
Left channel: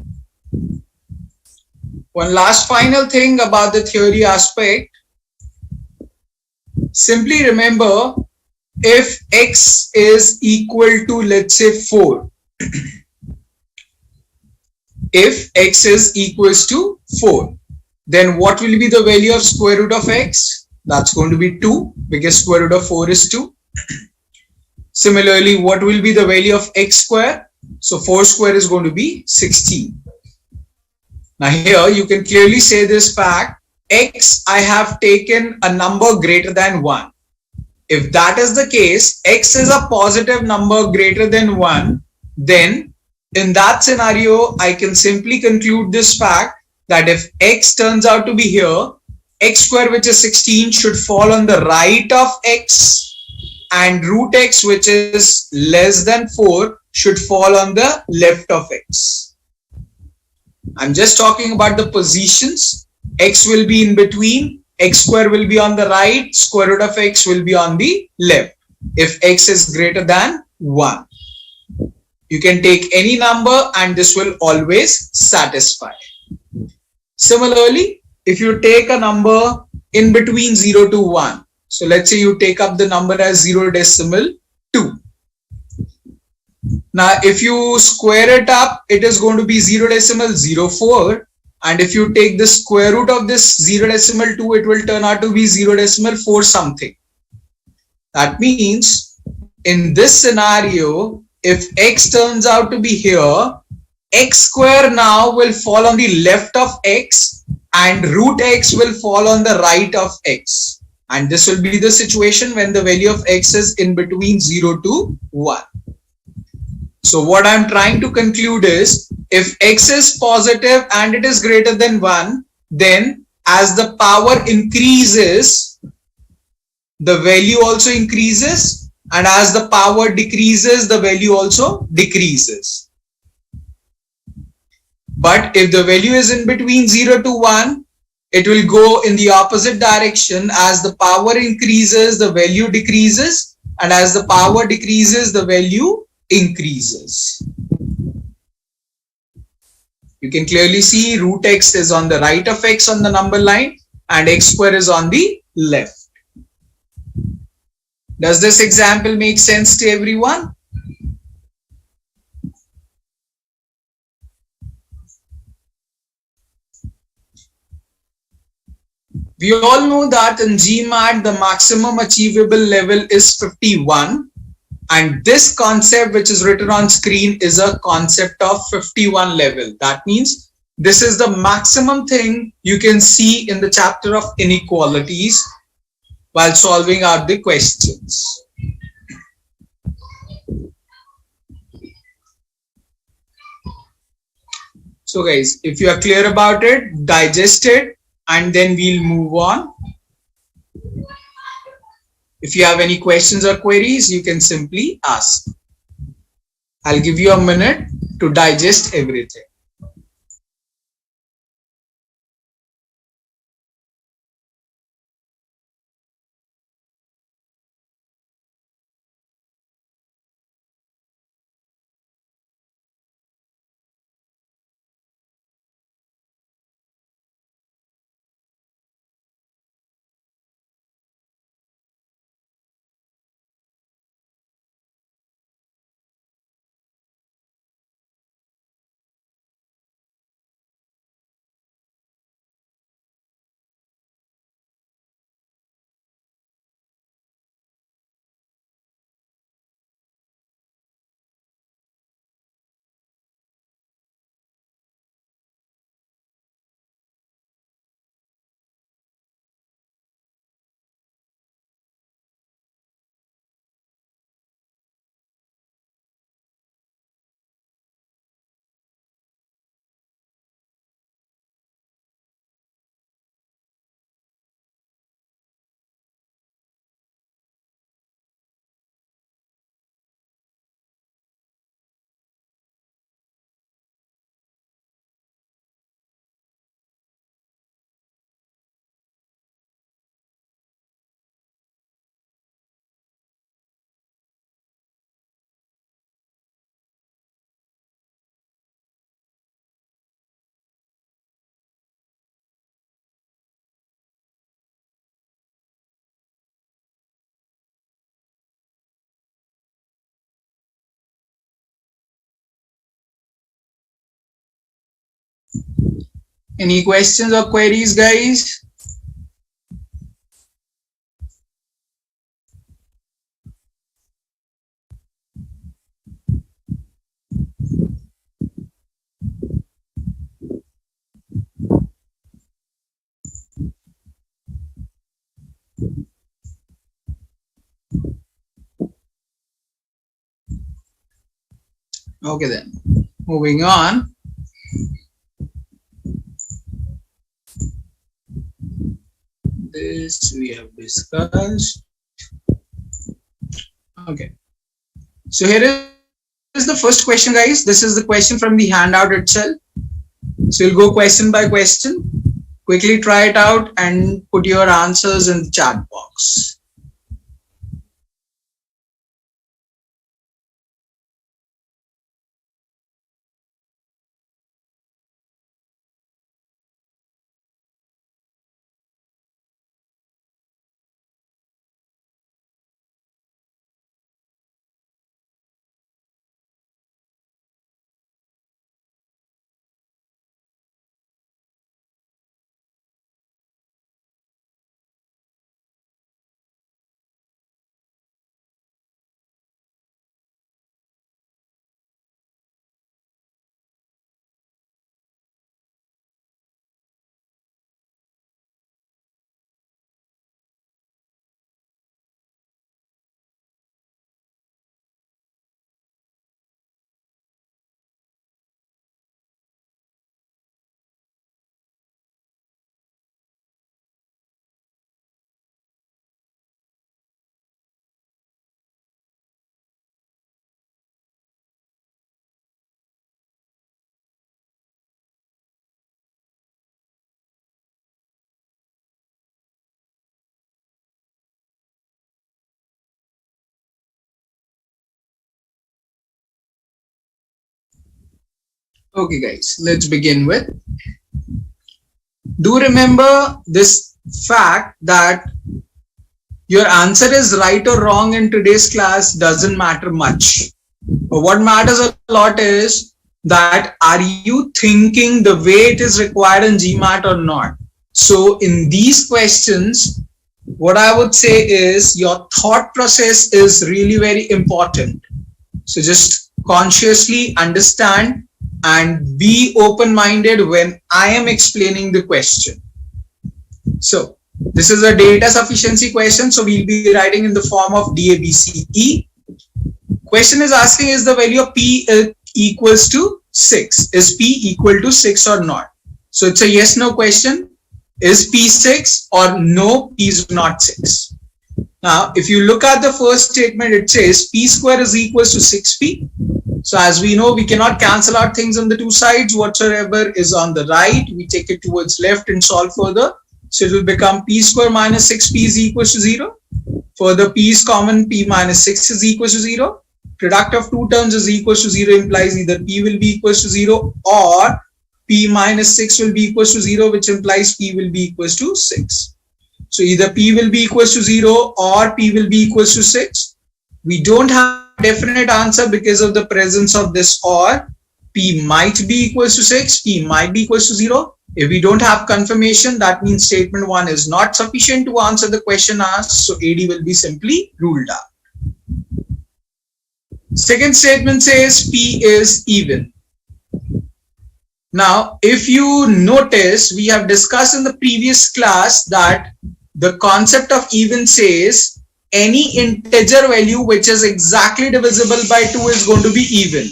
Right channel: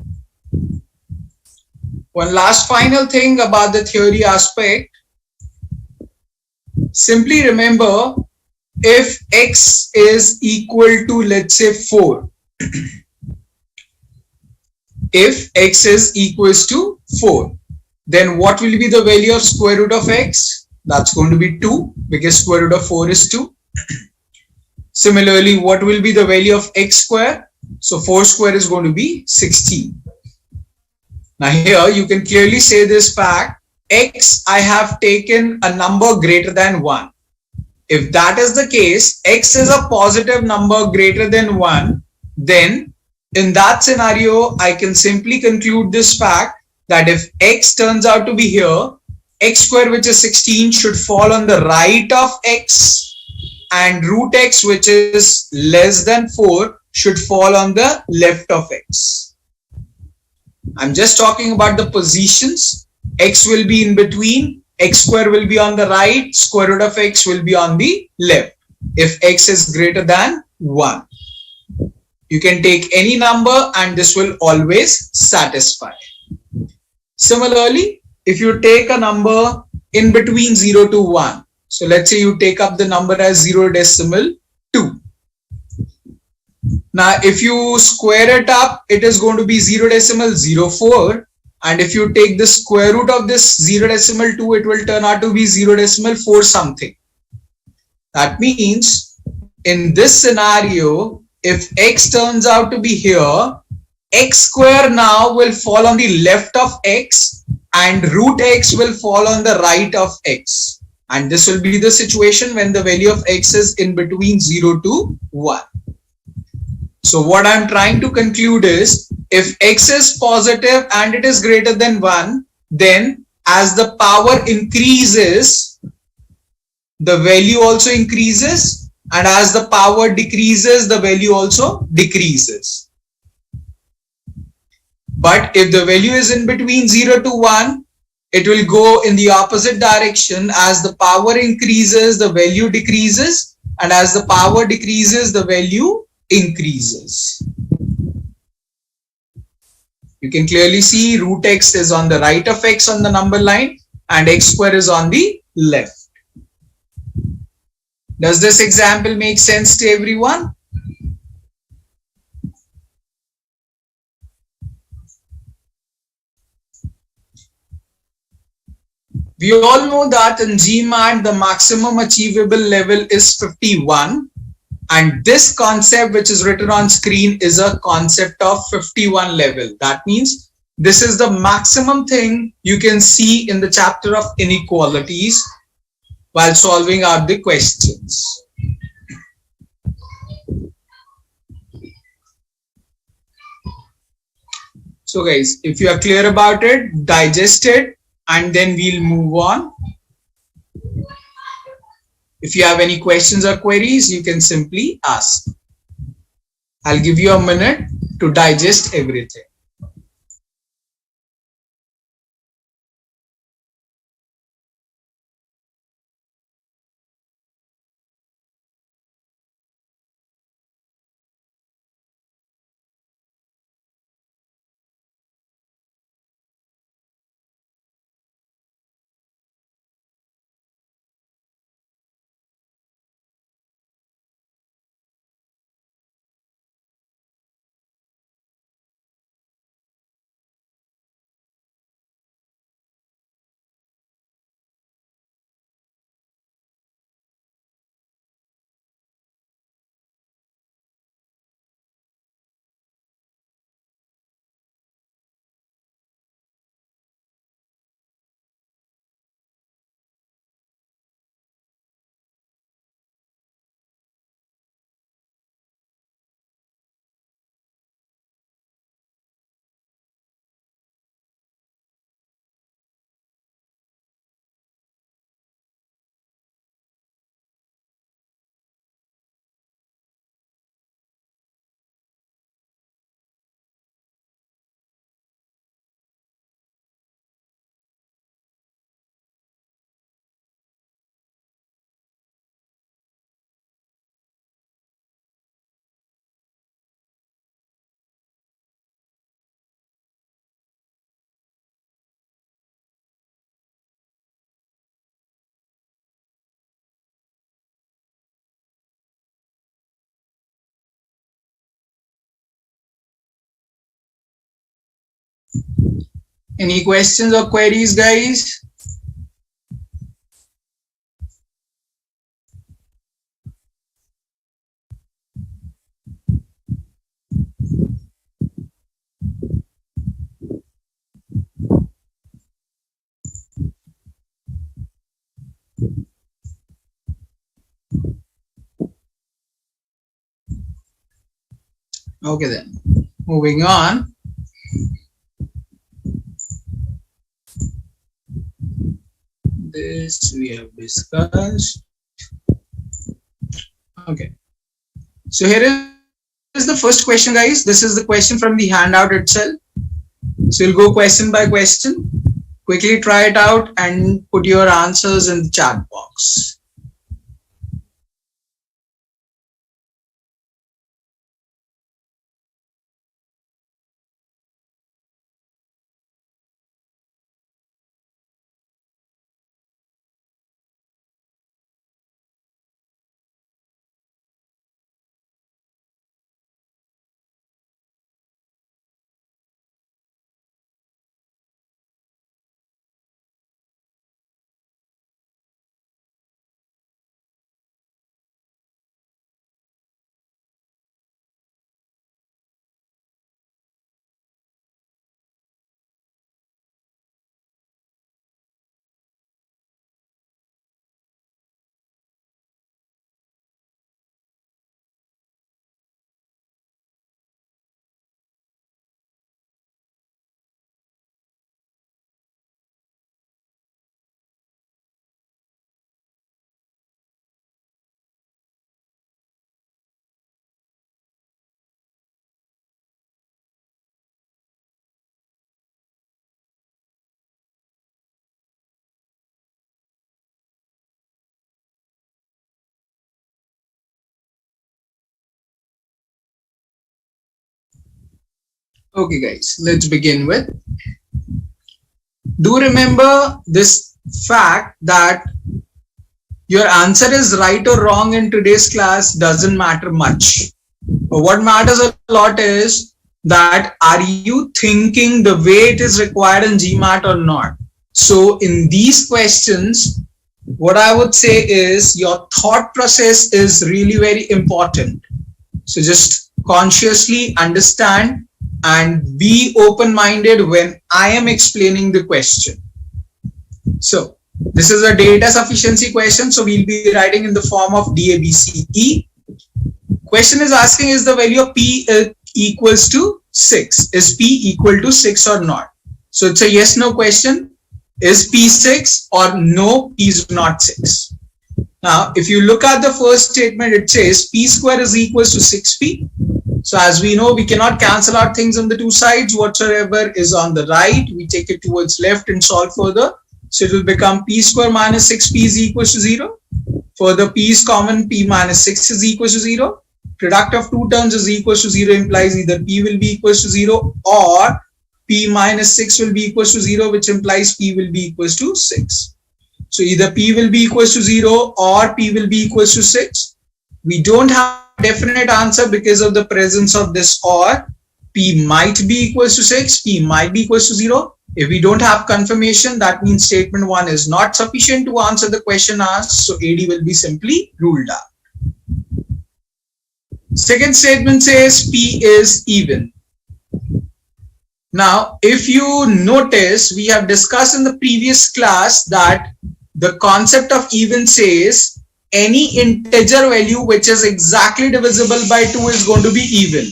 One last final thing about the theory aspect. Simply remember, if x is equal to, let's say, 4. If x is equals to 4, then what will be the value of square root of x? That's going to be 2, because square root of 4 is 2. Similarly, what will be the value of x square? So 4 square is going to be 16. Now here you can clearly say this fact, x, I have taken a number greater than 1. If that is the case, x is a positive number greater than 1, then in that scenario, I can simply conclude this fact that if x turns out to be here, x square, which is 16, should fall on the right of x, and root x, which is less than 4, should fall on the left of x. I'm just talking about the positions. X will be in between, x square will be on the right, square root of x will be on the left if x is greater than 1. You can take any number and this will always satisfy. Similarly, if you take a number in between 0 to 1, so let's say you take up the number as 0.2. Now, if you square it up, it is going to be 0.04. And if you take the square root of this 0.2, it will turn out to be 0.4 something. That means in this scenario, if x turns out to be here, x square now will fall on the left of x and root x will fall on the right of x. And this will be the situation when the value of x is in between 0 to 1. So what I'm trying to conclude is, if x is positive and it is greater than 1, then as the power increases, the value also increases, and as the power decreases, the value also decreases. But if the value is in between 0 to 1, it will go in the opposite direction. As the power increases, the value decreases, and as the power decreases, the value increases. You can clearly see root x is on the right of x on the number line and x square is on the left. Does this example make sense to everyone? We all know that in GMAT, the maximum achievable level is 51. And this concept which is written on screen is a concept of 51 level. That means this is the maximum thing you can see in the chapter of inequalities. while solving out the questions. So guys, if you are clear about it, digest it, and then we'll move on. If you have any questions or queries, you can simply ask. I'll give you a minute to digest everything. Any questions or queries, guys? Okay then, moving on. This we have discussed. Okay, so here is the first question, guys. This is the question from the handout itself. So you'll go question by question. Quickly try it out and put your answers in the chat box. Okay guys, let's begin with. Do remember this fact that your answer is right or wrong in today's class doesn't matter much. But what matters a lot is that are you thinking the way it is required in GMAT or not? So in these questions, what I would say is your thought process is really very important. So just consciously understand and be open-minded when I am explaining the question. So This is a data sufficiency question, so we'll be writing in the form of DABCE. Question is asking, is the value of P equals to 6? Is P equal to 6 or not? So it's a yes no question. Is P 6 or no, P is not 6? Now, if you look at the first statement, it says P square is equals to 6P. So as we know, we cannot cancel out things on the two sides. Whatsoever is on the right, we take it towards left and solve further. So it will become P square minus 6P is equals to 0. Further, P is common, P minus 6 is equals to 0. Product of two terms is equals to 0 implies either P will be equals to 0 or P minus 6 will be equals to 0, which implies P will be equals to 6. So either P will be equals to 0 or P will be equals to 6. We don't have a definite answer because of the presence of this or. P might be equals to 6, P might be equals to 0. If we don't have confirmation, that means statement 1 is not sufficient to answer the question asked. So AD will be simply ruled out. Second statement says P is even. Now, if you notice, we have discussed in the previous class that the concept of even says any integer value which is exactly divisible by 2 is going to be even.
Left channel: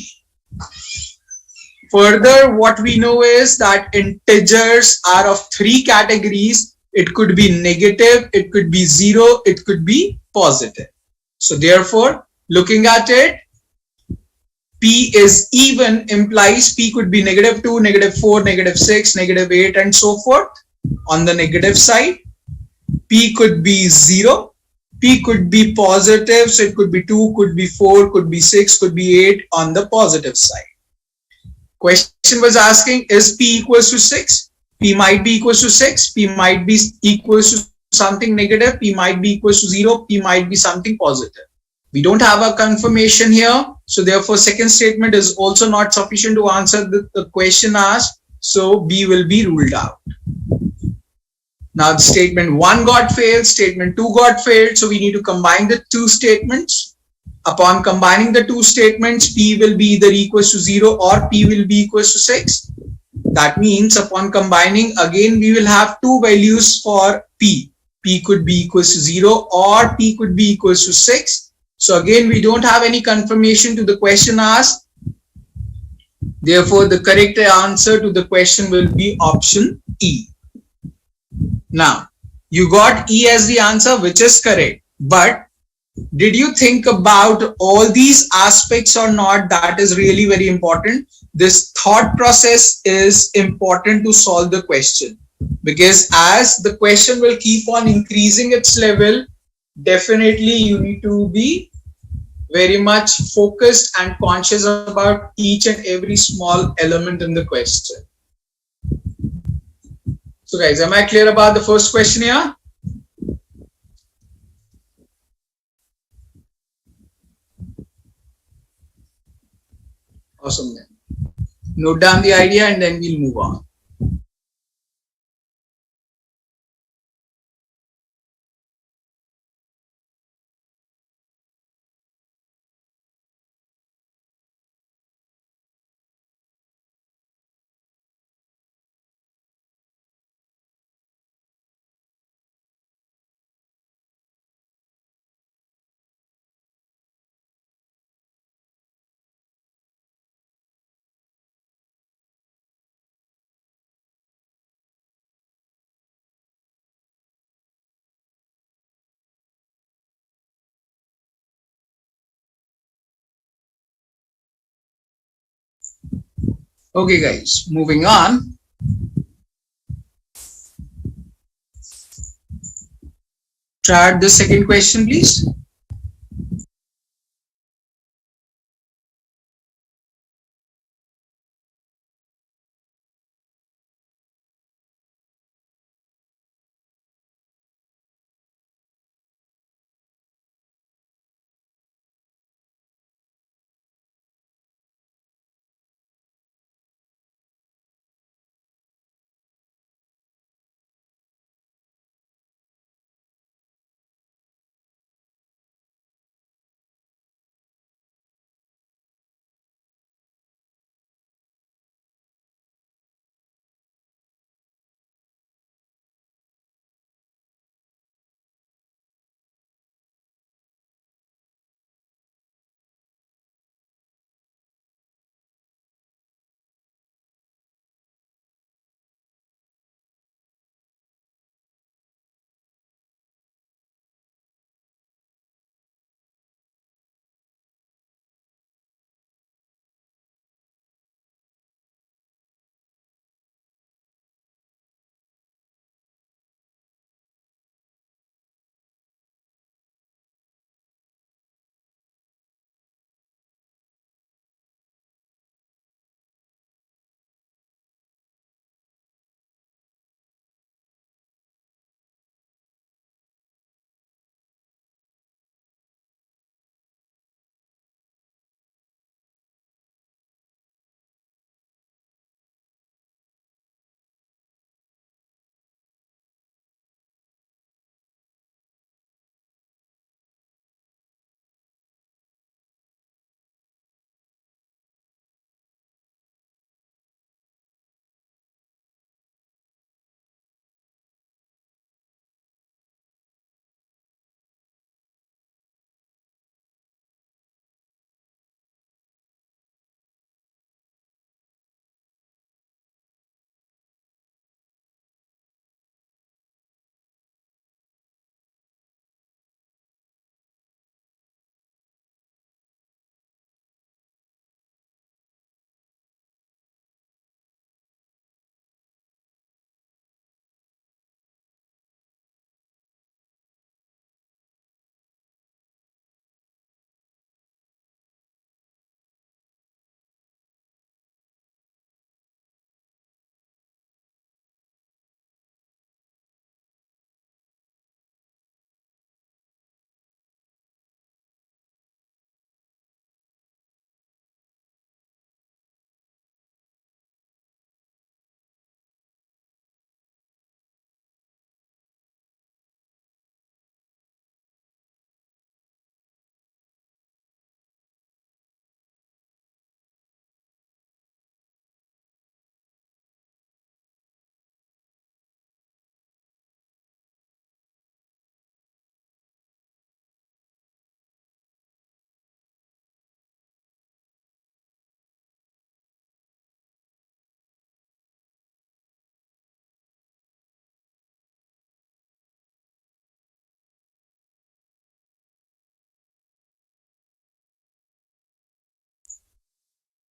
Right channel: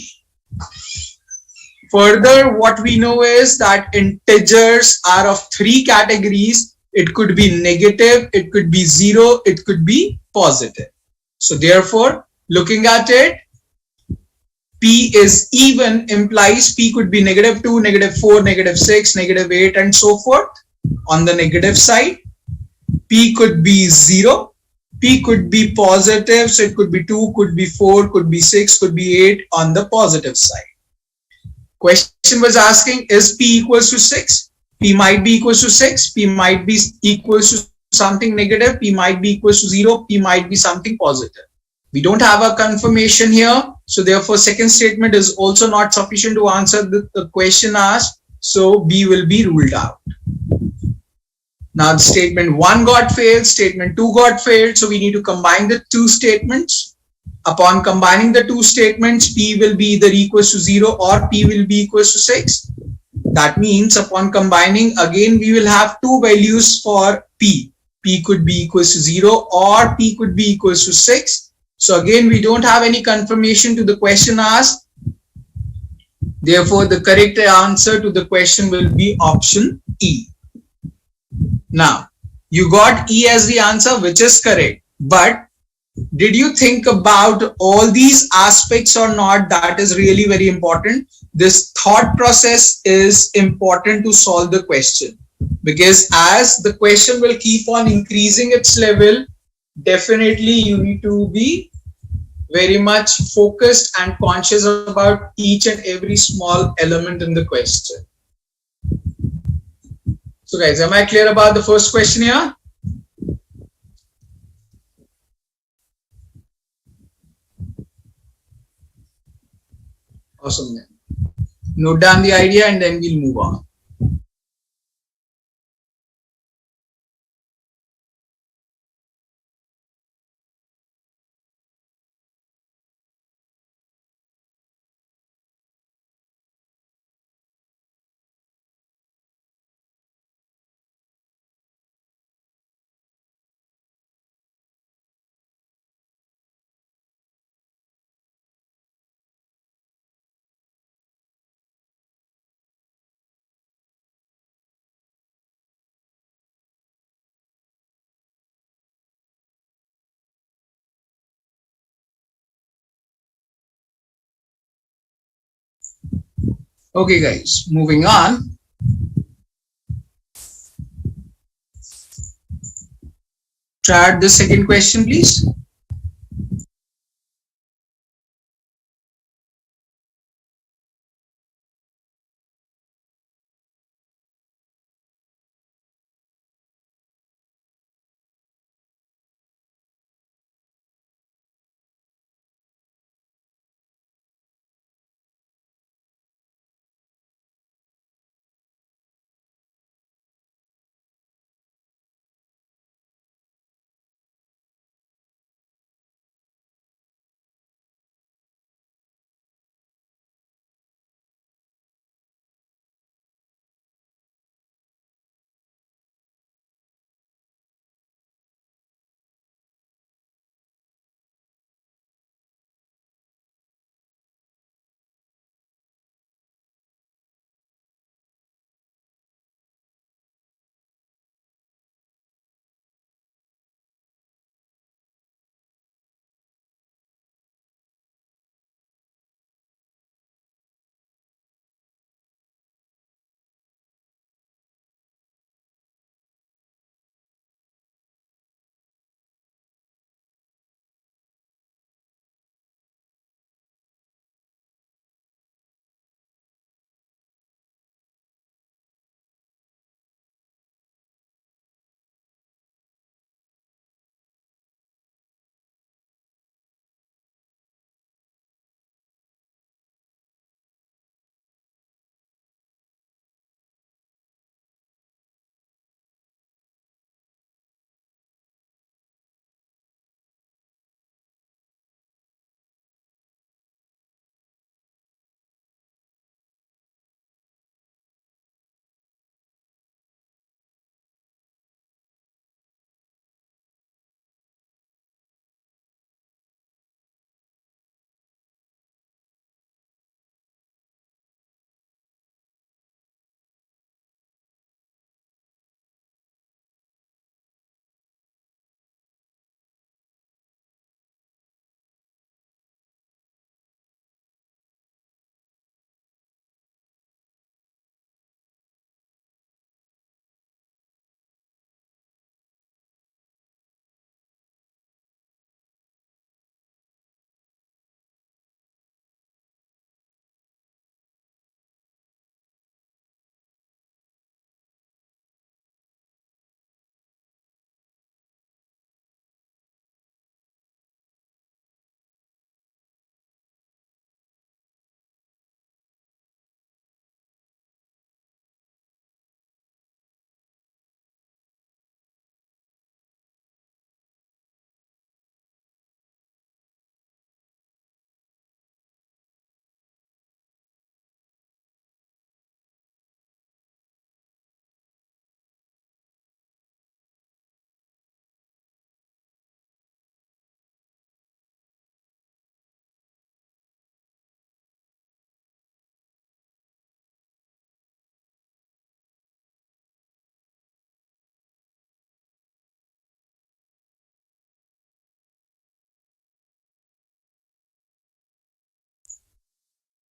Further, what we know is that integers are of three categories. It could be negative, it could be 0, it could be positive. So therefore, looking at it, P is even implies P could be negative 2, negative 4, negative 6, negative 8 and so forth. On the negative side, P could be 0, P could be positive, so it could be 2, could be 4, could be 6, could be 8 on the positive side. Question was asking, is P equals to 6? P might be equals to 6, P might be equals to something negative, P might be equals to 0, P might be something positive. We don't have a confirmation here, so therefore second statement is also not sufficient to answer the question asked, so B will be ruled out. Now statement 1 got failed, statement 2 got failed, so we need to combine the two statements. Upon combining the two statements, P will be either equals to 0 or P will be equals to 6. That means upon combining, again we will have two values for P. P could be equals to 0 or P could be equals to 6. So again, we don't have any confirmation to the question asked. Therefore, the correct answer to the question will be option E. Now, you got E as the answer, which is correct. But did you think about all these aspects or not? That is really very important. This thought process is important to solve the question, because as the question will keep on increasing its level, definitely you need to be very much focused and conscious about each and every small element in the question. So guys, am I clear about the first question here? Awesome then. Note down the idea and then we'll move on. Okay guys, moving on. Try out the second question, please.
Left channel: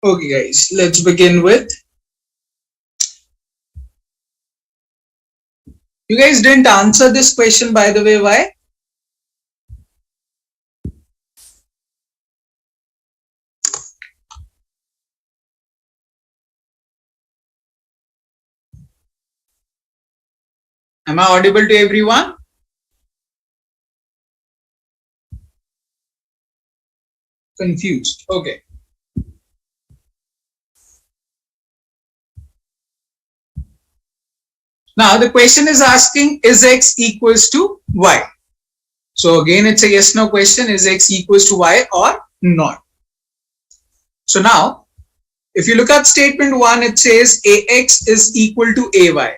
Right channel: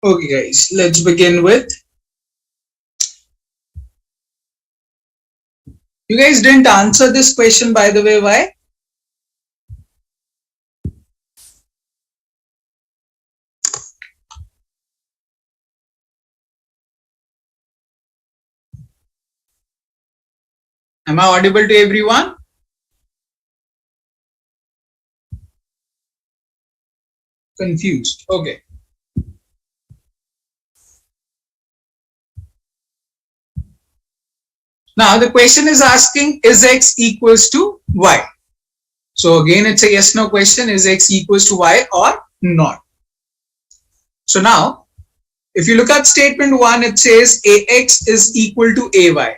Okay, guys, let's begin with. You guys didn't answer this question, by the way. Why? Am I audible to everyone? Confused. Okay. Now the question is asking, is x equals to y? So again, it's a yes no question. Is x equals to y or not? So now, if you look at statement 1, it says ax is equal to ay.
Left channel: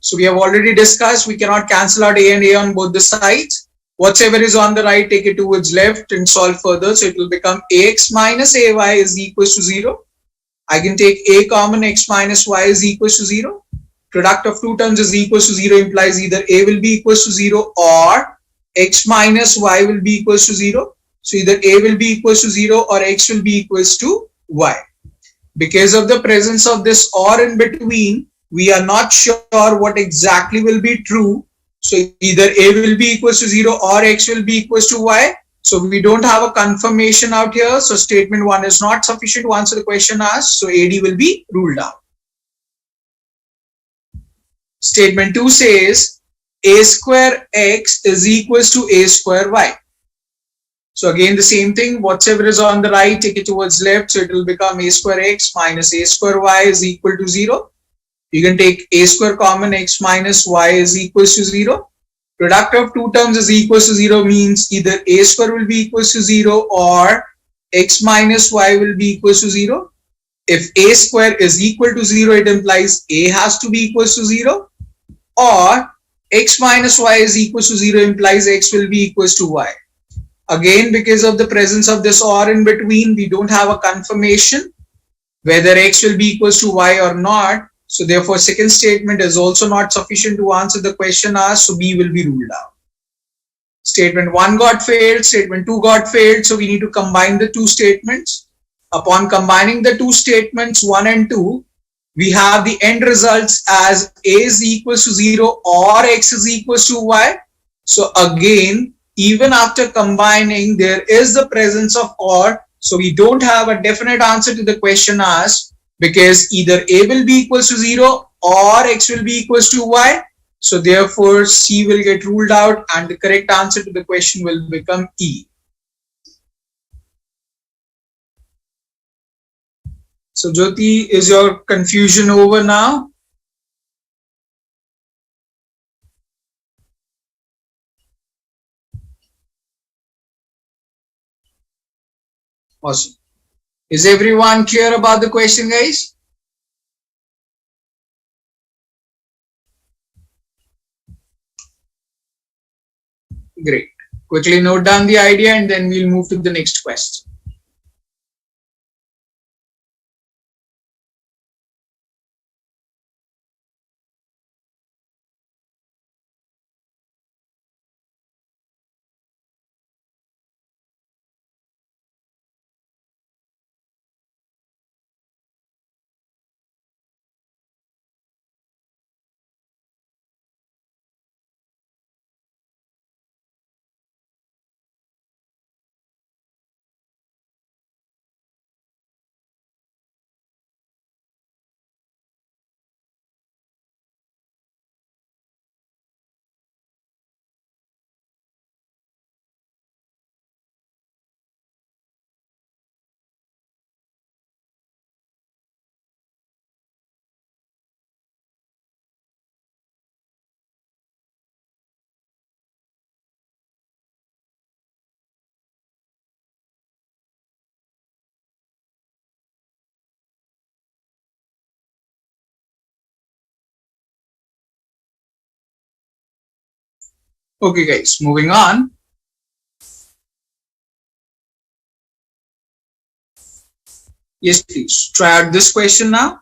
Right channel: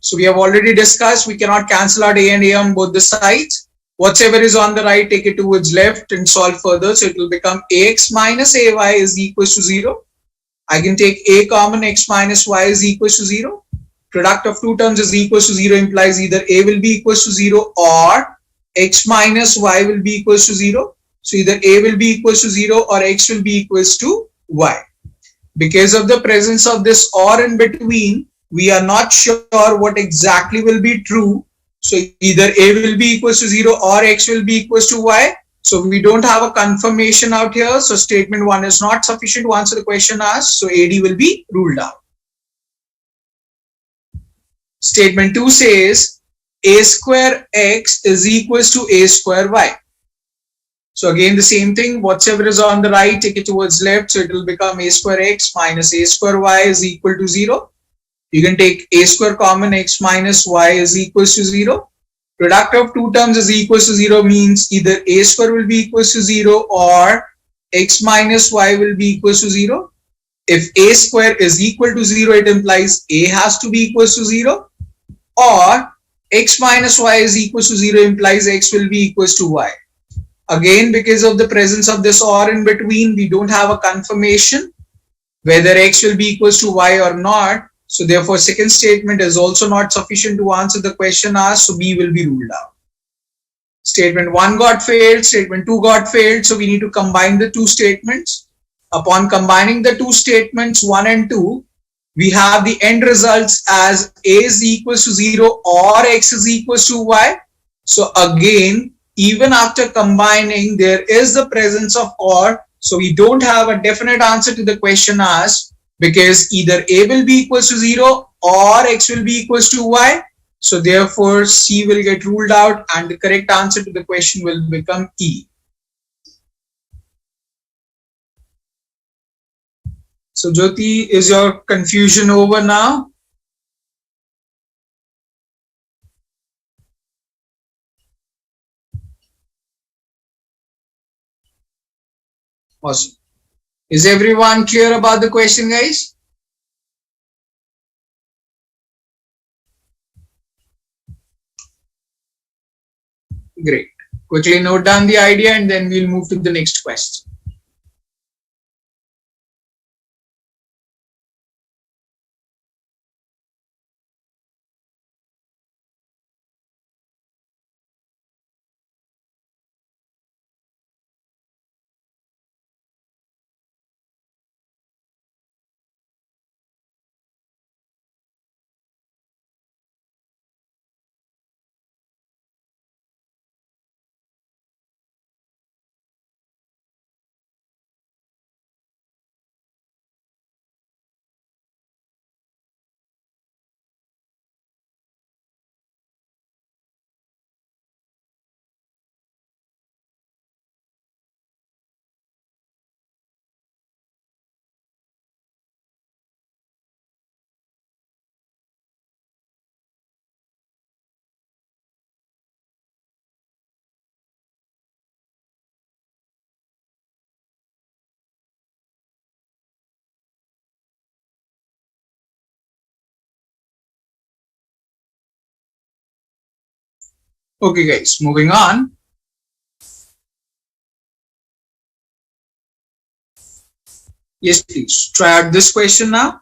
So we have already discussed we cannot cancel out a and a on both the sides. Whatever is on the right, take it towards left and solve further. So it will become ax minus ay is equals to 0. I can take a common, x minus y is equals to 0. Product of two terms is equals to 0 implies either a will be equals to 0 or x minus y will be equals to 0. So either a will be equals to 0 or x will be equals to y. Because of the presence of this or in between, we are not sure what exactly will be true. So either a will be equals to 0 or x will be equals to y. So we don't have a confirmation out here. So statement 1 is not sufficient to answer the question asked. So AD will be ruled out. Statement 2 says a square x is equals to a square y. So again, the same thing, whatever is on the right, take it towards left. So it will become a square x minus a square y is equal to 0. You can take a square common, x minus y is equals to 0. Product of two terms is equals to 0 means either a square will be equals to 0 or x minus y will be equals to 0. If a square is equal to 0, it implies a has to be equals to 0, or x minus y is equals to 0 implies x will be equals to y. Again, because of the presence of this or in between, we don't have a confirmation whether x will be equals to y or not. So therefore, second statement is also not sufficient to answer the question asked. So B will be ruled out. Statement 1 got failed, statement 2 got failed. So we need to combine the two statements. Upon combining the two statements 1 and 2, we have the end results as a is equals to 0 or x is equals to y. So again, even after combining, there is the presence of or. So we don't have a definite answer to the question asked because either a will be equals to 0 or x will be equals to y. So therefore, C will get ruled out and the correct answer to the question will become E. So Jyoti, is your confusion over now? Awesome. Is everyone clear about the question, guys? Great. Quickly note down the idea and then we'll move to the next question. Okay, guys, moving on. Yes, please. Try out this question now.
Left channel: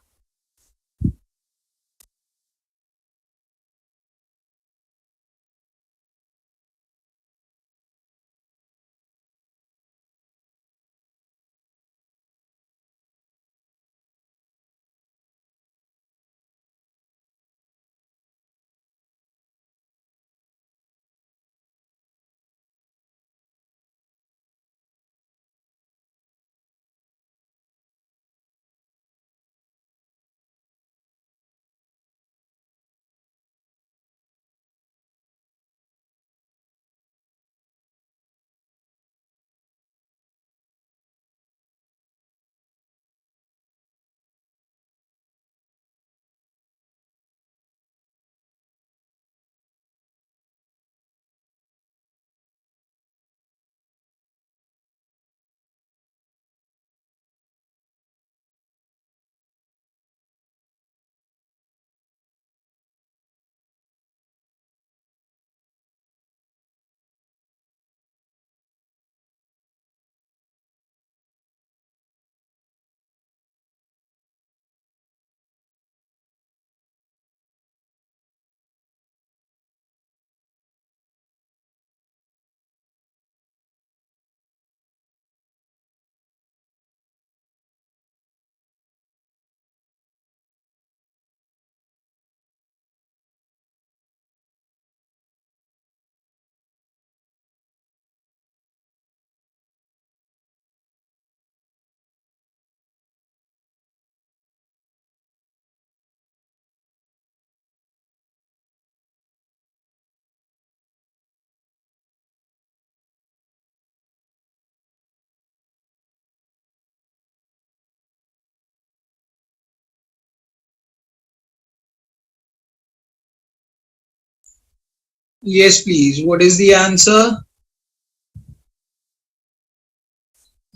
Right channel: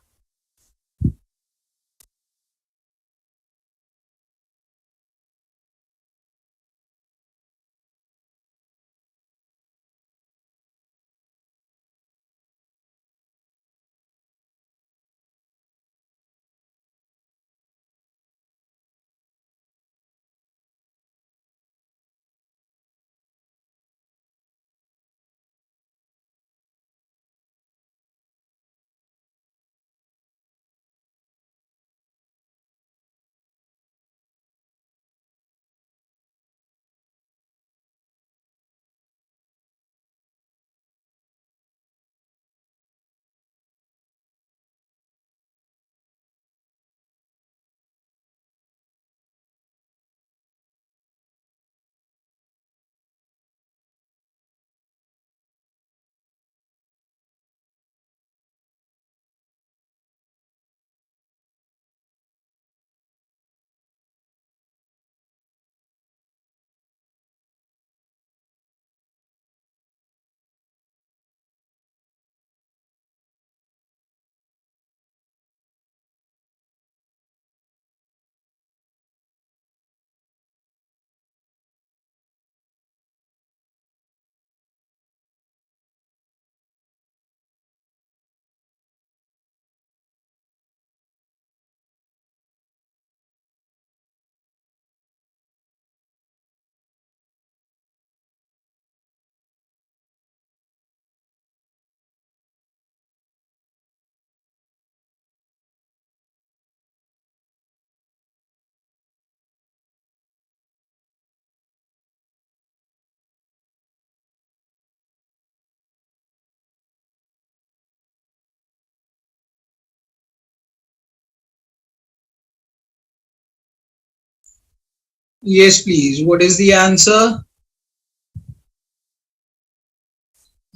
Yes, please. What is the answer?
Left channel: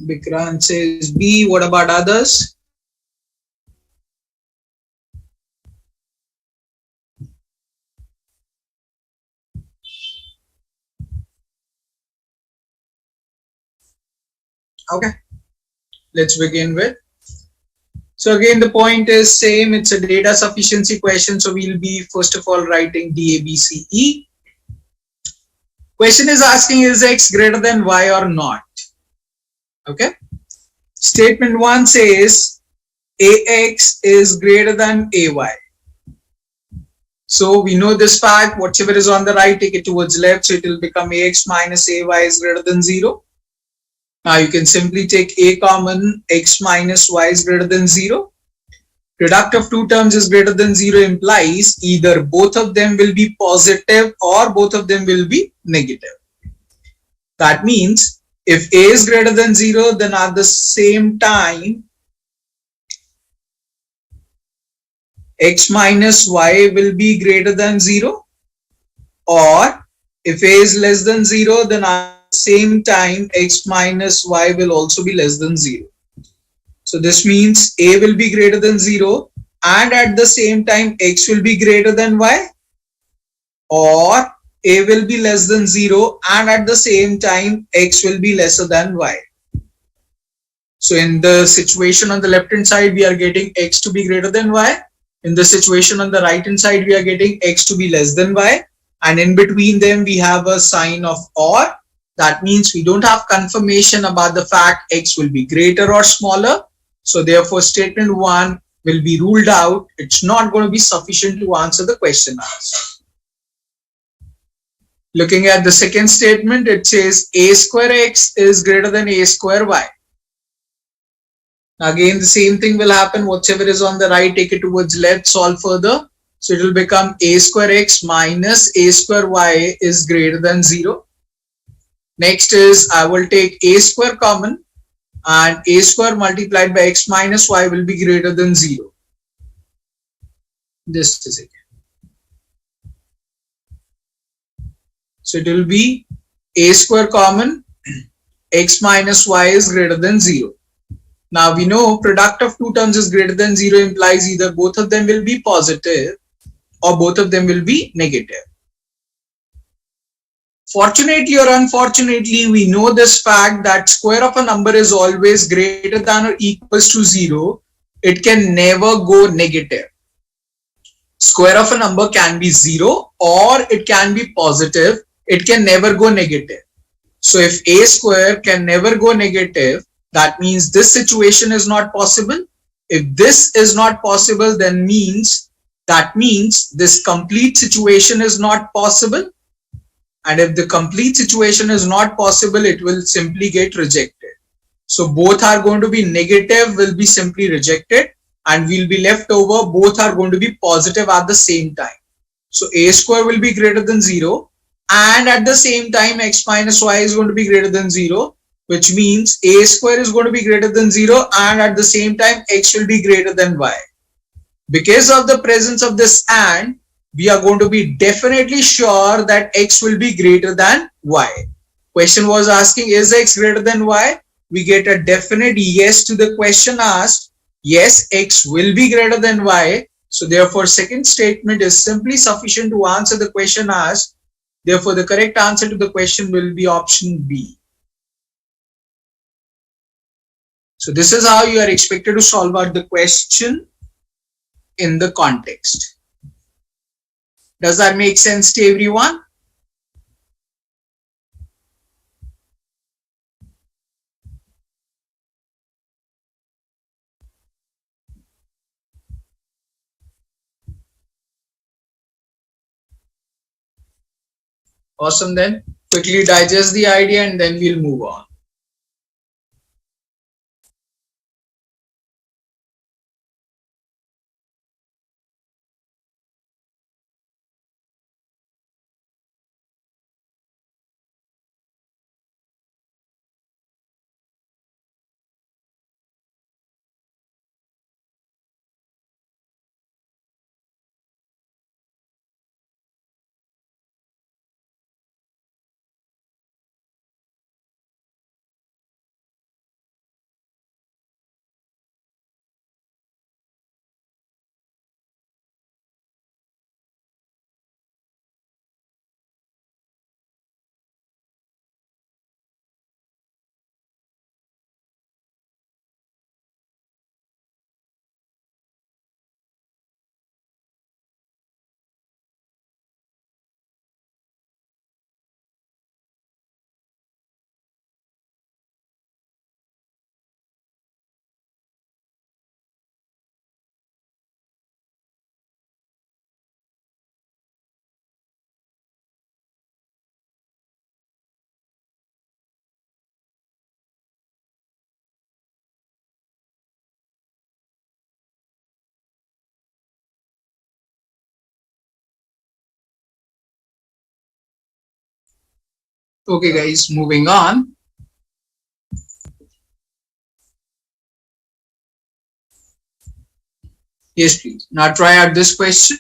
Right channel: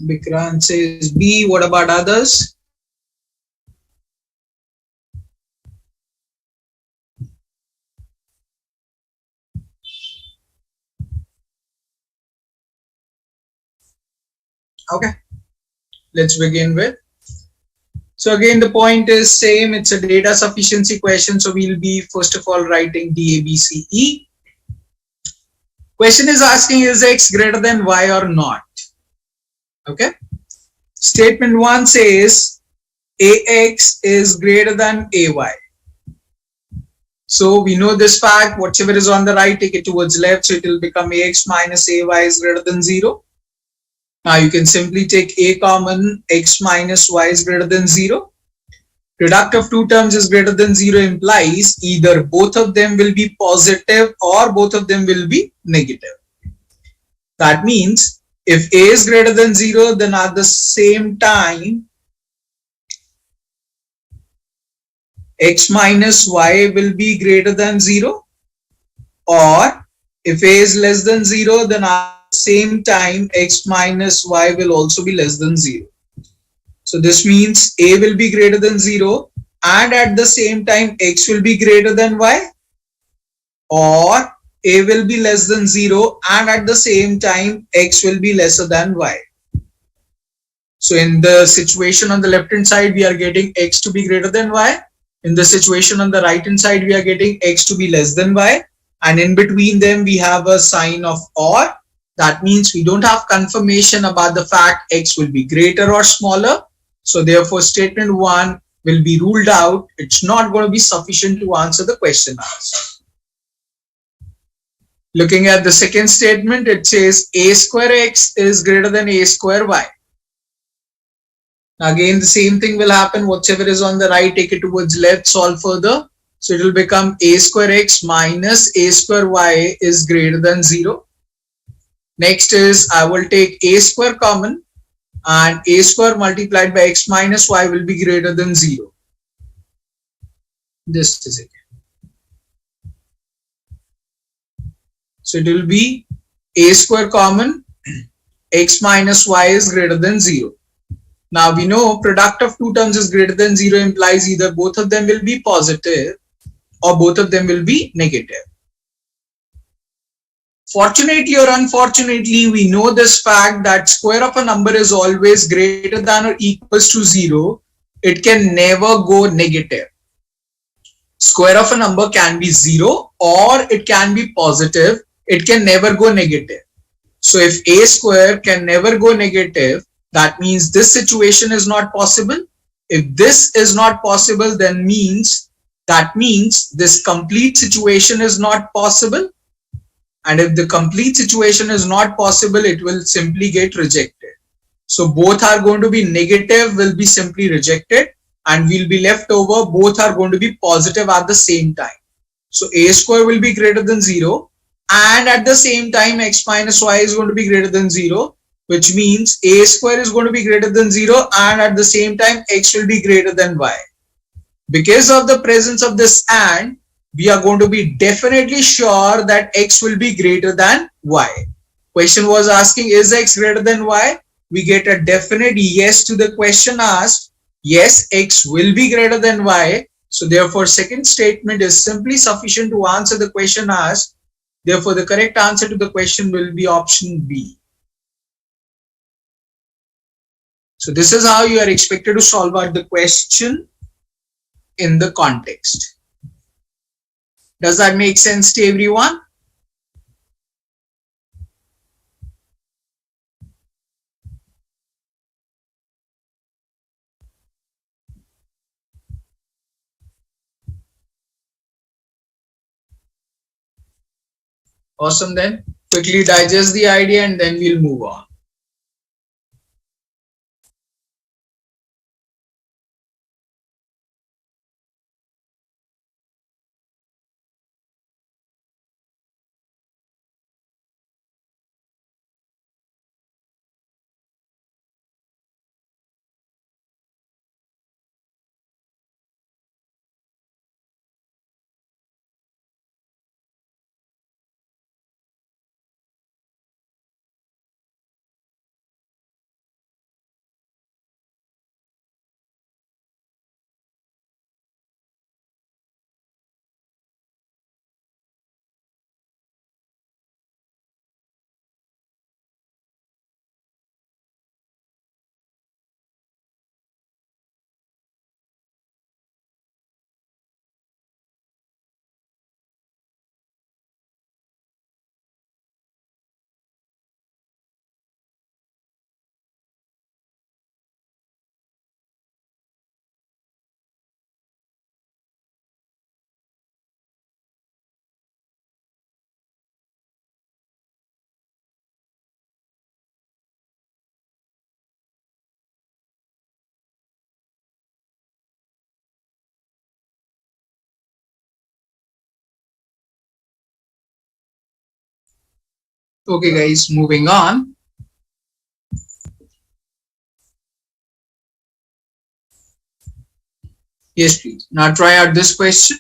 Vikrant says B. What about others? Okay, let's begin with. So again, the point is same. It's a data sufficiency question. So we'll be first of all writing D, A, B, C, E. Question is asking is X greater than Y or not? Okay. Statement 1 says AX is greater than AY. So we know this fact, whatever is on the right, take it towards left. So it will become AX minus AY is greater than 0. Now you can simply take A common, X minus Y is greater than 0. Product of two terms is greater than 0 implies either both of them will be positive or both of them will be negative. That means if A is greater than 0, then at the same time X minus Y will be greater than 0, or if A is less than 0, then at the same time X minus Y will also be less than 0. So this means A will be greater than 0 and at the same time X will be greater than Y, or A will be less than 0 and at the same time X will be lesser than Y. So in the situation on the left hand side, we are getting X to be greater than Y. In the situation on the right hand side, we are getting X to be less than Y. And in between them, we have a sign of OR. That means we don't have confirmation about the fact X will be greater or smaller. So therefore, statement 1 will be ruled out. It's not going to be sufficient to answer the question asked. Looking at the second statement, it says A square X is greater than A square Y. Again, the same thing will happen. Whatever is on the right, take it towards left, solve further. So it will become A square X minus A square Y is greater than 0. Next is I will take A square common and A square multiplied by X minus Y will be greater than 0. This is it. So it will be A square common, X minus Y is greater than 0. Now we know product of two terms is greater than 0 implies either both of them will be positive or both of them will be negative. Fortunately or unfortunately, we know this fact that square of a number is always greater than or equals to 0. It can never go negative. Square of a number can be 0 or it can be positive. It can never go negative. So if A square can never go negative, that means this situation is not possible. If this is not possible, then that means this complete situation is not possible. And if the complete situation is not possible, it will simply get rejected. So both are going to be negative, will be simply rejected, and we'll be left over. Both are going to be positive at the same time. So A square will be greater than 0. And at the same time, X minus Y is going to be greater than 0, which means A square is going to be greater than 0 and at the same time X will be greater than Y. Because of the presence of this and, we are going to be definitely sure that X will be greater than Y. Question was asking, is X greater than Y? We get a definite yes to the question asked. Yes, X will be greater than Y. So therefore, second statement is simply sufficient to answer the question asked. Therefore, the correct answer to the question will be option B. So this is how you are expected to solve out the question in the context. Does that make sense to everyone? Awesome then. Quickly digest the idea and then we'll move on. Okay guys, moving on. Yes, please. Now try out this question.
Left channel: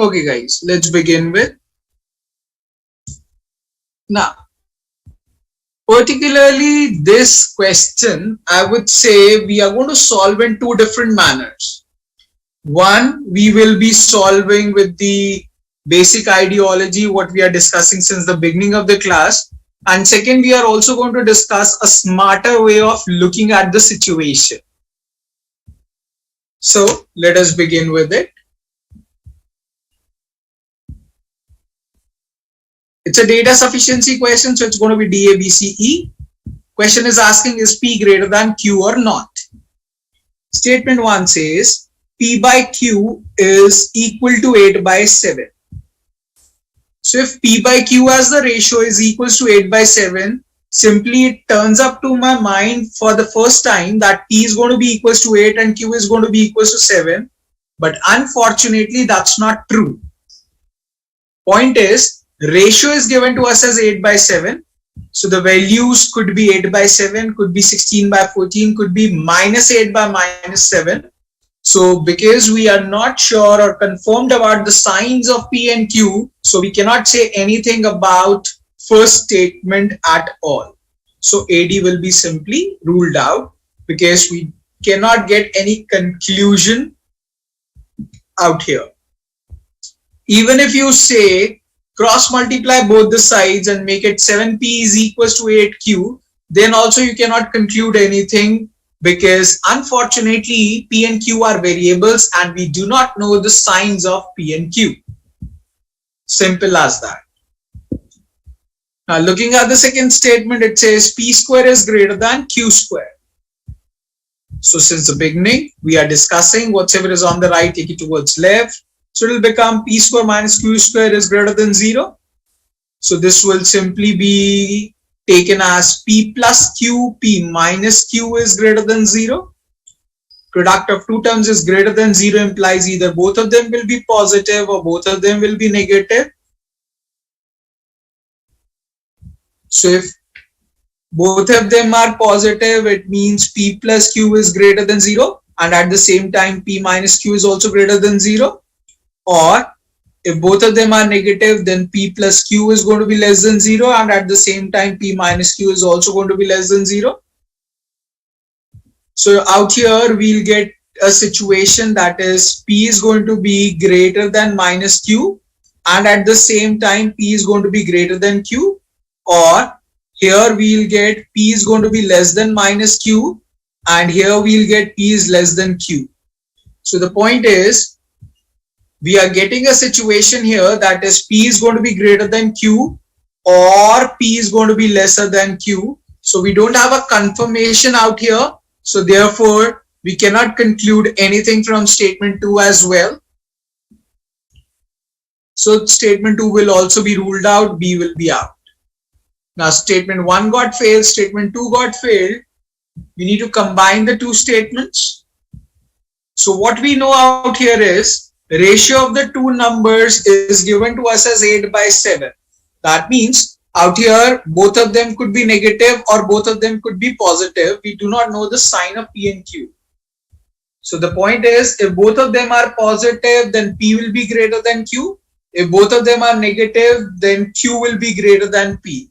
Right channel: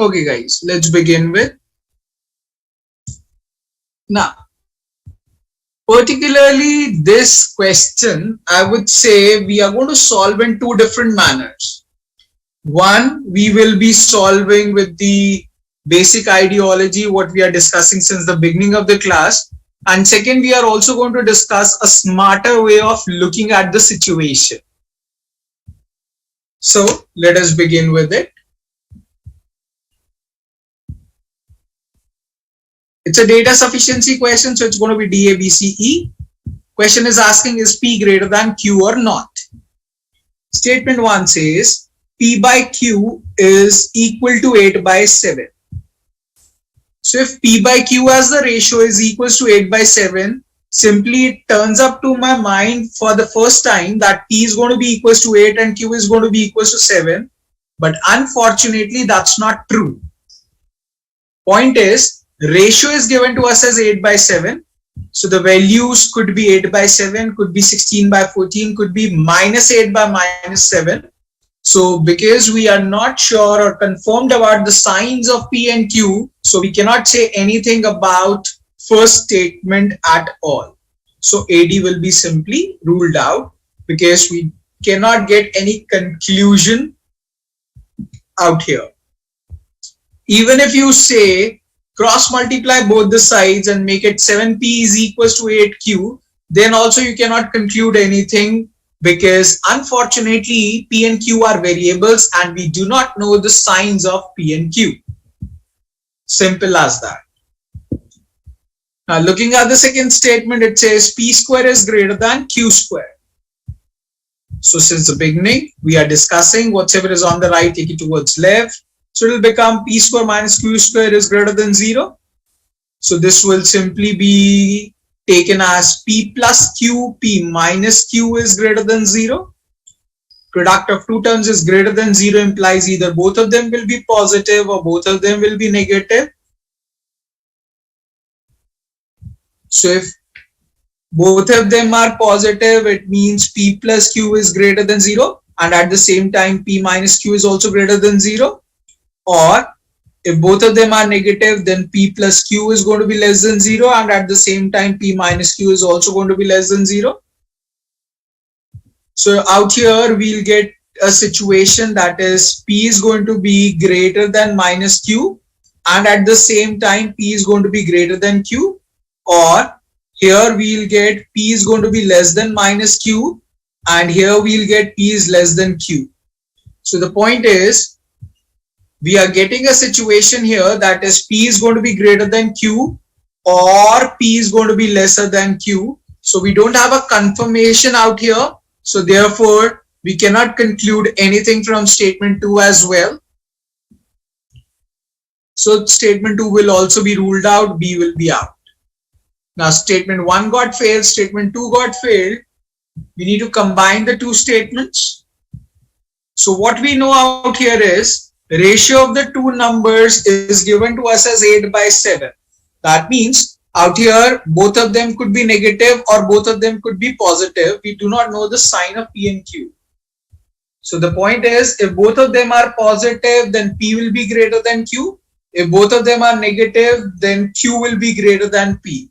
Okay guys, let's begin with. Now, particularly this question, I would say we are going to solve in two different manners. One, we will be solving with the basic ideology, what we are discussing since the beginning of the class. And second, we are also going to discuss a smarter way of looking at the situation. So let us begin with it. It's a data sufficiency question, so it's going to be DABCE. Question is asking, is P greater than Q or not? Statement 1 says P by Q is equal to 8 by 7. So if P by Q as the ratio is equals to 8 by 7, simply it turns up to my mind for the first time that P is going to be equals to 8 and Q is going to be equals to 7. But unfortunately, that's not true. Point is, ratio is given to us as 8 by 7. So the values could be 8 by 7, could be 16 by 14, could be minus 8 by minus 7. So because we are not sure or confirmed about the signs of P and Q, so we cannot say anything about first statement at all. So AD will be simply ruled out because we cannot get any conclusion out here. Even if you say cross multiply both the sides and make it 7P is equals to 8Q, then also you cannot conclude anything because unfortunately P and Q are variables and we do not know the signs of P and Q. Simple as that. Now looking at the second statement, it says P square is greater than Q square. So since the beginning, we are discussing whatever is on the right, take it towards left. So it will become P square minus Q square is greater than 0. So this will simply be taken as P plus Q, P minus Q is greater than 0. Product of two terms is greater than 0 implies either both of them will be positive or both of them will be negative. So if both of them are positive, it means P plus Q is greater than 0 and at the same time P minus Q is also greater than 0. or if both of them are negative, then P plus Q is going to be less than 0, and at the same time P minus Q is also going to be less than 0. So out here we'll get a situation that is P is going to be greater than minus Q, and at the same time P is going to be greater than Q, or here we'll get P is going to be less than minus Q, and here we'll get P is less than Q. So the point is, we are getting a situation here that is P is going to be greater than Q, or P is going to be lesser than Q. So we don't have a confirmation out here. So therefore, we cannot conclude anything from statement 2 as well. So statement 2 will also be ruled out, B will be out. Now statement 1 got failed, statement 2 got failed. We need to combine the two statements. So what we know out here is the ratio of the two numbers is given to us as 8 by 7. That means out here both of them could be negative or both of them could be positive. We do not know the sign of P and Q. So the point is, if both of them are positive, then P will be greater than Q. If both of them are negative, then Q will be greater than P.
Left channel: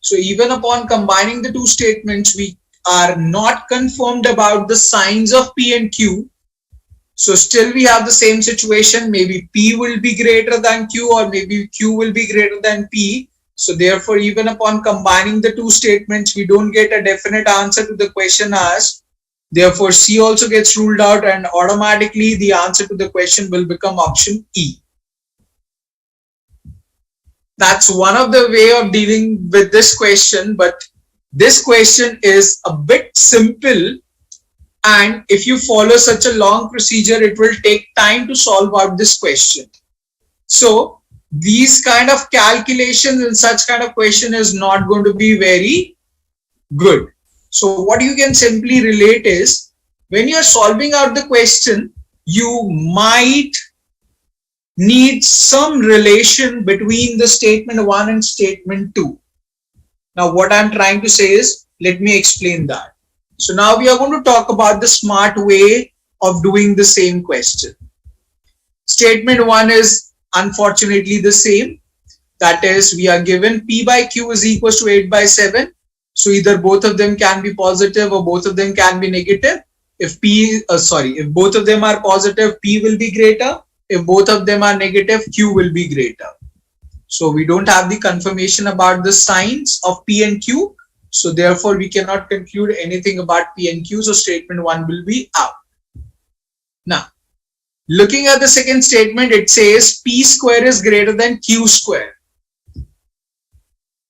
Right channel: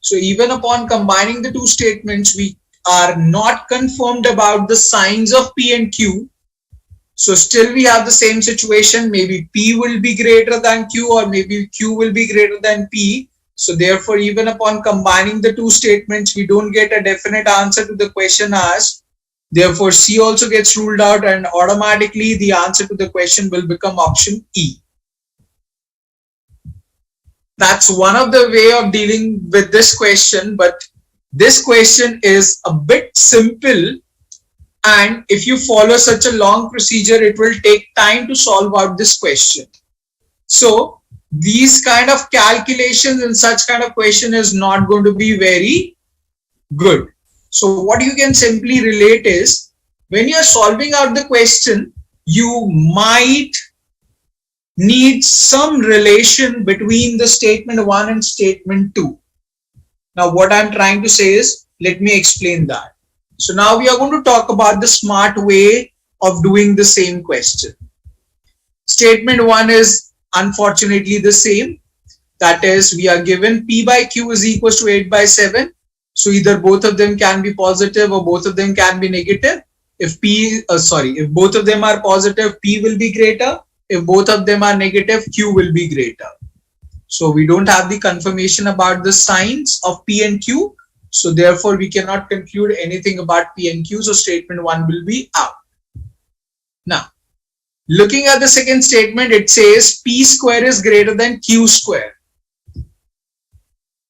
So even upon combining the two statements, we are not confirmed about the signs of P and Q. So still we have the same situation. Maybe P will be greater than Q, or maybe Q will be greater than P. So therefore, even upon combining the two statements, we don't get a definite answer to the question asked. Therefore, C also gets ruled out, and automatically the answer to the question will become option E. That's one of the way of dealing with this question, but this question is a bit simple, and if you follow such a long procedure, it will take time to solve out this question. So these kind of calculations in such kind of question is not going to be very good. So what you can simply relate is, when you are solving out the question, you might need some relation between the statement 1 and statement 2. Now what I'm trying to say is, let me explain that. So now we are going to talk about the smart way of doing the same question. Statement 1 is unfortunately the same. That is, we are given P by Q is equals to 8 by 7. So either both of them can be positive or both of them can be negative. If both of them are positive, P will be greater. If both of them are negative, Q will be greater. So we don't have the confirmation about the signs of P and Q. So therefore, we cannot conclude anything about P and Q. So statement 1 will be out. Now, looking at the second statement, it says P square is greater than Q square.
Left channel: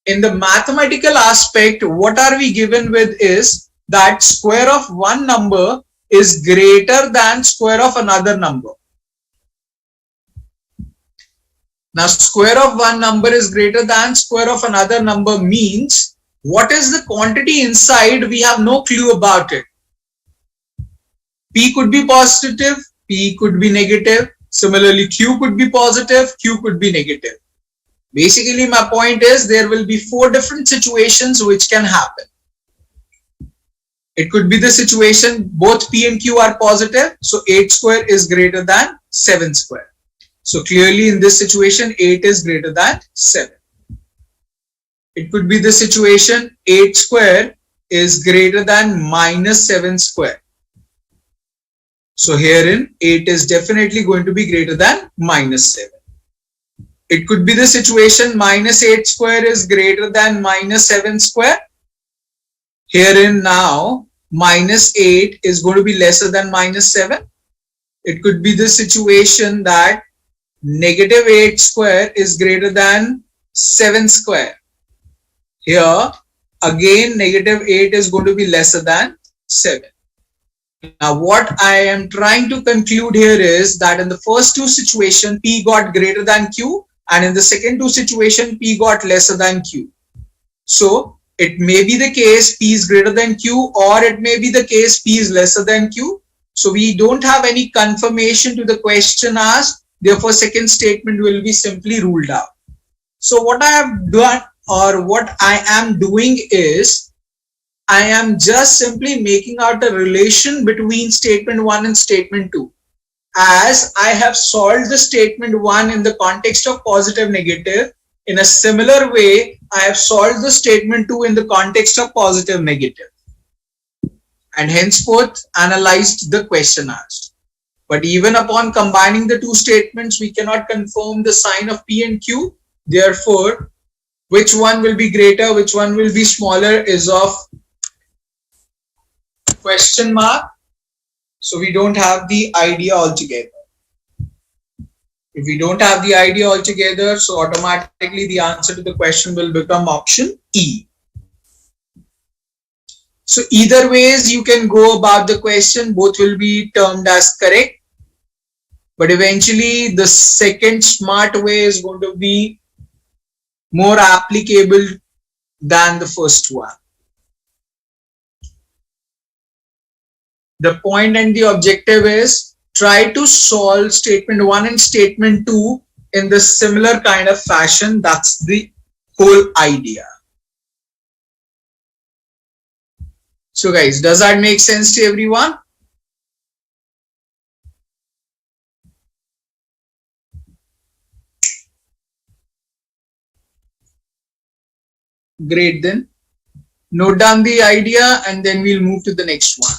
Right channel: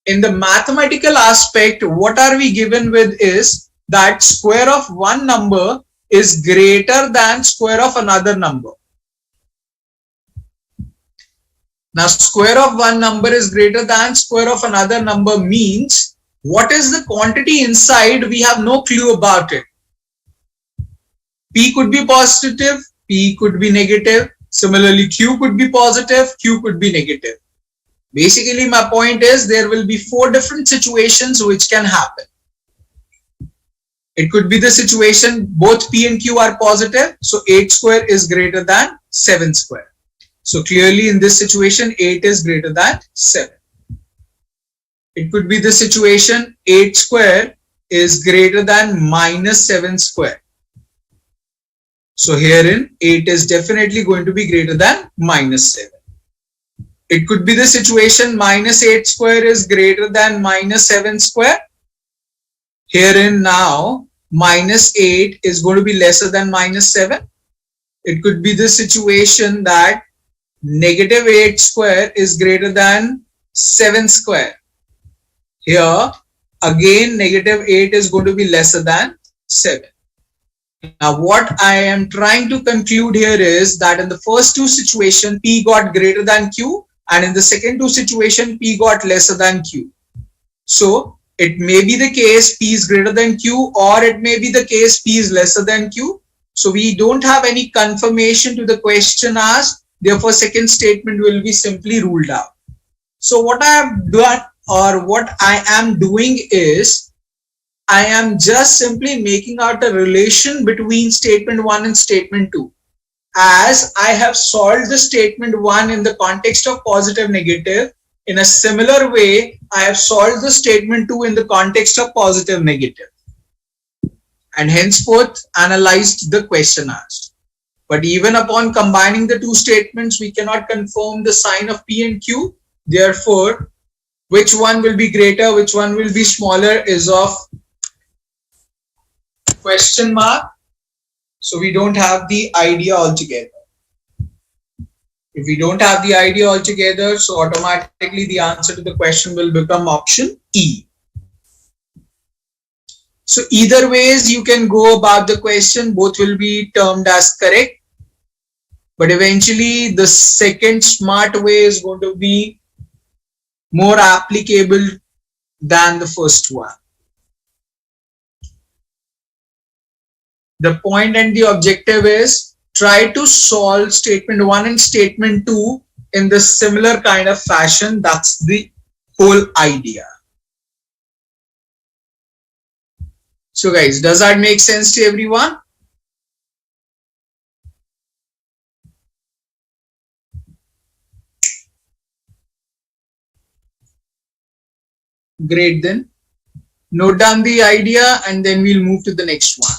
In the mathematical aspect, what are we given with is that square of one number is greater than square of another number. Now, square of one number is greater than square of another number means, what is the quantity inside? We have no clue about it. P could be positive, P could be negative. Similarly, Q could be positive, Q could be negative. Basically, my point is there will be 4 different situations which can happen. It could be the situation both P and Q are positive, so 8 square is greater than 7 square. So clearly in this situation, 8 is greater than 7. It could be the situation 8 square is greater than minus 7 square. So herein 8 is definitely going to be greater than minus 7. It could be the situation minus 8 square is greater than minus 7 square. Herein now minus 8 is going to be lesser than minus 7. It could be the situation that negative 8 square is greater than 7 square. Here again negative 8 is going to be lesser than 7. Now what I am trying to conclude here is that in the first two situations P got greater than Q, and in the second two situation P got lesser than Q. So it may be the case P is greater than Q, or it may be the case P is lesser than Q. So we don't have any confirmation to the question asked. Therefore, second statement will be simply ruled out. So what I have done, or what I am doing is, I am just simply making out a relation between statement 1 and statement 2. as I have solved the statement 1 in the context of positive negative, in a similar way, I have solved the statement 2 in the context of positive negative, and henceforth analyzed the question asked. But even upon combining the two statements, we cannot confirm the sign of P and Q. Therefore, which one will be greater, which one will be smaller is of question mark. So we don't have the idea altogether. If we don't have the idea altogether, so automatically the answer to the question will become option E. So either ways you can go about the question, both will be termed as correct. But eventually the second smart way is going to be more applicable than the first one. The point and the objective is try to solve statement 1 and statement 2 in the similar kind of fashion. That's the whole idea. So guys, does that make sense to everyone? Great, then note down the idea and then we'll move to the next one.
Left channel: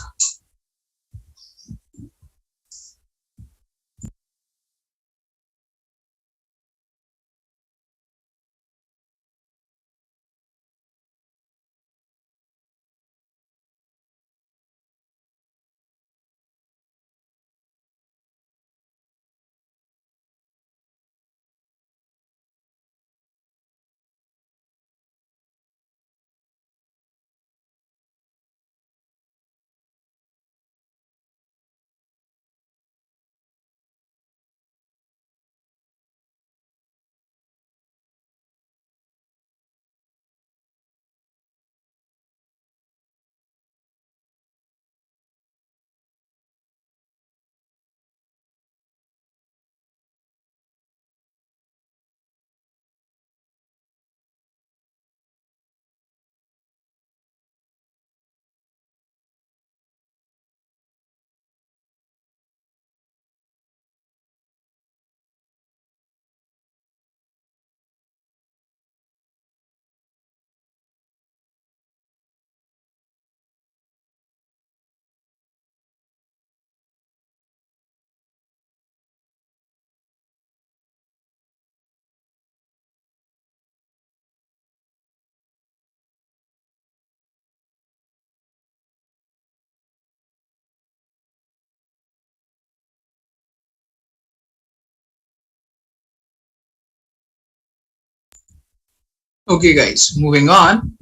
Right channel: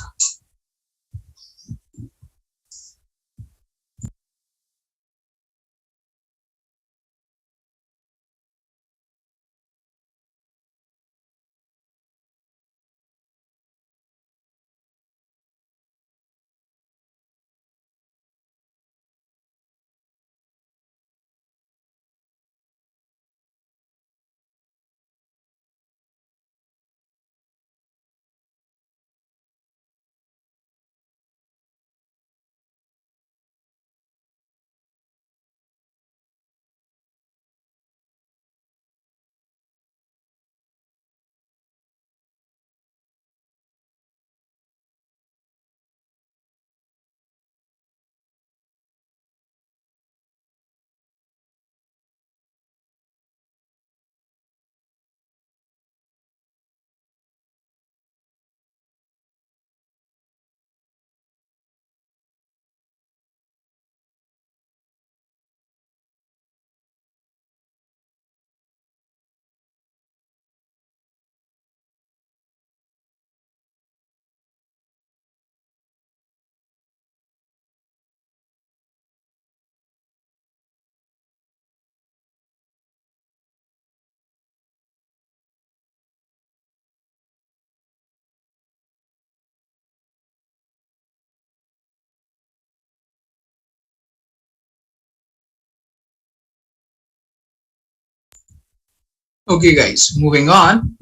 Okay guys, moving on.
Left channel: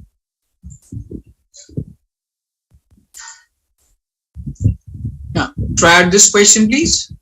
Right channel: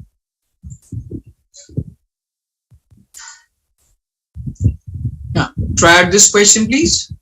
Now try out this question please.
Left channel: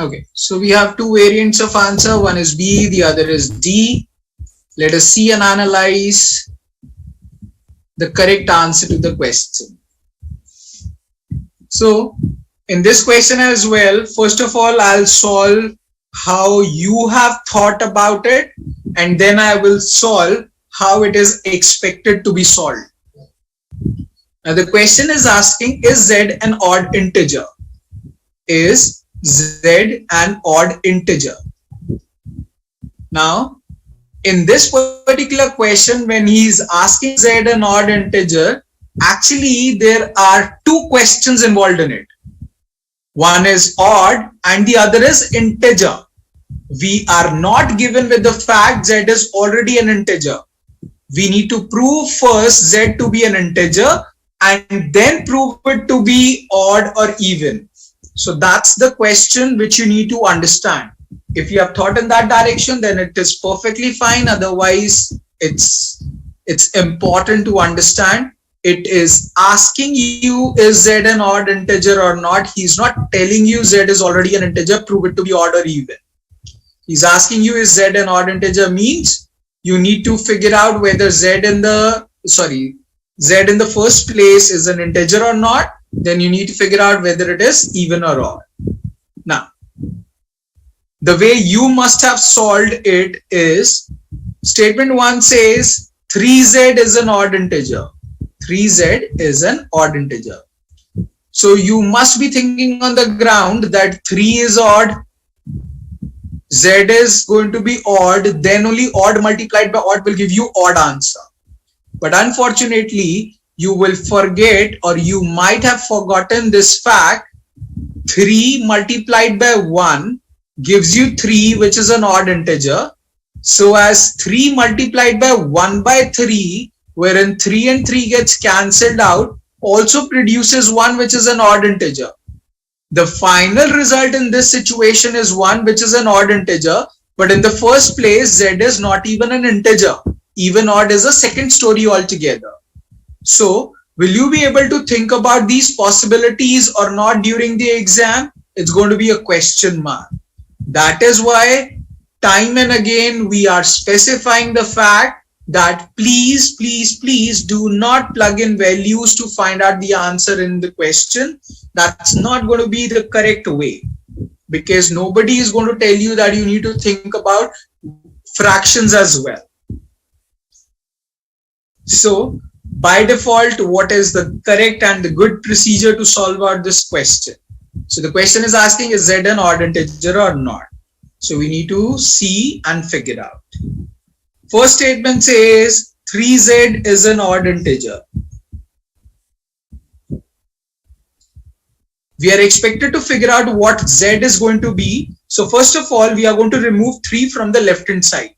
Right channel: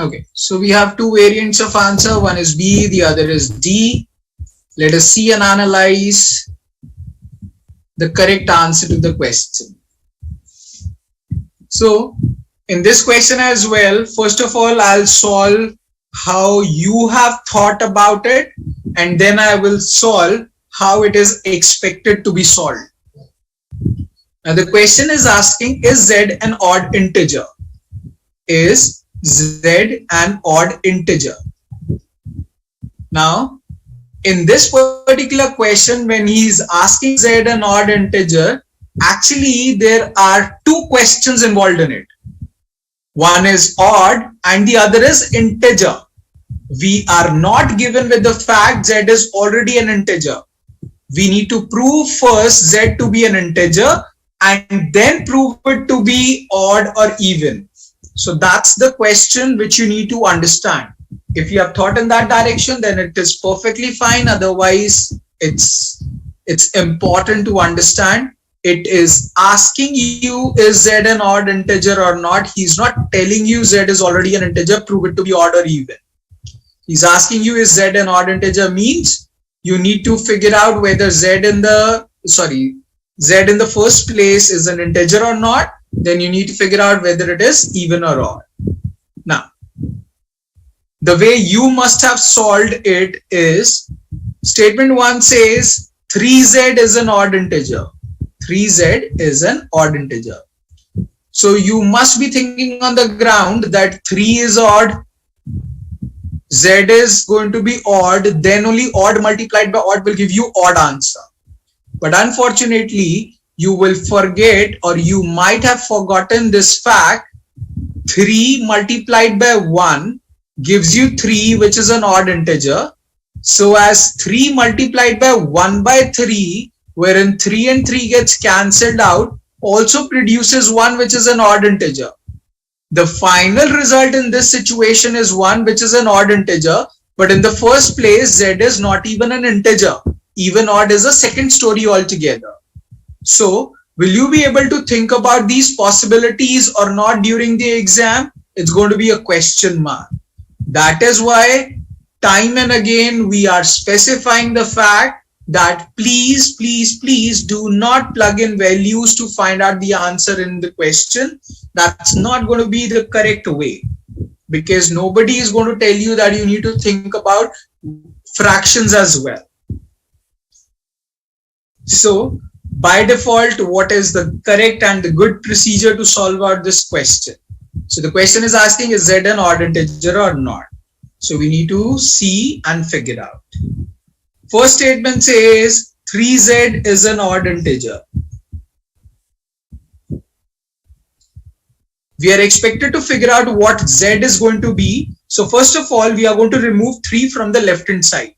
Okay, so we have two variants of answer. One is B, the other is D. Let us see and analyze the correct answer to the question. So in this question as well, first of all, I'll solve how you have thought about it, and then I will solve how it is expected to be solved. Now the question is asking, is Z an odd integer? Is Z an odd integer? Now in this particular question, when he is asking Z an odd integer, actually there are two questions involved in it. One is odd and the other is integer. We are not given with the fact Z is already an integer. We need to prove first Z to be an integer and then prove it to be odd or even. So that's the question which you need to understand. If you have thought in that direction, then it is perfectly fine. Otherwise, it's important to understand. It is asking you, is Z an odd integer or not? He's not telling you Z is already an integer, prove it to be odd or even. He's asking you, is Z an odd integer, means you need to figure out whether Z in the first place is an integer or not. Then you need to figure out whether it is even or odd. Now, the way you must have solved it is, statement 1 says 3Z is an odd integer. 3Z is an odd integer. So you must be thinking on the ground that 3 is odd, Z is going to be odd, then only odd multiplied by odd will give you odd answer. But unfortunately, you will forget, or you might have forgotten this fact, 3 multiplied by 1 gives you 3, which is an odd integer. So as 3 multiplied by 1 by 3, wherein 3 and 3 gets cancelled out, also produces 1, which is an odd integer. The final result in this situation is 1, which is an odd integer. But in the first place, Z is not even an integer. Even odd is a second story altogether. So will you be able to think about these possibilities or not during the exam? It's going to be a question mark. That is why time and again we are specifying the fact that please do not plug in values to find out the answer in the question. That's not going to be the correct way, because nobody is going to tell you that you need to think about fractions as well. So by default, what is the correct and the good procedure to solve out this question? So the question is asking, is Z an odd integer or not? So we need to see and figure out. First statement says 3Z is an odd integer. We are expected to figure out what Z is going to be. So first of all, we are going to remove 3 from the left hand side.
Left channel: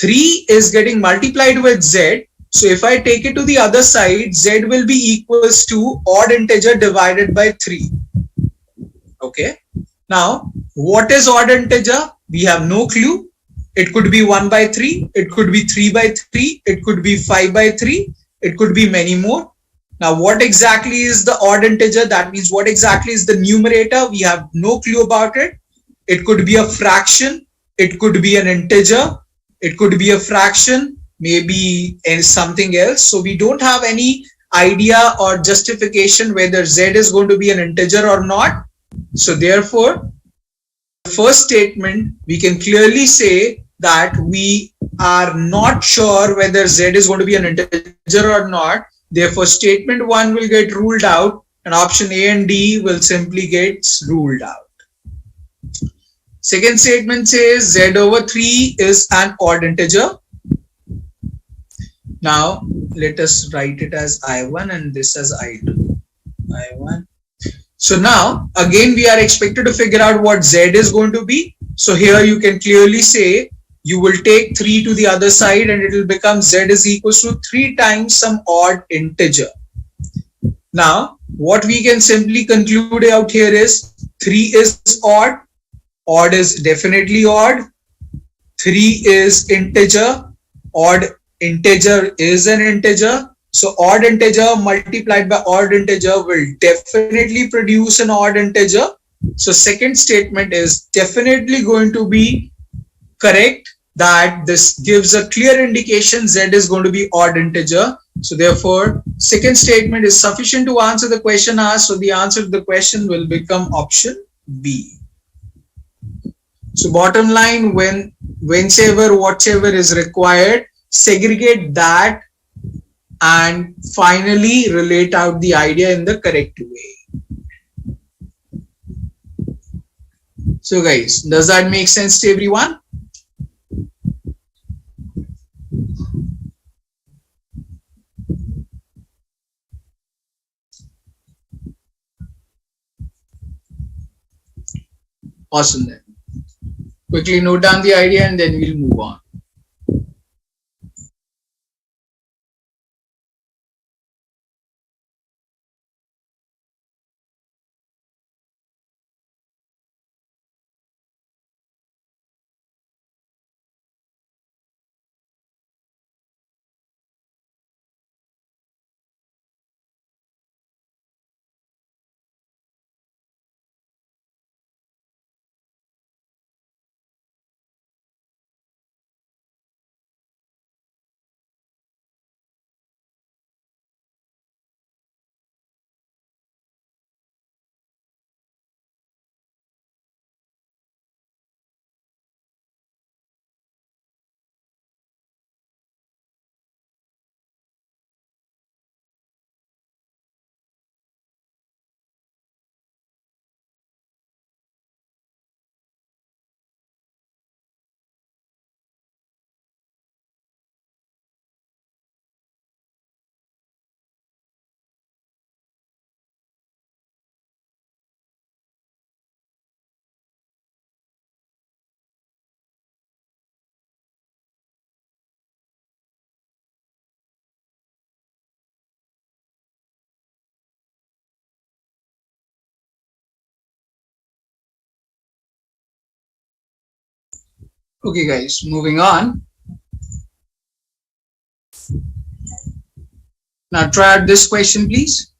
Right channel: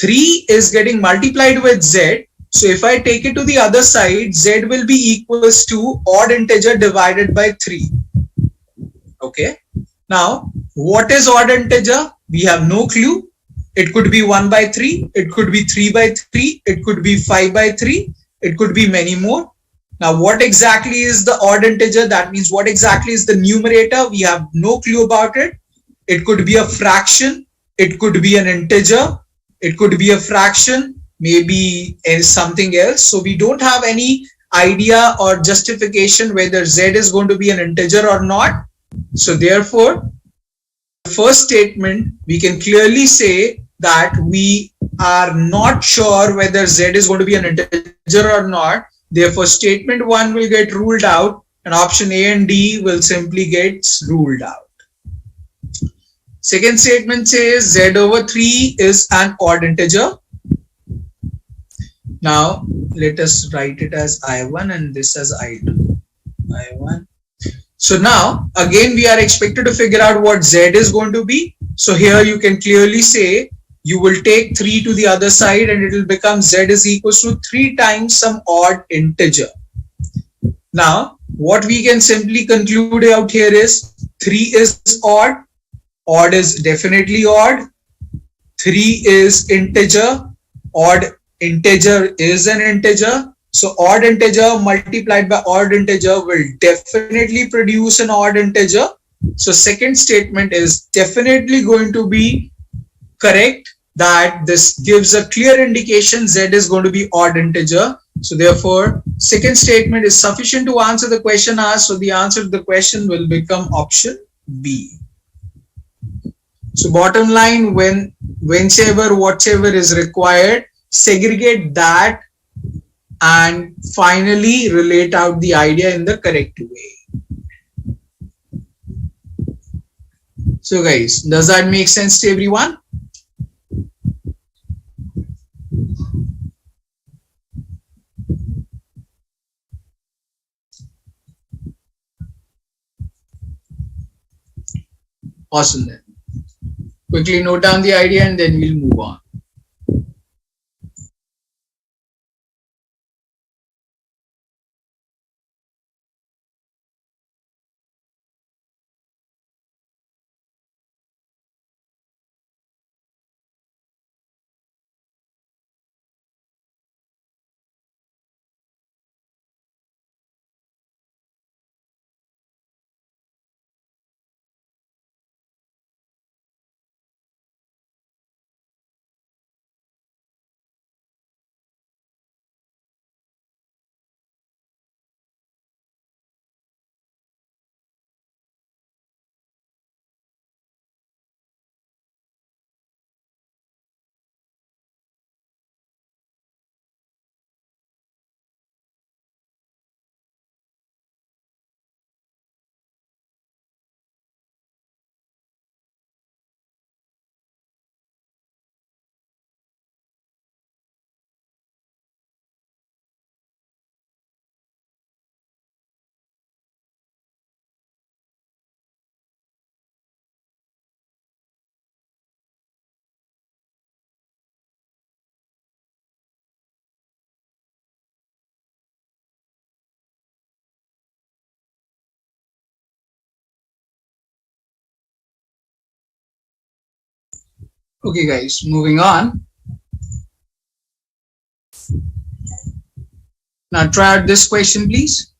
3 is getting multiplied with Z. So if I take it to the other side, Z will be equals to odd integer divided by 3. Okay. Now, what is odd integer? We have no clue. It could be 1 by 3. It could be 3 by 3. It could be 5 by 3. It could be many more. Now, what exactly is the odd integer? That means what exactly is the numerator? We have no clue about it. It could be a fraction. It could be an integer. It could be a fraction, maybe something else. So we don't have any idea or justification whether Z is going to be an integer or not. So therefore, the first statement, we can clearly say that we are not sure whether Z is going to be an integer or not. Therefore, statement 1 will get ruled out and option A and D will simply get ruled out. Second statement says Z over 3 is an odd integer. Now, let us write it as I1 and this as I2. I1. So now, again, we are expected to figure out what Z is going to be. So here you can clearly say, you will take 3 to the other side and it will become Z is equals to 3 times some odd integer. Now, what we can simply conclude out here is 3 is odd. Odd is definitely odd. 3 is integer. Odd integer is an integer. So odd integer multiplied by odd integer will definitely produce an odd integer. So second statement is definitely going to be correct, that this gives a clear indication Z is going to be odd integer. So therefore, second statement is sufficient to answer the question asked. So the answer to the question will become option B. So bottom line, whenever whatever is required, segregate that and finally relate out the idea in the correct way. So guys, does that make sense to everyone? Awesome then. Quickly note down the idea and then we'll move on. Okay guys, moving on. Now try out this question please.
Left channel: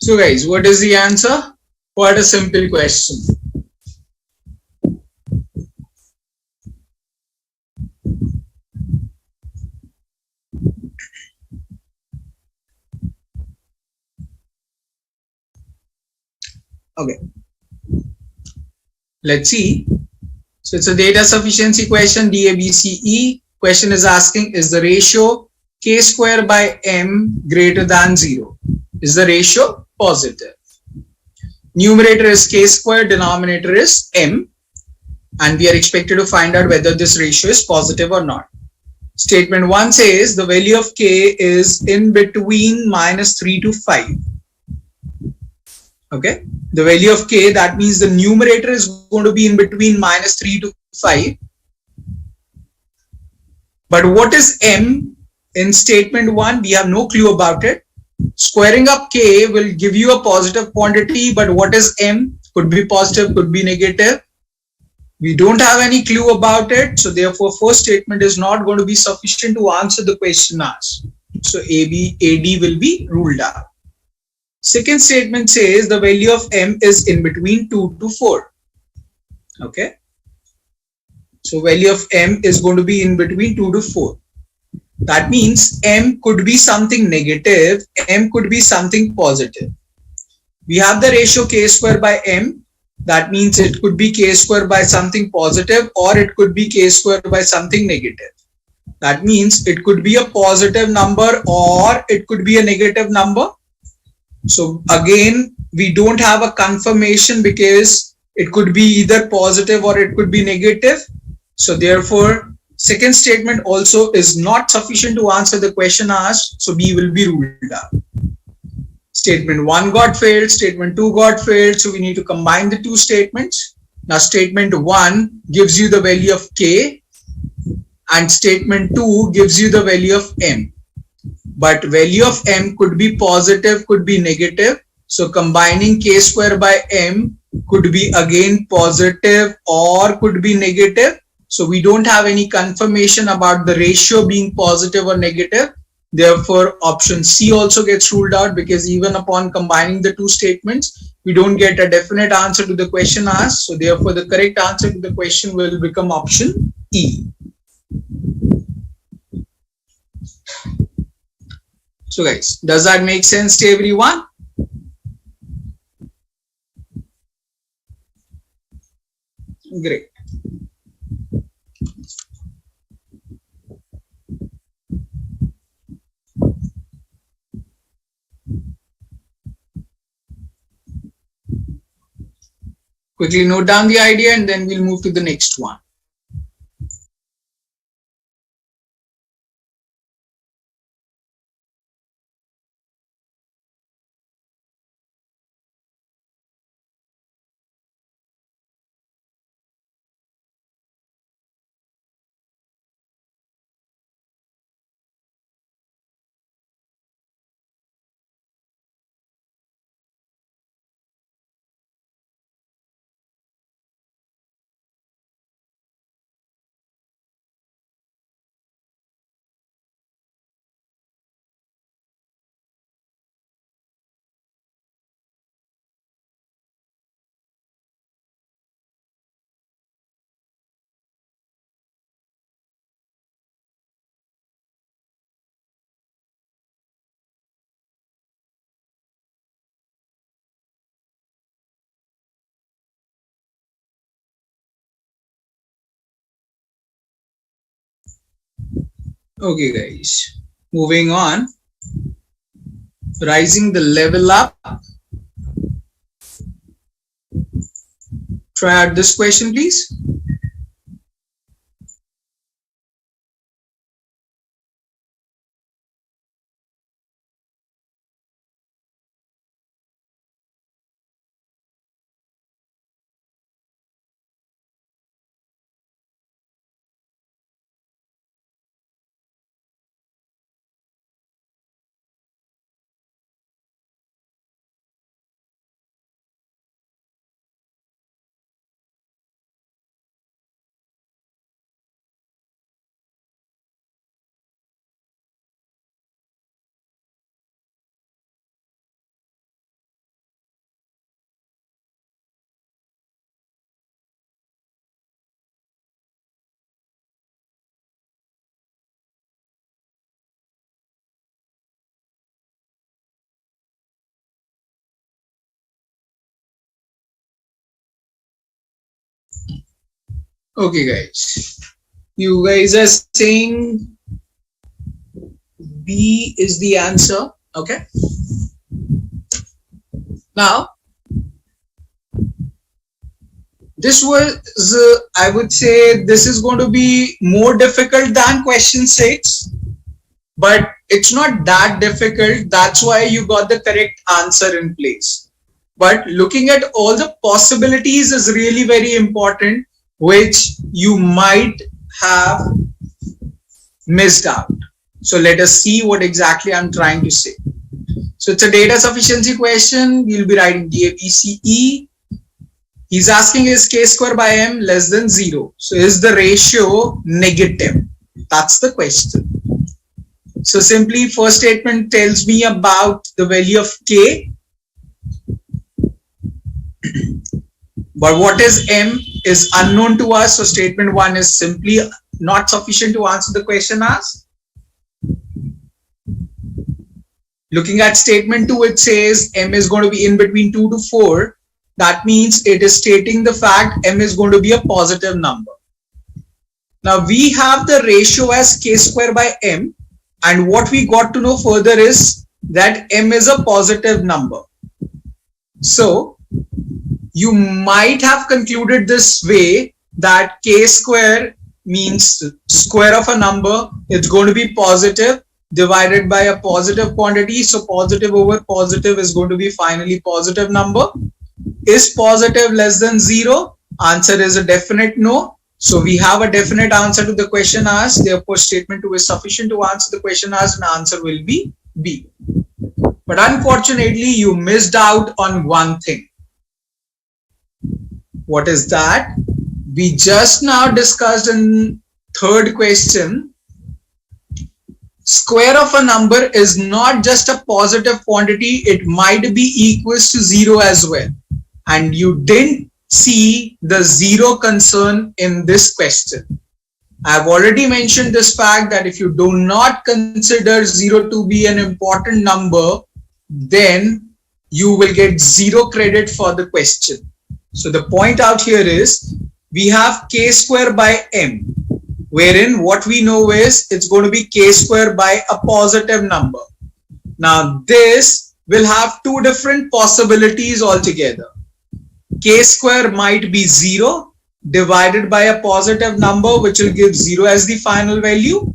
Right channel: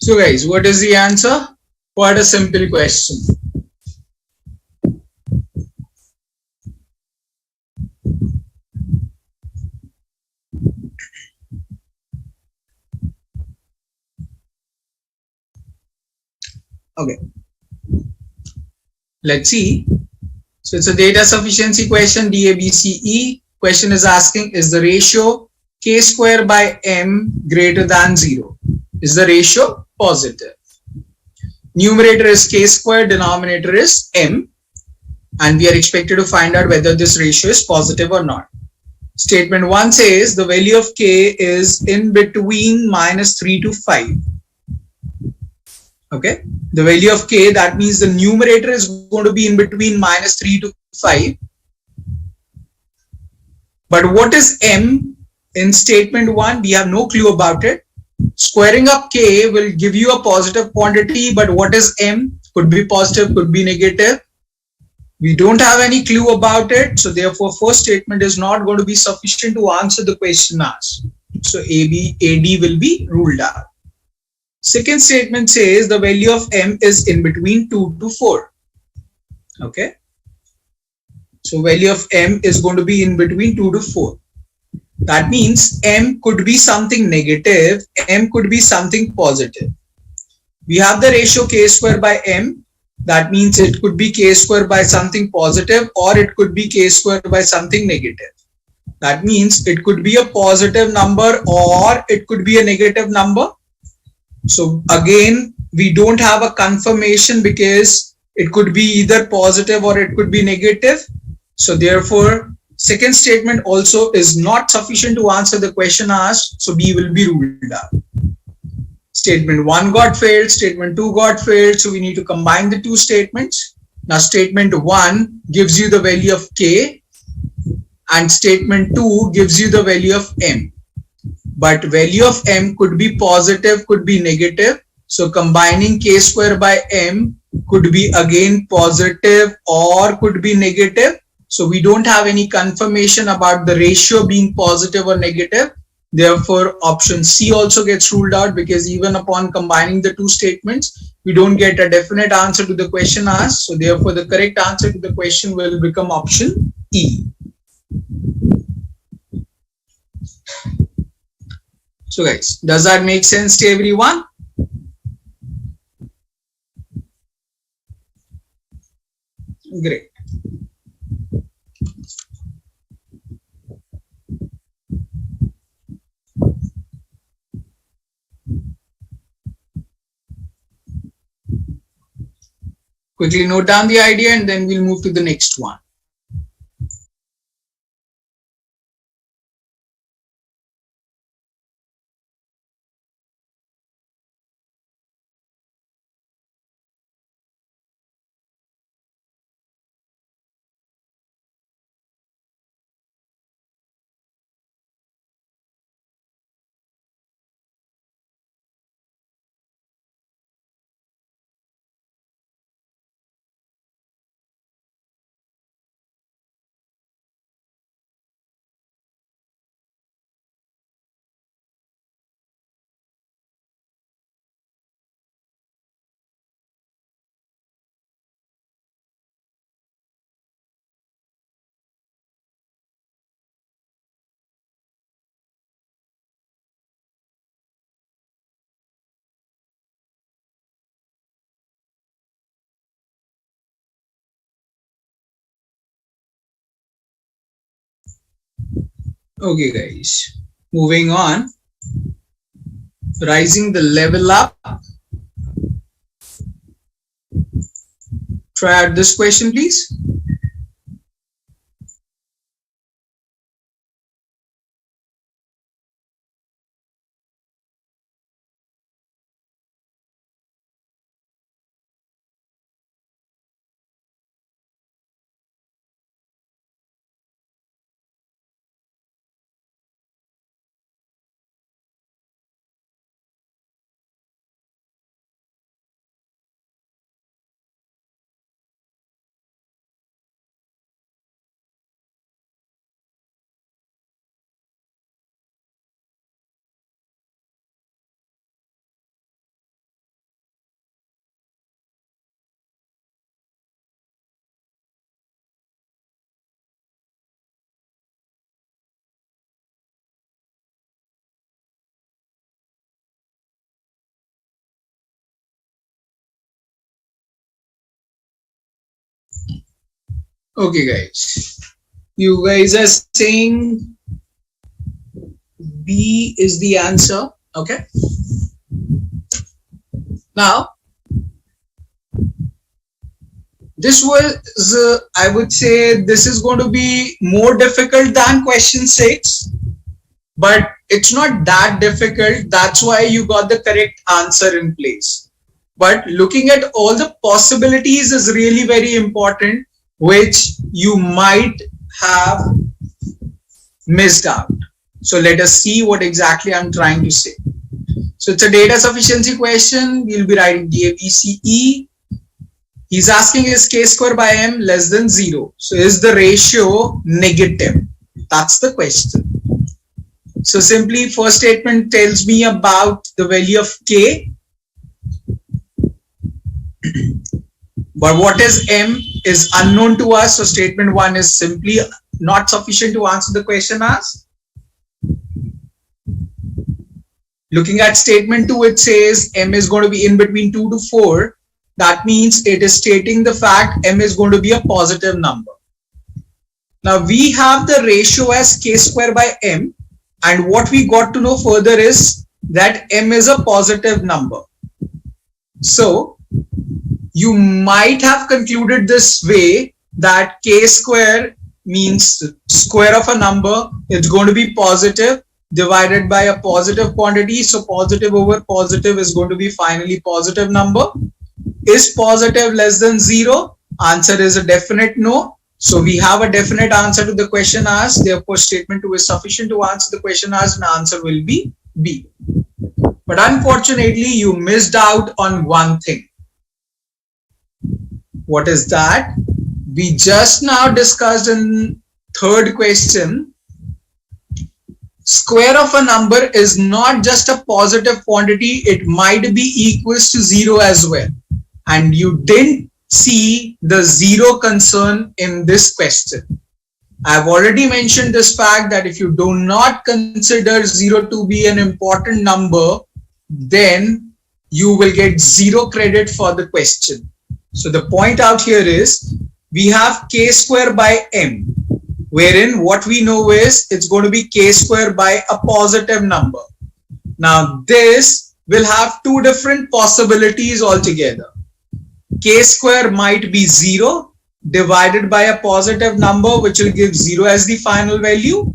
So guys, what is the answer? Quite a simple question. Okay, let's see. So it's a data sufficiency question, DABCE. Question is asking, is the ratio k square by m greater than 0? Is the ratio positive? Numerator is k square, denominator is m, and we are expected to find out whether this ratio is positive or not. Statement 1 says the value of k is in between -3 to 5. Okay, the value of k, that means the numerator is going to be in between -3 to 5. But what is m in statement 1? We have no clue about it. Squaring up k will give you a positive quantity, but what is m? Could be positive, could be negative. We don't have any clue about it. So therefore, first statement is not going to be sufficient to answer the question asked. So AD will be ruled out. Second statement says the value of M is in between 2 to 4. Okay. So value of M is going to be in between 2 to 4. That means M could be something negative, M could be something positive. We have the ratio k square by M. That means it could be k square by something positive or it could be k square by something negative. That means it could be a positive number or it could be a negative number. So again, we don't have a confirmation because it could be either positive or it could be negative. So therefore, second statement also is not sufficient to answer the question asked. So B will be ruled out. Statement 1 got failed, statement 2 got failed. So we need to combine the two statements. Now statement 1 gives you the value of K and statement 2 gives you the value of M. But value of M could be positive, could be negative. So combining K square by M could be again positive or could be negative. So we don't have any confirmation about the ratio being positive or negative. Therefore, option C also gets ruled out because even upon combining the two statements, we don't get a definite answer to the question asked. So therefore, the correct answer to the question will become option E. So guys, does that make sense to everyone? Great. Quickly note down the idea and then we'll move to the next one. Okay guys, moving on. Rising the level up. Try out this question please. Okay guys, you guys are saying B is the answer. Okay. Now, this was, I would say this is going to be more difficult than question 6, but it's not that difficult. That's why you got the correct answer in place. But looking at all the possibilities is really very important, which you might have missed out. So let us see what exactly I'm trying to say. So it's a data sufficiency question. We'll be writing DABCE. He's asking is k square by m less than 0? So is the ratio negative? That's the question. So simply first statement tells me about the value of k, but what is m is unknown to us. So statement 1 is simply not sufficient to answer the question asked. Looking at statement 2, it says m is going to be in between 2 to 4. That means it is stating the fact m is going to be a positive number. Now we have the ratio as k square by m, and what we got to know further is that m is a positive number. So you might have concluded this way that k square means square of a number. It's going to be positive divided by a positive quantity. So positive over positive is going to be finally positive number. Is positive less than 0? Answer is a definite no. So we have a definite answer to the question asked. Therefore, statement 2 is sufficient to answer the question asked, and answer will be B. But unfortunately, you missed out on one thing. What is that? We just now discussed in third question, square of a number is not just a positive quantity, it might be equals to 0 as well. And you didn't see the 0 concern in this question. I've already mentioned this fact that if you do not consider 0 to be an important number, then you will get 0 credit for the question. So the point out here is we have k square by m, wherein what we know is it's going to be k square by a positive number. Now this will have two different possibilities altogether. K square might be 0 divided by a positive number, which will give 0 as the final value.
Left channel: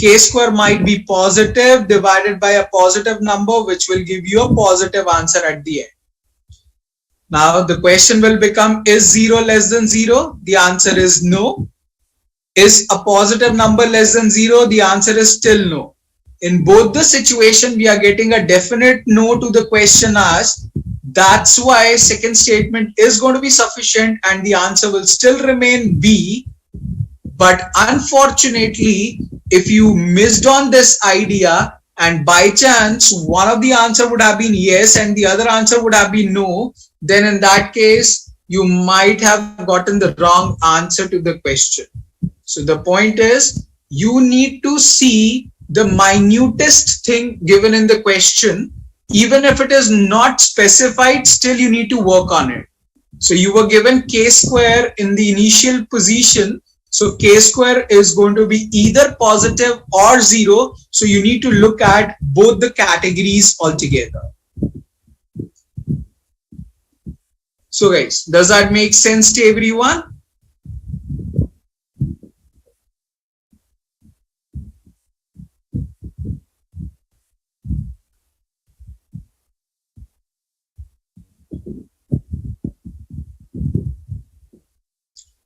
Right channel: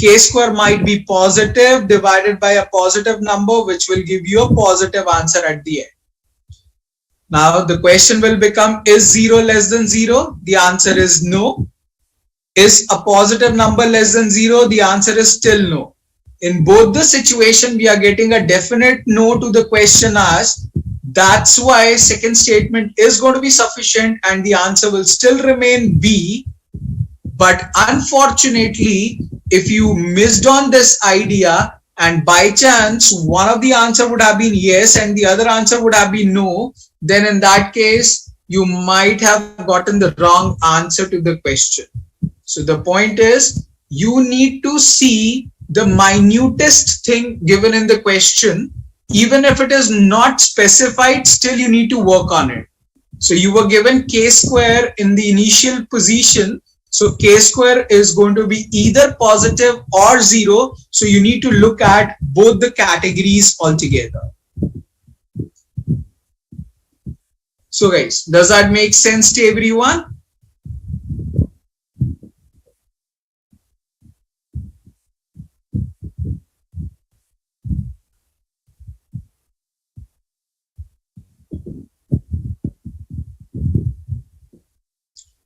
K square might be positive divided by a positive number, which will give you a positive answer at the end. Now the question will become, is 0 less than 0? The answer is no. Is a positive number less than 0? The answer is still no. In both the situation, we are getting a definite no to the question asked. That's why second statement is going to be sufficient and the answer will still remain B. But unfortunately, if you missed on this idea and by chance one of the answer would have been yes and the other answer would have been no, then in that case, you might have gotten the wrong answer to the question. So the point is, you need to see the minutest thing given in the question. Even if it is not specified, still you need to work on it. So you were given k square in the initial position. So k square is going to be either positive or 0. So you need to look at both the categories altogether. So guys, does that make sense to everyone?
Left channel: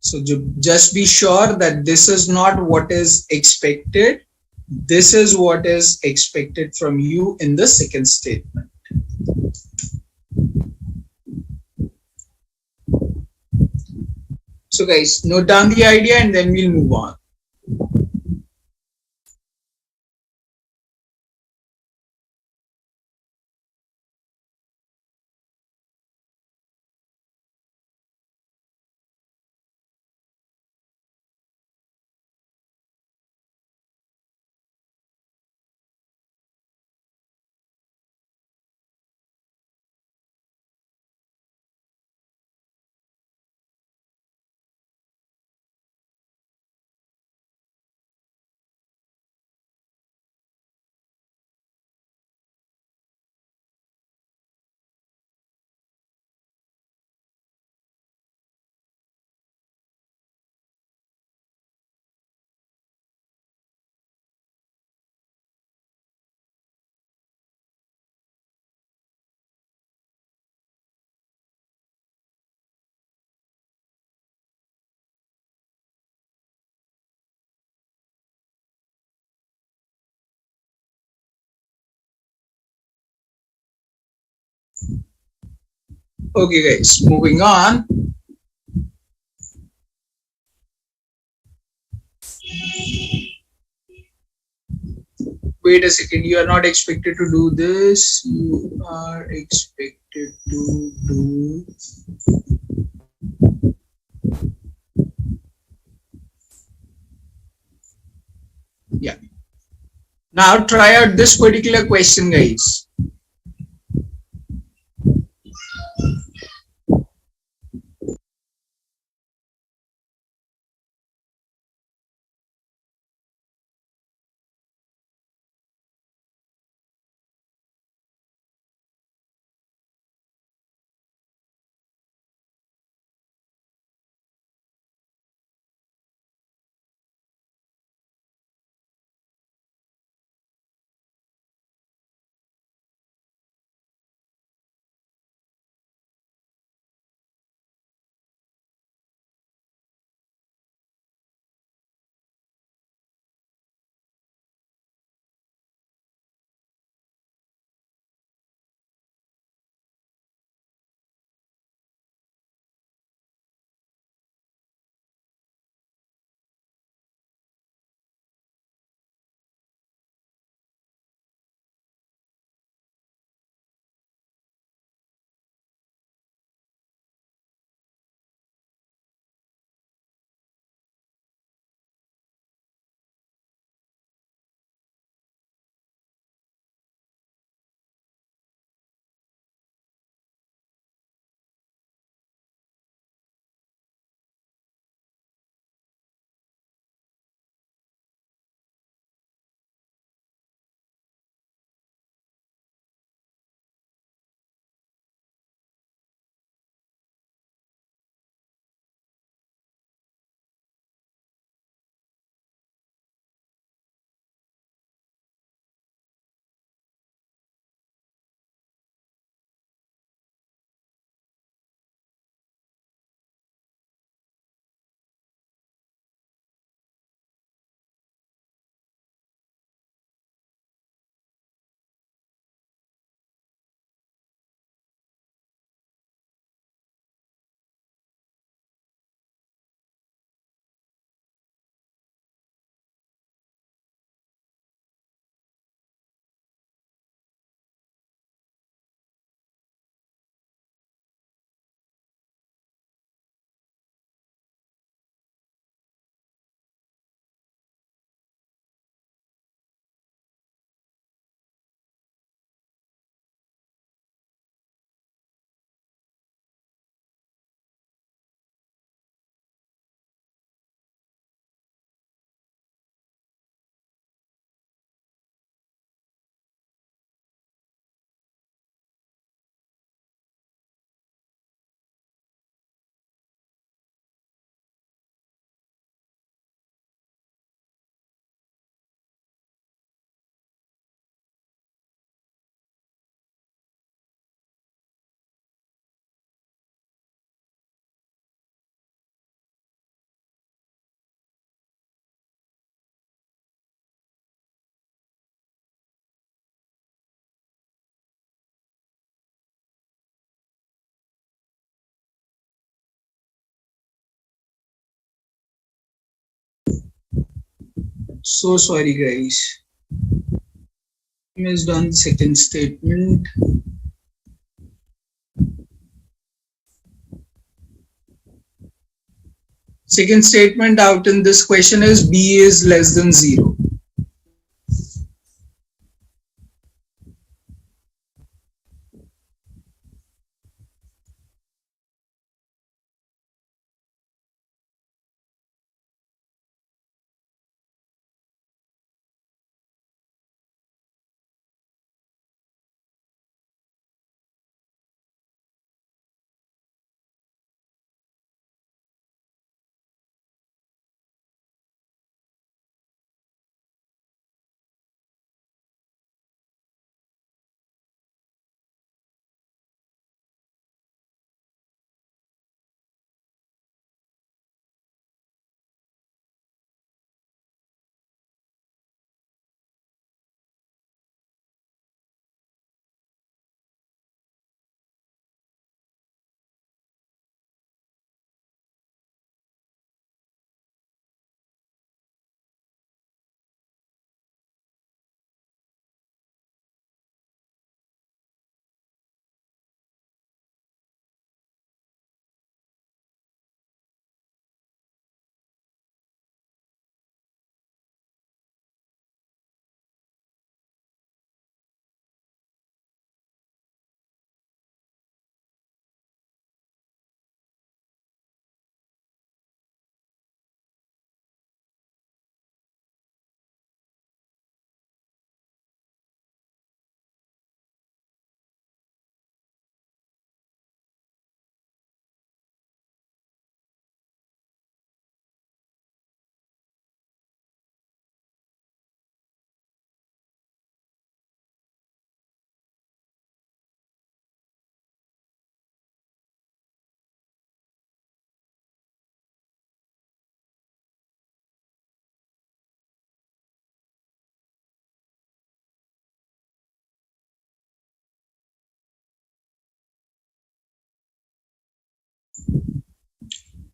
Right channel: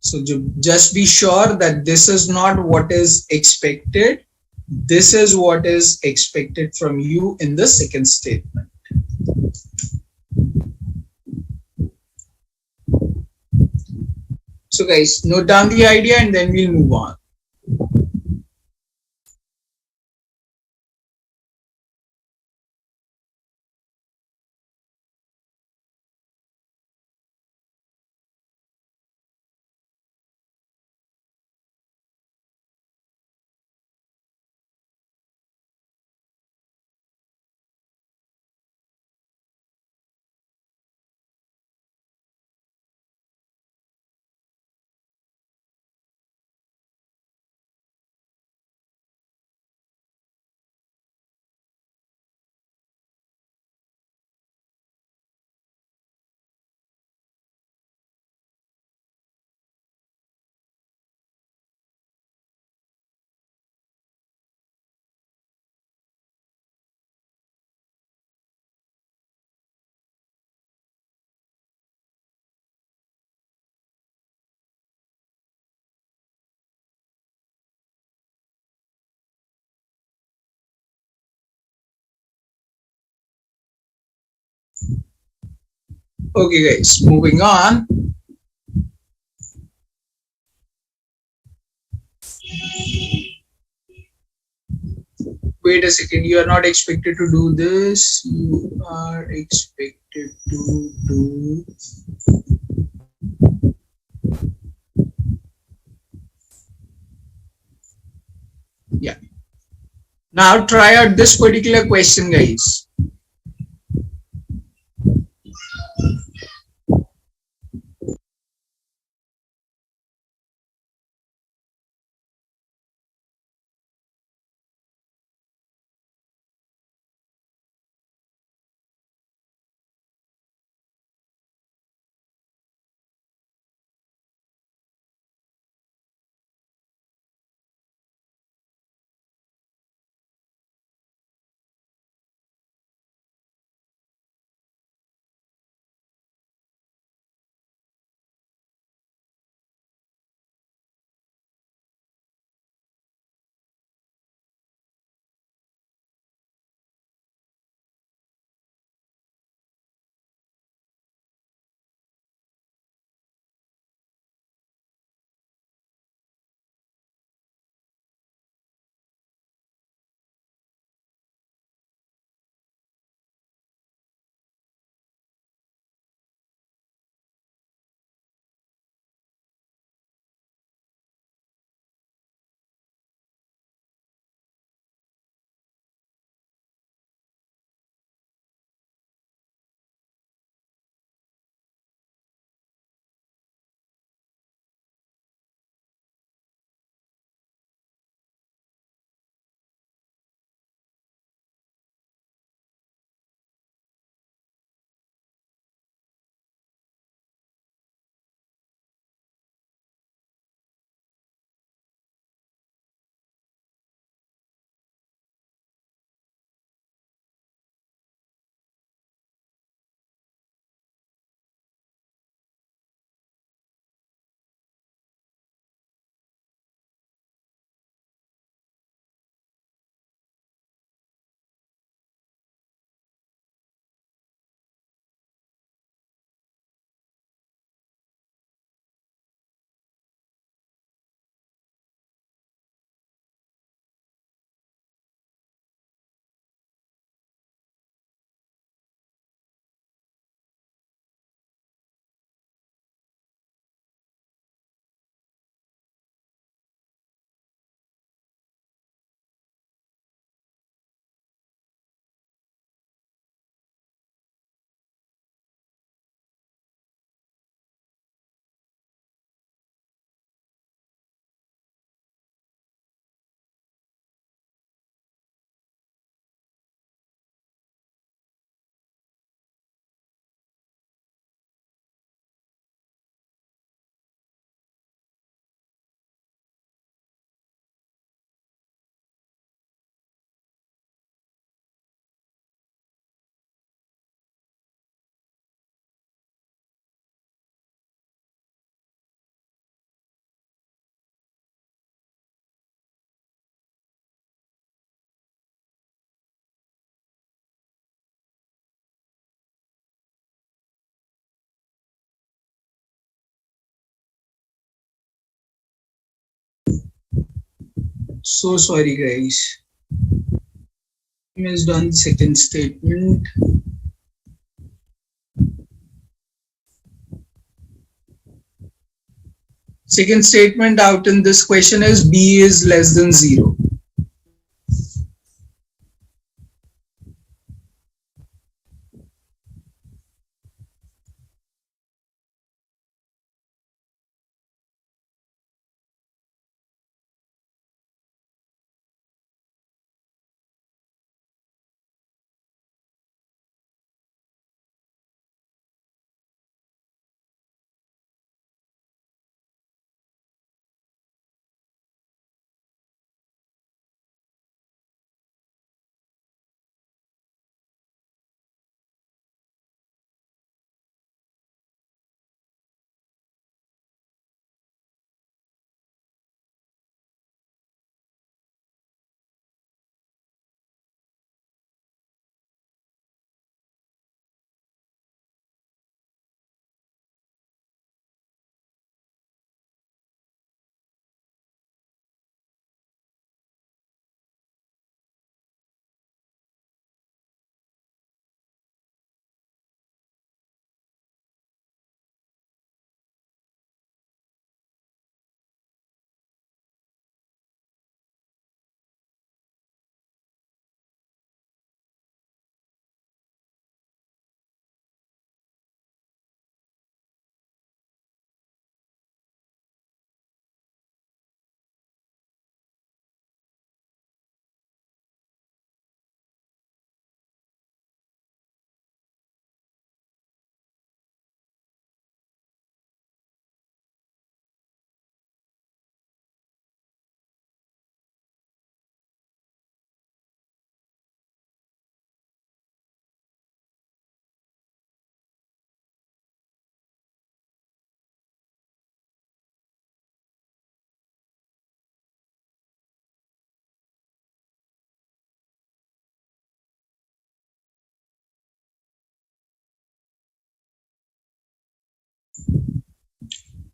So just be sure that this is not what is expected. This is what is expected from you in the second statement. So guys, note down the idea and then we'll move on. Okay guys, moving on. Wait a second, you are not expected to do this. You are expected to do. Yeah. Now try out this particular question, guys. So sorry, guys. Is done the second statement. Second statement out in this question is b is less than 0.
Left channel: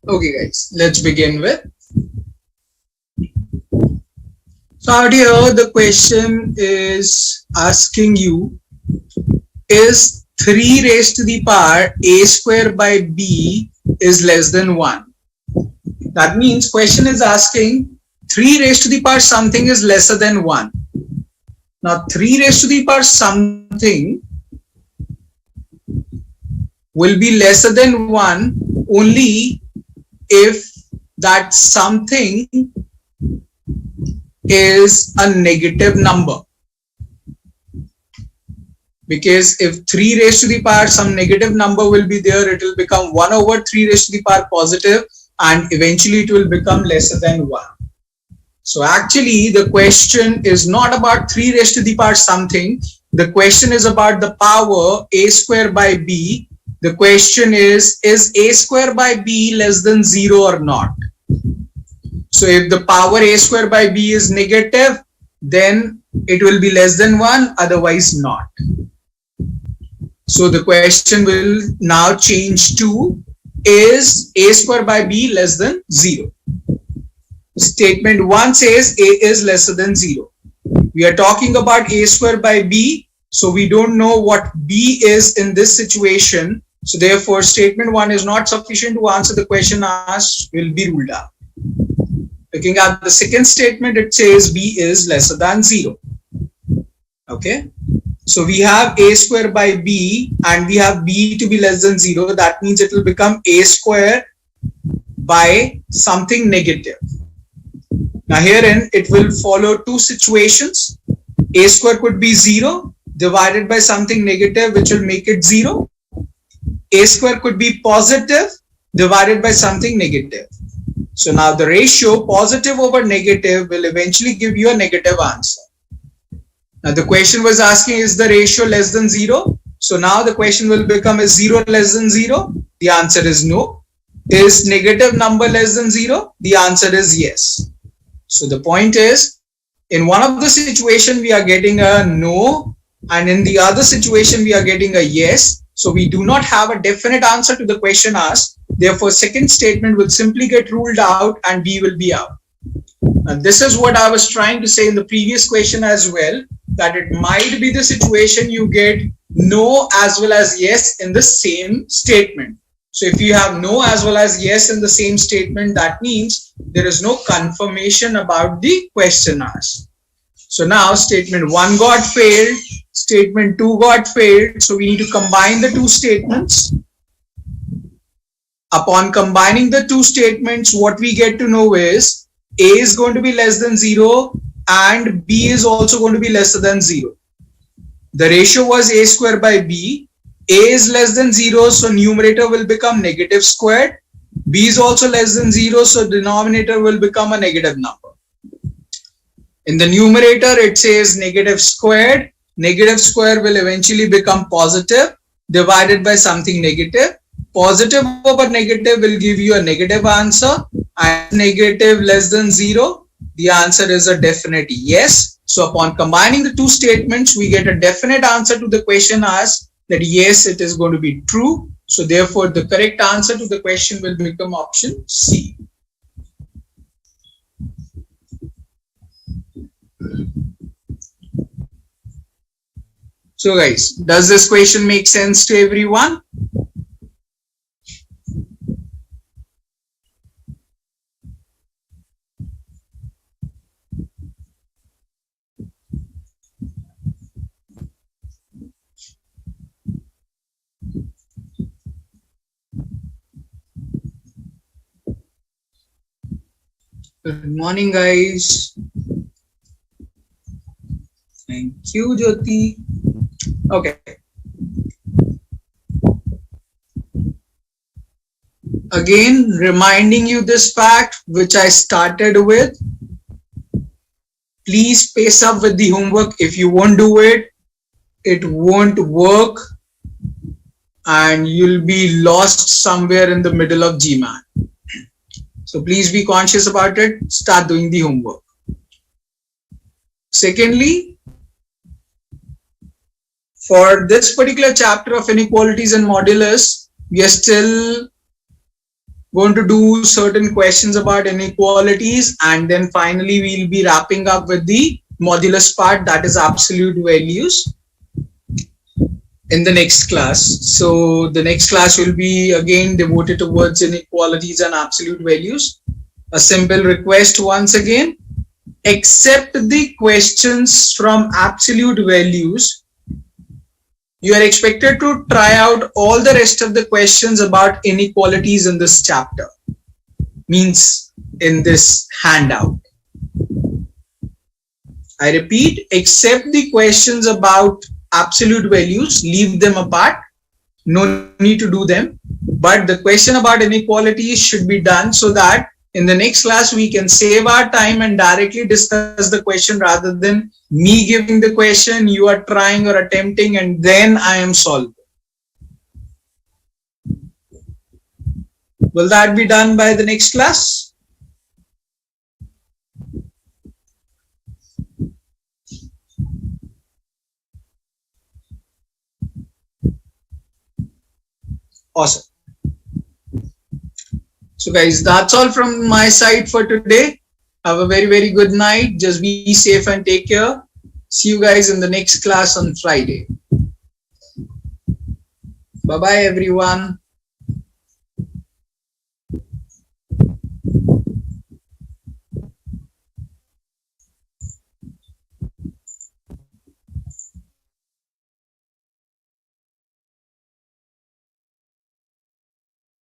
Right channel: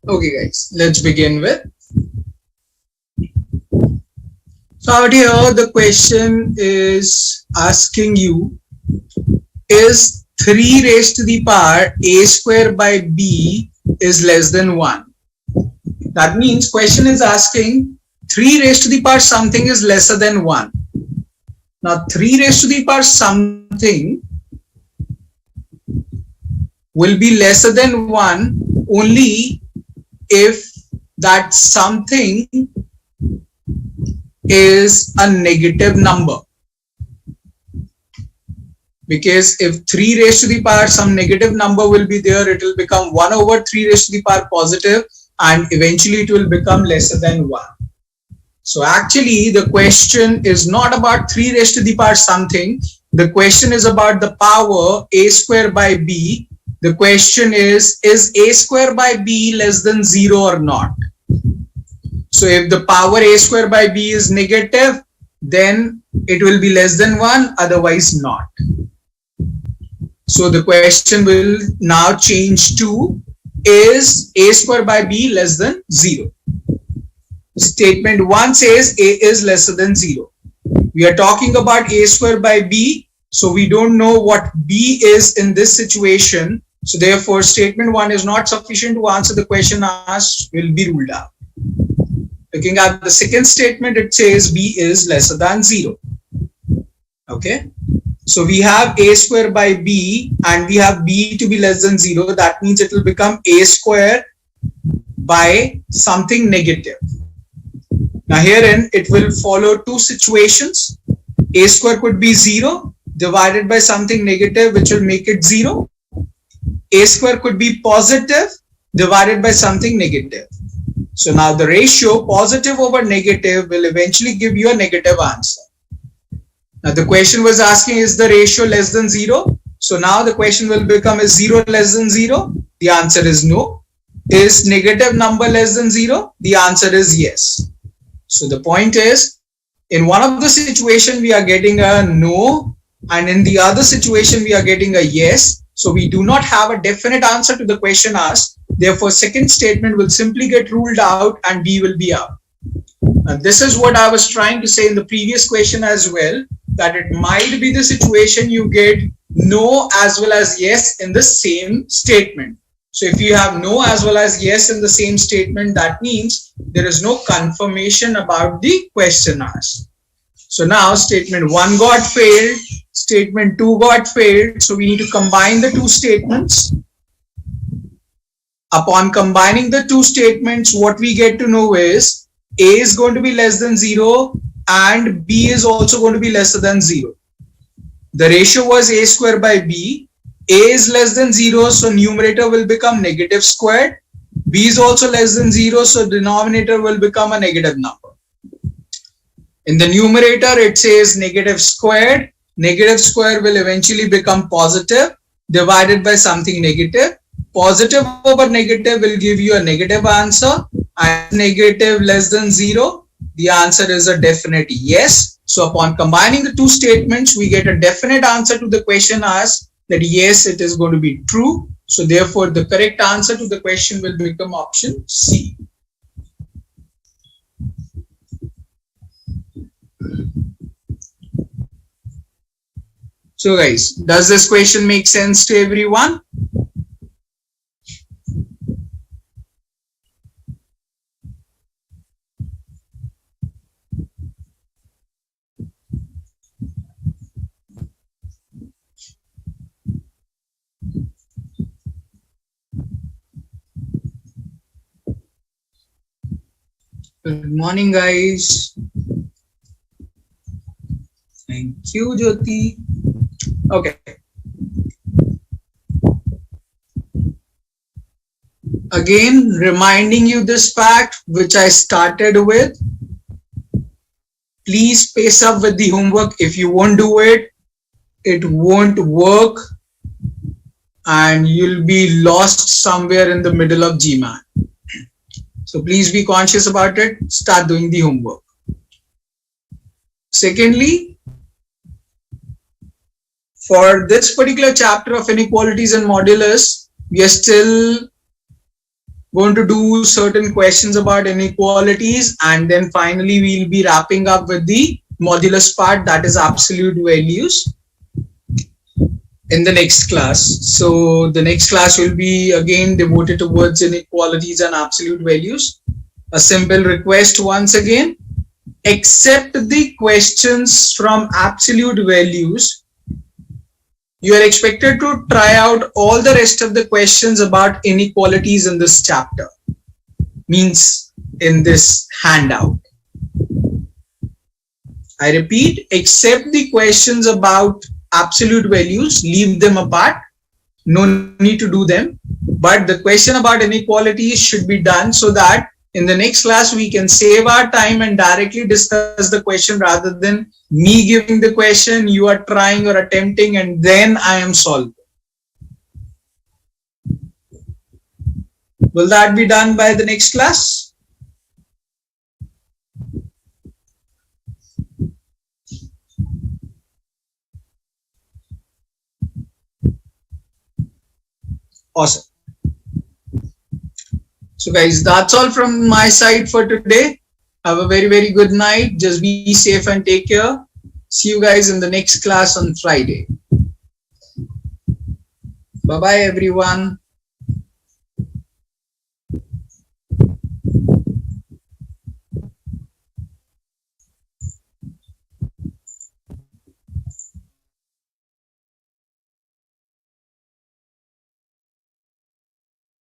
Okay guys, let's begin with. So out here the question is asking you, is 3 raised to the power a square by b is less than 1? That means question is asking 3 raised to the power something is lesser than 1. Now 3 raised to the power something will be lesser than 1 only if that something is a negative number. Because if 3 raised to the power some negative number will be there, it will become 1 over 3 raised to the power positive, and eventually it will become lesser than 1. So actually the question is not about 3 raised to the power something. The question is about the power a square by b. The question is a square by b less than 0 or not? So if the power a square by b is negative, then it will be less than 1, otherwise not. So the question will now change to, is a square by b less than 0? Statement 1 says a is lesser than 0. We are talking about a square by b, so we don't know what b is in this situation. So therefore statement 1 is not sufficient to answer the question asked, will be ruled out. Looking at the second statement, it says b is lesser than 0. Okay. So we have a square by b and we have b to be less than 0. That means it will become a square by something negative. Now herein it will follow two situations. A square could be 0 divided by something negative, which will make it 0. A square could be positive divided by something negative. So now the ratio positive over negative will eventually give you a negative answer. Now the question was asking, is the ratio less than 0? So now the question will become, is 0 less than 0? The answer is no. Is negative number less than 0? The answer is yes. So the point is, in one of the situation we are getting a no, and in the other situation we are getting a yes. So we do not have a definite answer to the question asked. Therefore, second statement will simply get ruled out and B will be out. Now, this is what I was trying to say in the previous question as well, that it might be the situation you get no as well as yes in the same statement. So if you have no as well as yes in the same statement, that means there is no confirmation about the question asked. So now statement 1 got failed, statement 2 got failed. So we need to combine the two statements. Upon combining the two statements, what we get to know is A is going to be less than 0 and B is also going to be lesser than 0. The ratio was A square by B. A is less than 0, so numerator will become negative squared. B is also less than 0, so denominator will become a negative number. In the numerator, it says negative squared. Negative square will eventually become positive divided by something negative. Positive over negative will give you a negative answer, and negative less than 0, the answer is a definite yes. So upon combining the two statements, we get a definite answer to the question asked, that yes, it is going to be true. So therefore the correct answer to the question will become option C. So guys, does this question make sense to everyone? Good morning, guys. Thank you, Jyoti. Okay. Again, reminding you this fact, which I started with. Please pace up with the homework. If you won't do it, it won't work and you'll be lost somewhere in the middle of GMAT. So please be conscious about it. Start doing the homework. Secondly, for this particular chapter of inequalities and modulus, we are still going to do certain questions about inequalities, and then finally we'll be wrapping up with the modulus part, that is absolute values, in the next class. So the next class will be again devoted towards inequalities and absolute values. A simple request once again, accept the questions from absolute values. You are expected to try out all the rest of the questions about inequalities in this chapter, means in this handout. I repeat, accept the questions about absolute values, leave them apart, no need to do them. But the question about inequalities should be done so that in the next class we can save our time and directly discuss the question rather than me giving the question, you are trying or attempting, and then I am solving. Will that be done by the next class? Awesome. So guys, that's all from my side for today. Have a very, very good night. Just be safe and take care. See you guys in the next class on Friday. Bye-bye, everyone.